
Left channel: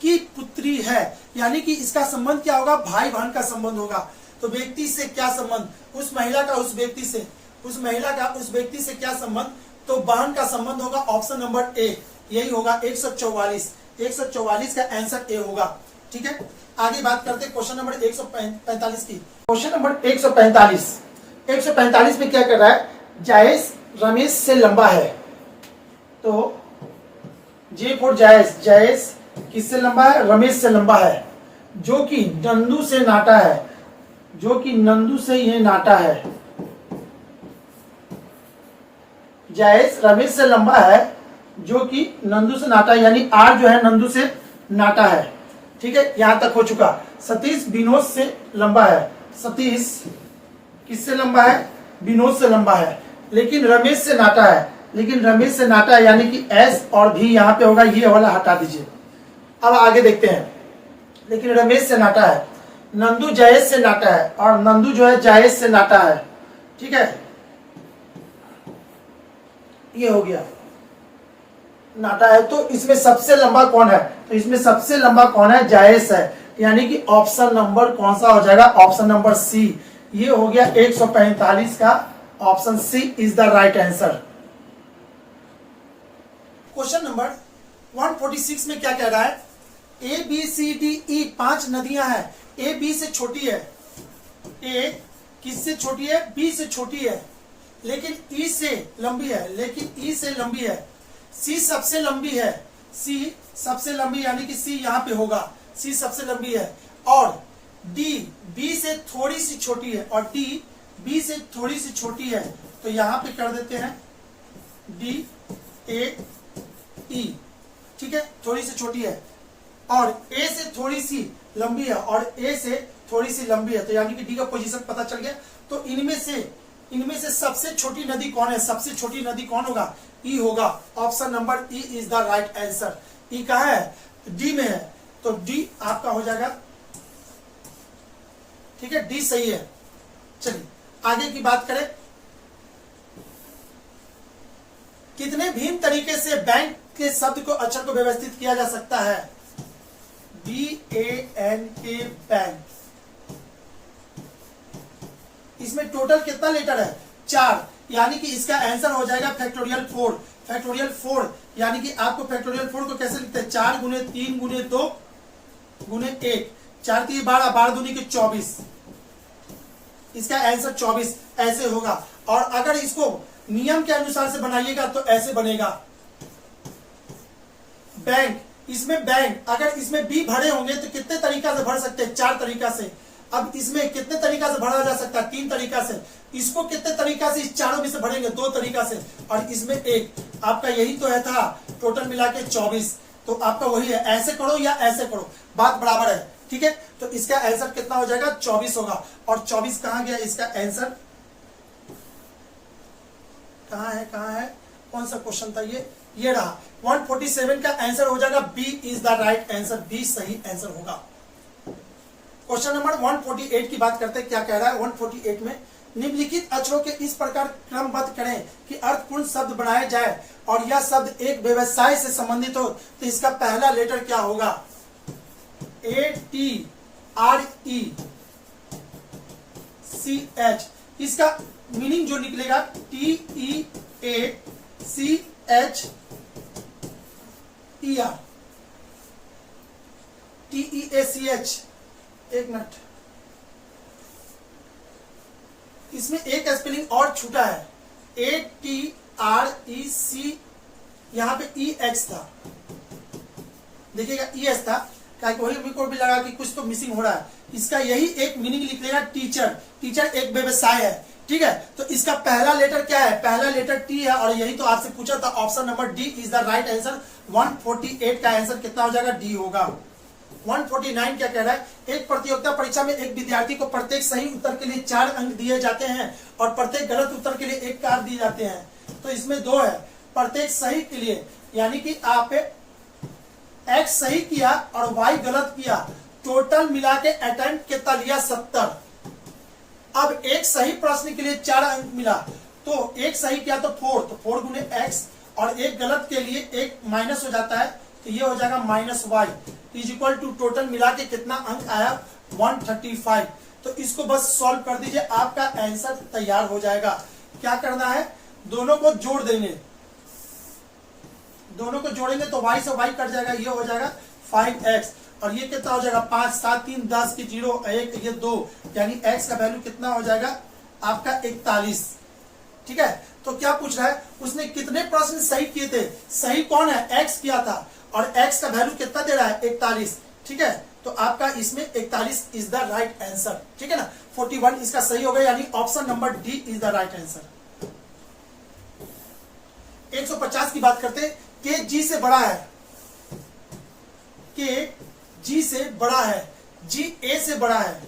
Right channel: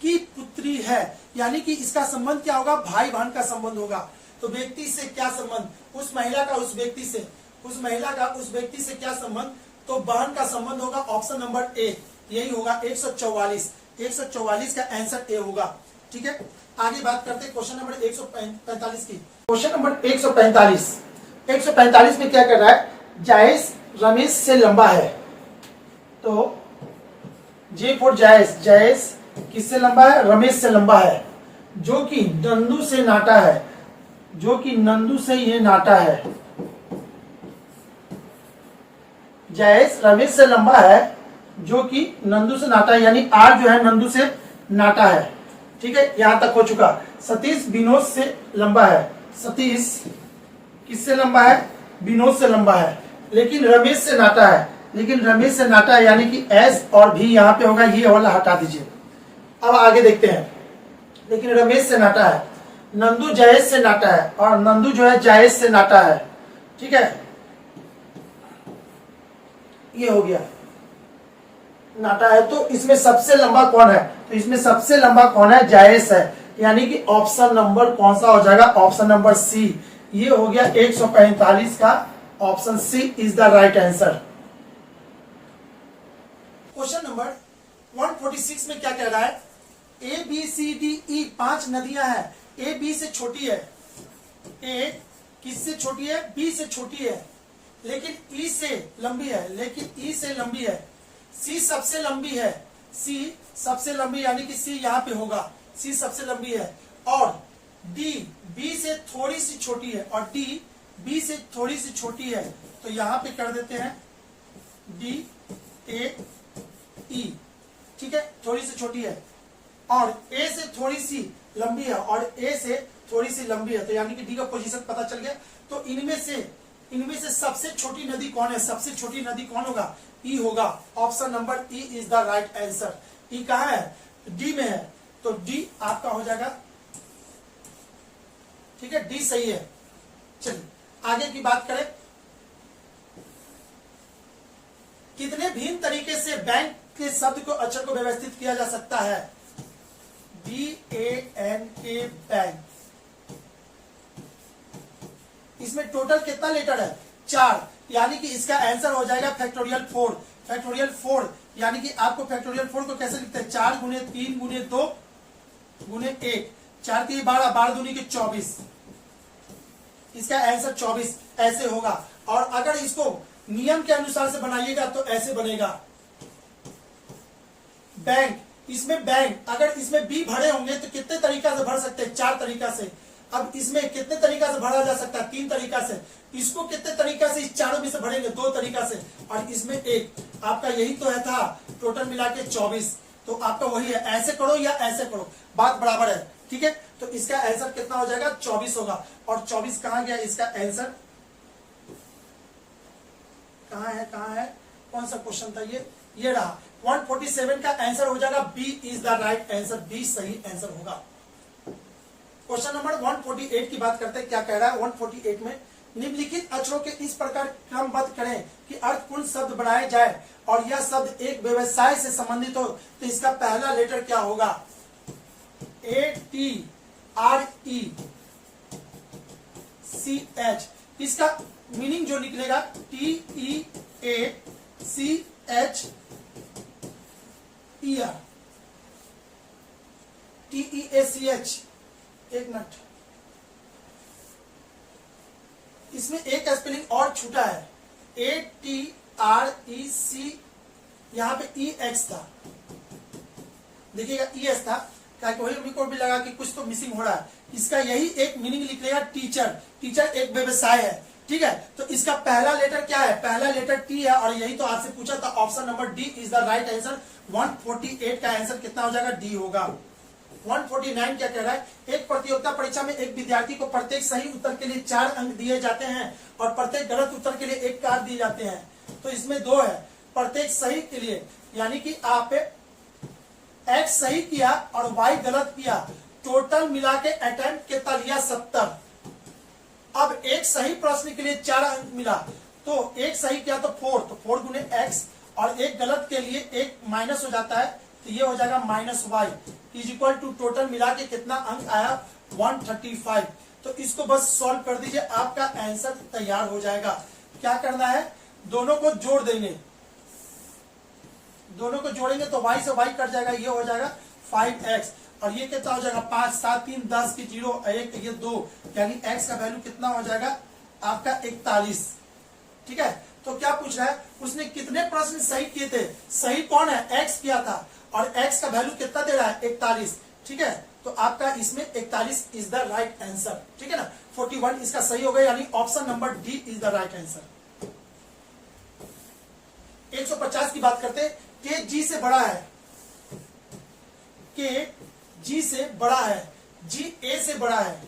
की पुत्री है, यानी कि इसका संबंध क्या होगा, भाई बहन का संबंध होगा। तो व्यक्ति से क्या संबंध, उस महिला का उस व्यक्ति से, उस महिला का उस व्यक्ति से क्या संबंध, तो बहन का संबंध होगा। ऑप्शन नंबर ए यही होगा, 144 का आंसर ए होगा, ठीक है। आगे बात करते हैं क्वेश्चन नंबर 145 की। क्वेश्चन नंबर 145 में क्या कर रहा है, जायज रमेश से लंबा है, तो जे फॉर जायज, जायज किससे लंबा है, रमेश से लंबा है, जो कि नंदू से नाटा है, जो कि नंदू से ये नाटा है। जायज रमेश से लंबा है, जो कि नंदू से नाटा है, यानी आर जो है नंदू से नाटा है, ठीक है, यहां तक हो चुका। सतीश विनोद से लंबा है, सतीश किससे लंबा है, विनोद से लंबा है, लेकिन रमेश से नाटा है, लेकिन रमेश से नाटा है, यानी कि एस और भी यहां पे होगा, ये वाला हटा दीजिए। अब आगे देखते हैं, लेकिन रमेश से नाटा है, नंदू जायज से नाटा है, और नंदू जो है जायज से नाटा है, ठीक है, ये हो गया नाटा है। तो इसमें सबसे लंबा कौन है, तो इसमें सबसे लंबा कौन है, जायज है, यानी कि ऑप्शन नंबर कौन सा हो जाएगा, ऑप्शन नंबर सी, ये हो गया 145 का, option C is the right answer. Question number 146 में क्या कह रहा है, A B C D E 5 नदियां हैं, ए बी से छोटी है, ए किससे छोटी है, बी से छोटी है, लेकिन ई से लंबी है, लेकिन ई से लंबी है, सी सबसे लंबी है, सी सबसे लंबी यानी कि सी यहां पे होगा, सी सबसे लंबी है, और डी बी से थोड़ी सी छोटी है, और डी बी से थोड़ी सी छोटी है, तो यहां पे कर देते हैं डी ए ई, ठीक है, थोड़ी सी छोटी है, और ए से थोड़ी सी लंबी है, और ए से थोड़ी सी लंबी है, तो यानी कि डी का पोजीशन पता चल गया। तो इनमें से सबसे छोटी नदी कौन है, सबसे छोटी नदी कौन होगा, ई होगा, option number E is the right answer. E कहां है, डी में है, तो डी आपका हो जाएगा, ठीक है, डी सही है। चलिए आगे की बात करें, कितने भिन्न तरीके से बैंक के शब्द को अक्षर को व्यवस्थित किया जा सकता है, BANK बैंक, इसमें टोटल कितना लेटर है, 4, यानी कि इसका आंसर हो जाएगा फैक्टोरियल 4, फैक्टोरियल 4, यानी कि आपको फैक्टोरियल 4 को कैसे लिखते हैं, 4 गुने 3 गुने 2 गुने 1, 4 3 12, 12 दूनी के 24, इसका आंसर 24 ऐसे होगा। और अगर इसको नियम के अनुसार से बनाइएगा तो ऐसे बनेगा, बैंक, इसमें बैंक, अगर इसमें बी भरे होंगे तो कितने तरीका से भर सकते हैं, 4 तरीका से। अब इसमें कितने तरीका से भरा जा सकता है, 3 तरीका से। इसको कितने तरीका से, इस चारों में से भरेंगे 2 तरीका से, और इसमें एक, आपका यही तो है था, टोटल मिला के 24, तो आपका वही है, ऐसे करो या ऐसे करो, बात बराबर है, ठीक है। तो इसका आंसर कितना हो जाएगा, 24 होगा। और 24 कहां गया, इसका आंसर कहां है, कौन सा क्वेश्चन था ये रहा, 147 का आंसर हो जाएगा, B is the right answer, B सही आंसर होगा। क्वेश्चन नंबर 148 की बात करते हैं, क्या कह रहा है 148 में, निम्नलिखित अक्षरों के इस प्रकार क्रमबद्ध करें कि अर्थपूर्ण शब्द बनाए जाए और यह शब्द एक व्यवसाय से संबंधित हो, तो इसका पहला लेटर क्या होगा, ATRECH, इसका मीनिंग जो निकलेगा TEACHER, TEACH, एक मिनट, इसमें एक स्पेलिंग और छूटा है, ATREC, यहां पे EH था, देखिएगा EH था, क्या वही मेरे को भी लगा कि कुछ तो मिसिंग हो रहा है। इसका यही एक मीनिंग लिखलेगा टीचर, टीचर एक व्यवसाय है, ठीक है। तो इसका पहला लेटर क्या है, पहला लेटर T है, और यही तो आपसे पूछा था, option number D is the right answer. 148 का आंसर कितना हो जाएगा, D होगा। 149 क्या कह रहा है, एक प्रतियोगिता परीक्षा में एक विद्यार्थी को प्रत्येक सही उत्तर के लिए 4 अंक दिए जाते हैं और प्रत्येक गलत उत्तर के लिए 1 कार दिए जाते हैं। तो इसमें 2 है, प्रत्येक सही के लिए, यानी कि आप X सही किया और Y गलत किया, टोटल मिला के अटेम्प्ट कितना लिया, 70। अब एक सही प्रश्न के लिए 4 अंक मिला, तो एक सही किया तो 4, तो 4 गुने X, और एक गलत के लिए 1 माइनस हो जाता है, तो ये हो जाएगा -Y is equal to total मिला के कितना अंक आया, 135। तो इसको बस सॉल्व कर दीजिए, आपका आंसर तैयार हो जाएगा। क्या करना है, दोनों को जोड़ देंगे, दोनों को जोड़ेंगे तो Y से Y कट जाएगा, ये हो जाएगा 5X, और ये कितना हो जाएगा, 5 7 3 10 की 0 1 ये 2, यानी X का वैल्यू कितना हो जाएगा आपका 41, ठीक है। तो क्या पूछ रहा है, उसने कितने प्रश्न सही किए थे, सही कौन है, X किया था, और X का वैल्यू कितना दे रहा है, 41, ठीक है। तो आपका इसमें 41 इज द राइट आंसर, ठीक है ना। 41 इसका सही हो गया, यानी option number D is the right answer. 150 की बात करते हैं, के G से बड़ा है, के G से बड़ा है, G A से बड़ा है,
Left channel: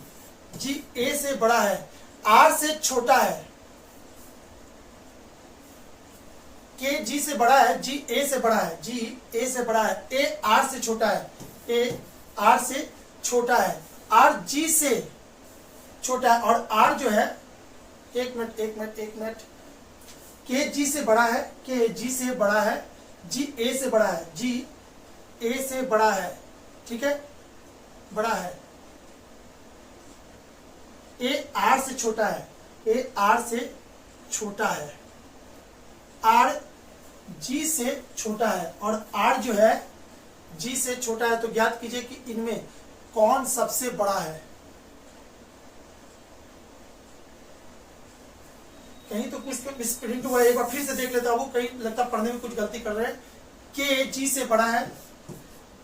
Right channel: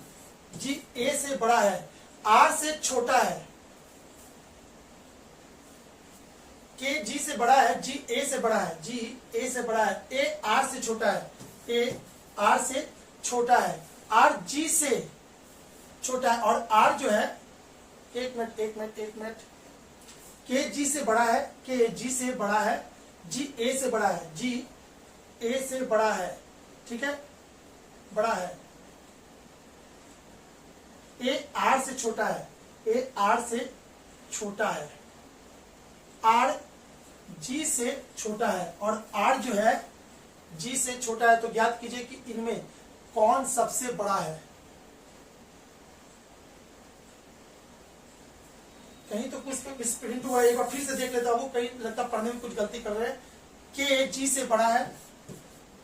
G A से बड़ा है, R से छोटा है, के G से बड़ा है, G A से बड़ा है, G A से बड़ा है, A R से छोटा है, A R से छोटा है, R G से छोटा है, और R जो है, एक मिनट, के G से बड़ा है, के G से बड़ा है, G A से बड़ा है, G A से बड़ा है, ठीक है, बड़ा है, A R से छोटा है, A R से छोटा है, R G से छोटा है, और R जो है G से छोटा है। तो ज्ञात कीजिए कि इनमें कौन सबसे बड़ा है। कहीं तो कुछ मिसप्रिंट हुआ है, एक बार फिर से देख लेता हूँ, कहीं लगता पढ़ने में कुछ गलती कर रहे हैं। के G से बड़ा है,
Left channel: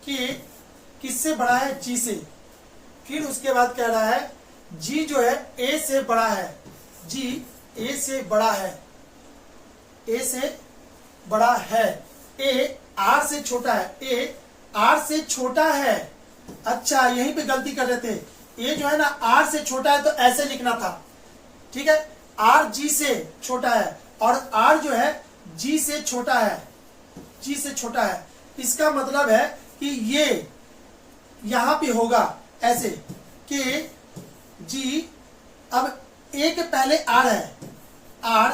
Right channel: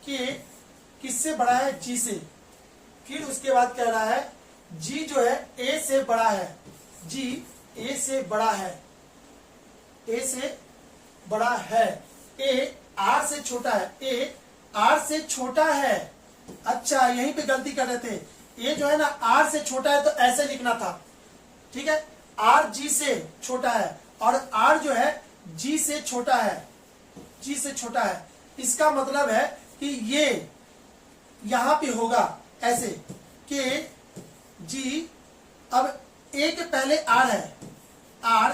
के किससे बड़ा है, G से। फिर उसके बाद कह रहा है G जो है A से बड़ा है, G A से बड़ा है, A से बड़ा है, A R से छोटा है, A R से छोटा है। अच्छा, यहीं पे गलती कर रहे थे, ये जो है ना R से छोटा है, तो ऐसे लिखना था, ठीक है। R G से छोटा है, और R जो है G से छोटा है, G से छोटा है। इसका मतलब है कि ये यहां पे होगा ऐसे, कि G, अब A के पहले R है, R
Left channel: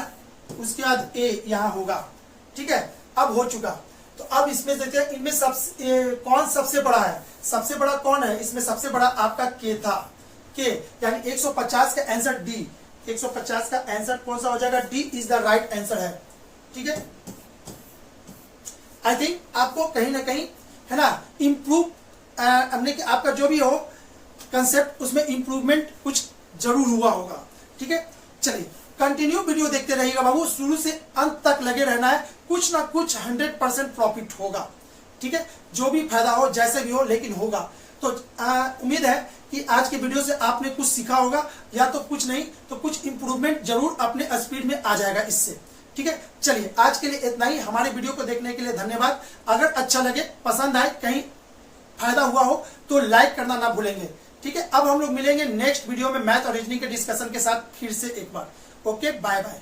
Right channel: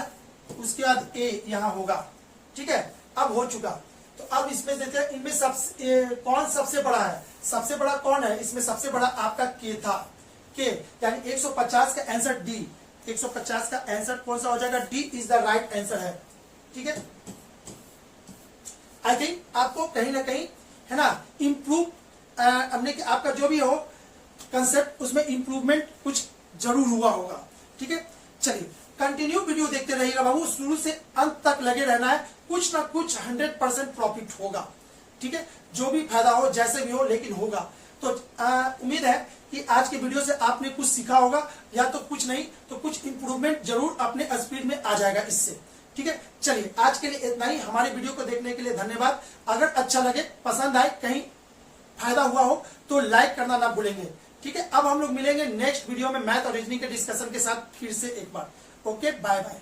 उसके बाद A यहां होगा, ठीक है। अब हो चुका, तो अब इसमें देखते हैं इनमें कौन सबसे बड़ा है। सबसे बड़ा कौन है, इसमें सबसे बड़ा आपका K था, K, यानी 150 का आंसर D, 150 का आंसर कौन सा हो जाएगा, D is the right answer है, ठीक है। आई थिंक आपको कहीं ना कहीं, है ना, इम्प्रूव हमने कि आपका जो भी हो कंसेप्ट, उसमें इंप्रूवमेंट कुछ जरूर हुआ होगा, ठीक है। चलिए कंटिन्यू वीडियो देखते रहिएगा बाबू, शुरू से अंत तक लगे रहना है, कुछ ना कुछ 100% प्रॉफिट होगा, ठीक है। जो भी फायदा हो, जैसे भी हो, लेकिन होगा। तो उम्मीद है कि आज के वीडियो से आपने कुछ सीखा होगा, या तो कुछ नहीं तो कुछ इंप्रूवमेंट जरूर अपने स्पीड में आ जाएगा इससे, ठीक है। चलिए आज के लिए इतना ही। हमारे वीडियो को देखने के लिए धन्यवाद। अगर अच्छा लगे, पसंद आए, कहीं फायदा हुआ हो तो लाइक करना ना भूलेंगे, ठीक है। अब हम लोग मिलेंगे नेक्स्ट वीडियो में मैथ और रीजनिंग के डिस्कशन के साथ फिर से एक बार। Okay, bye bye.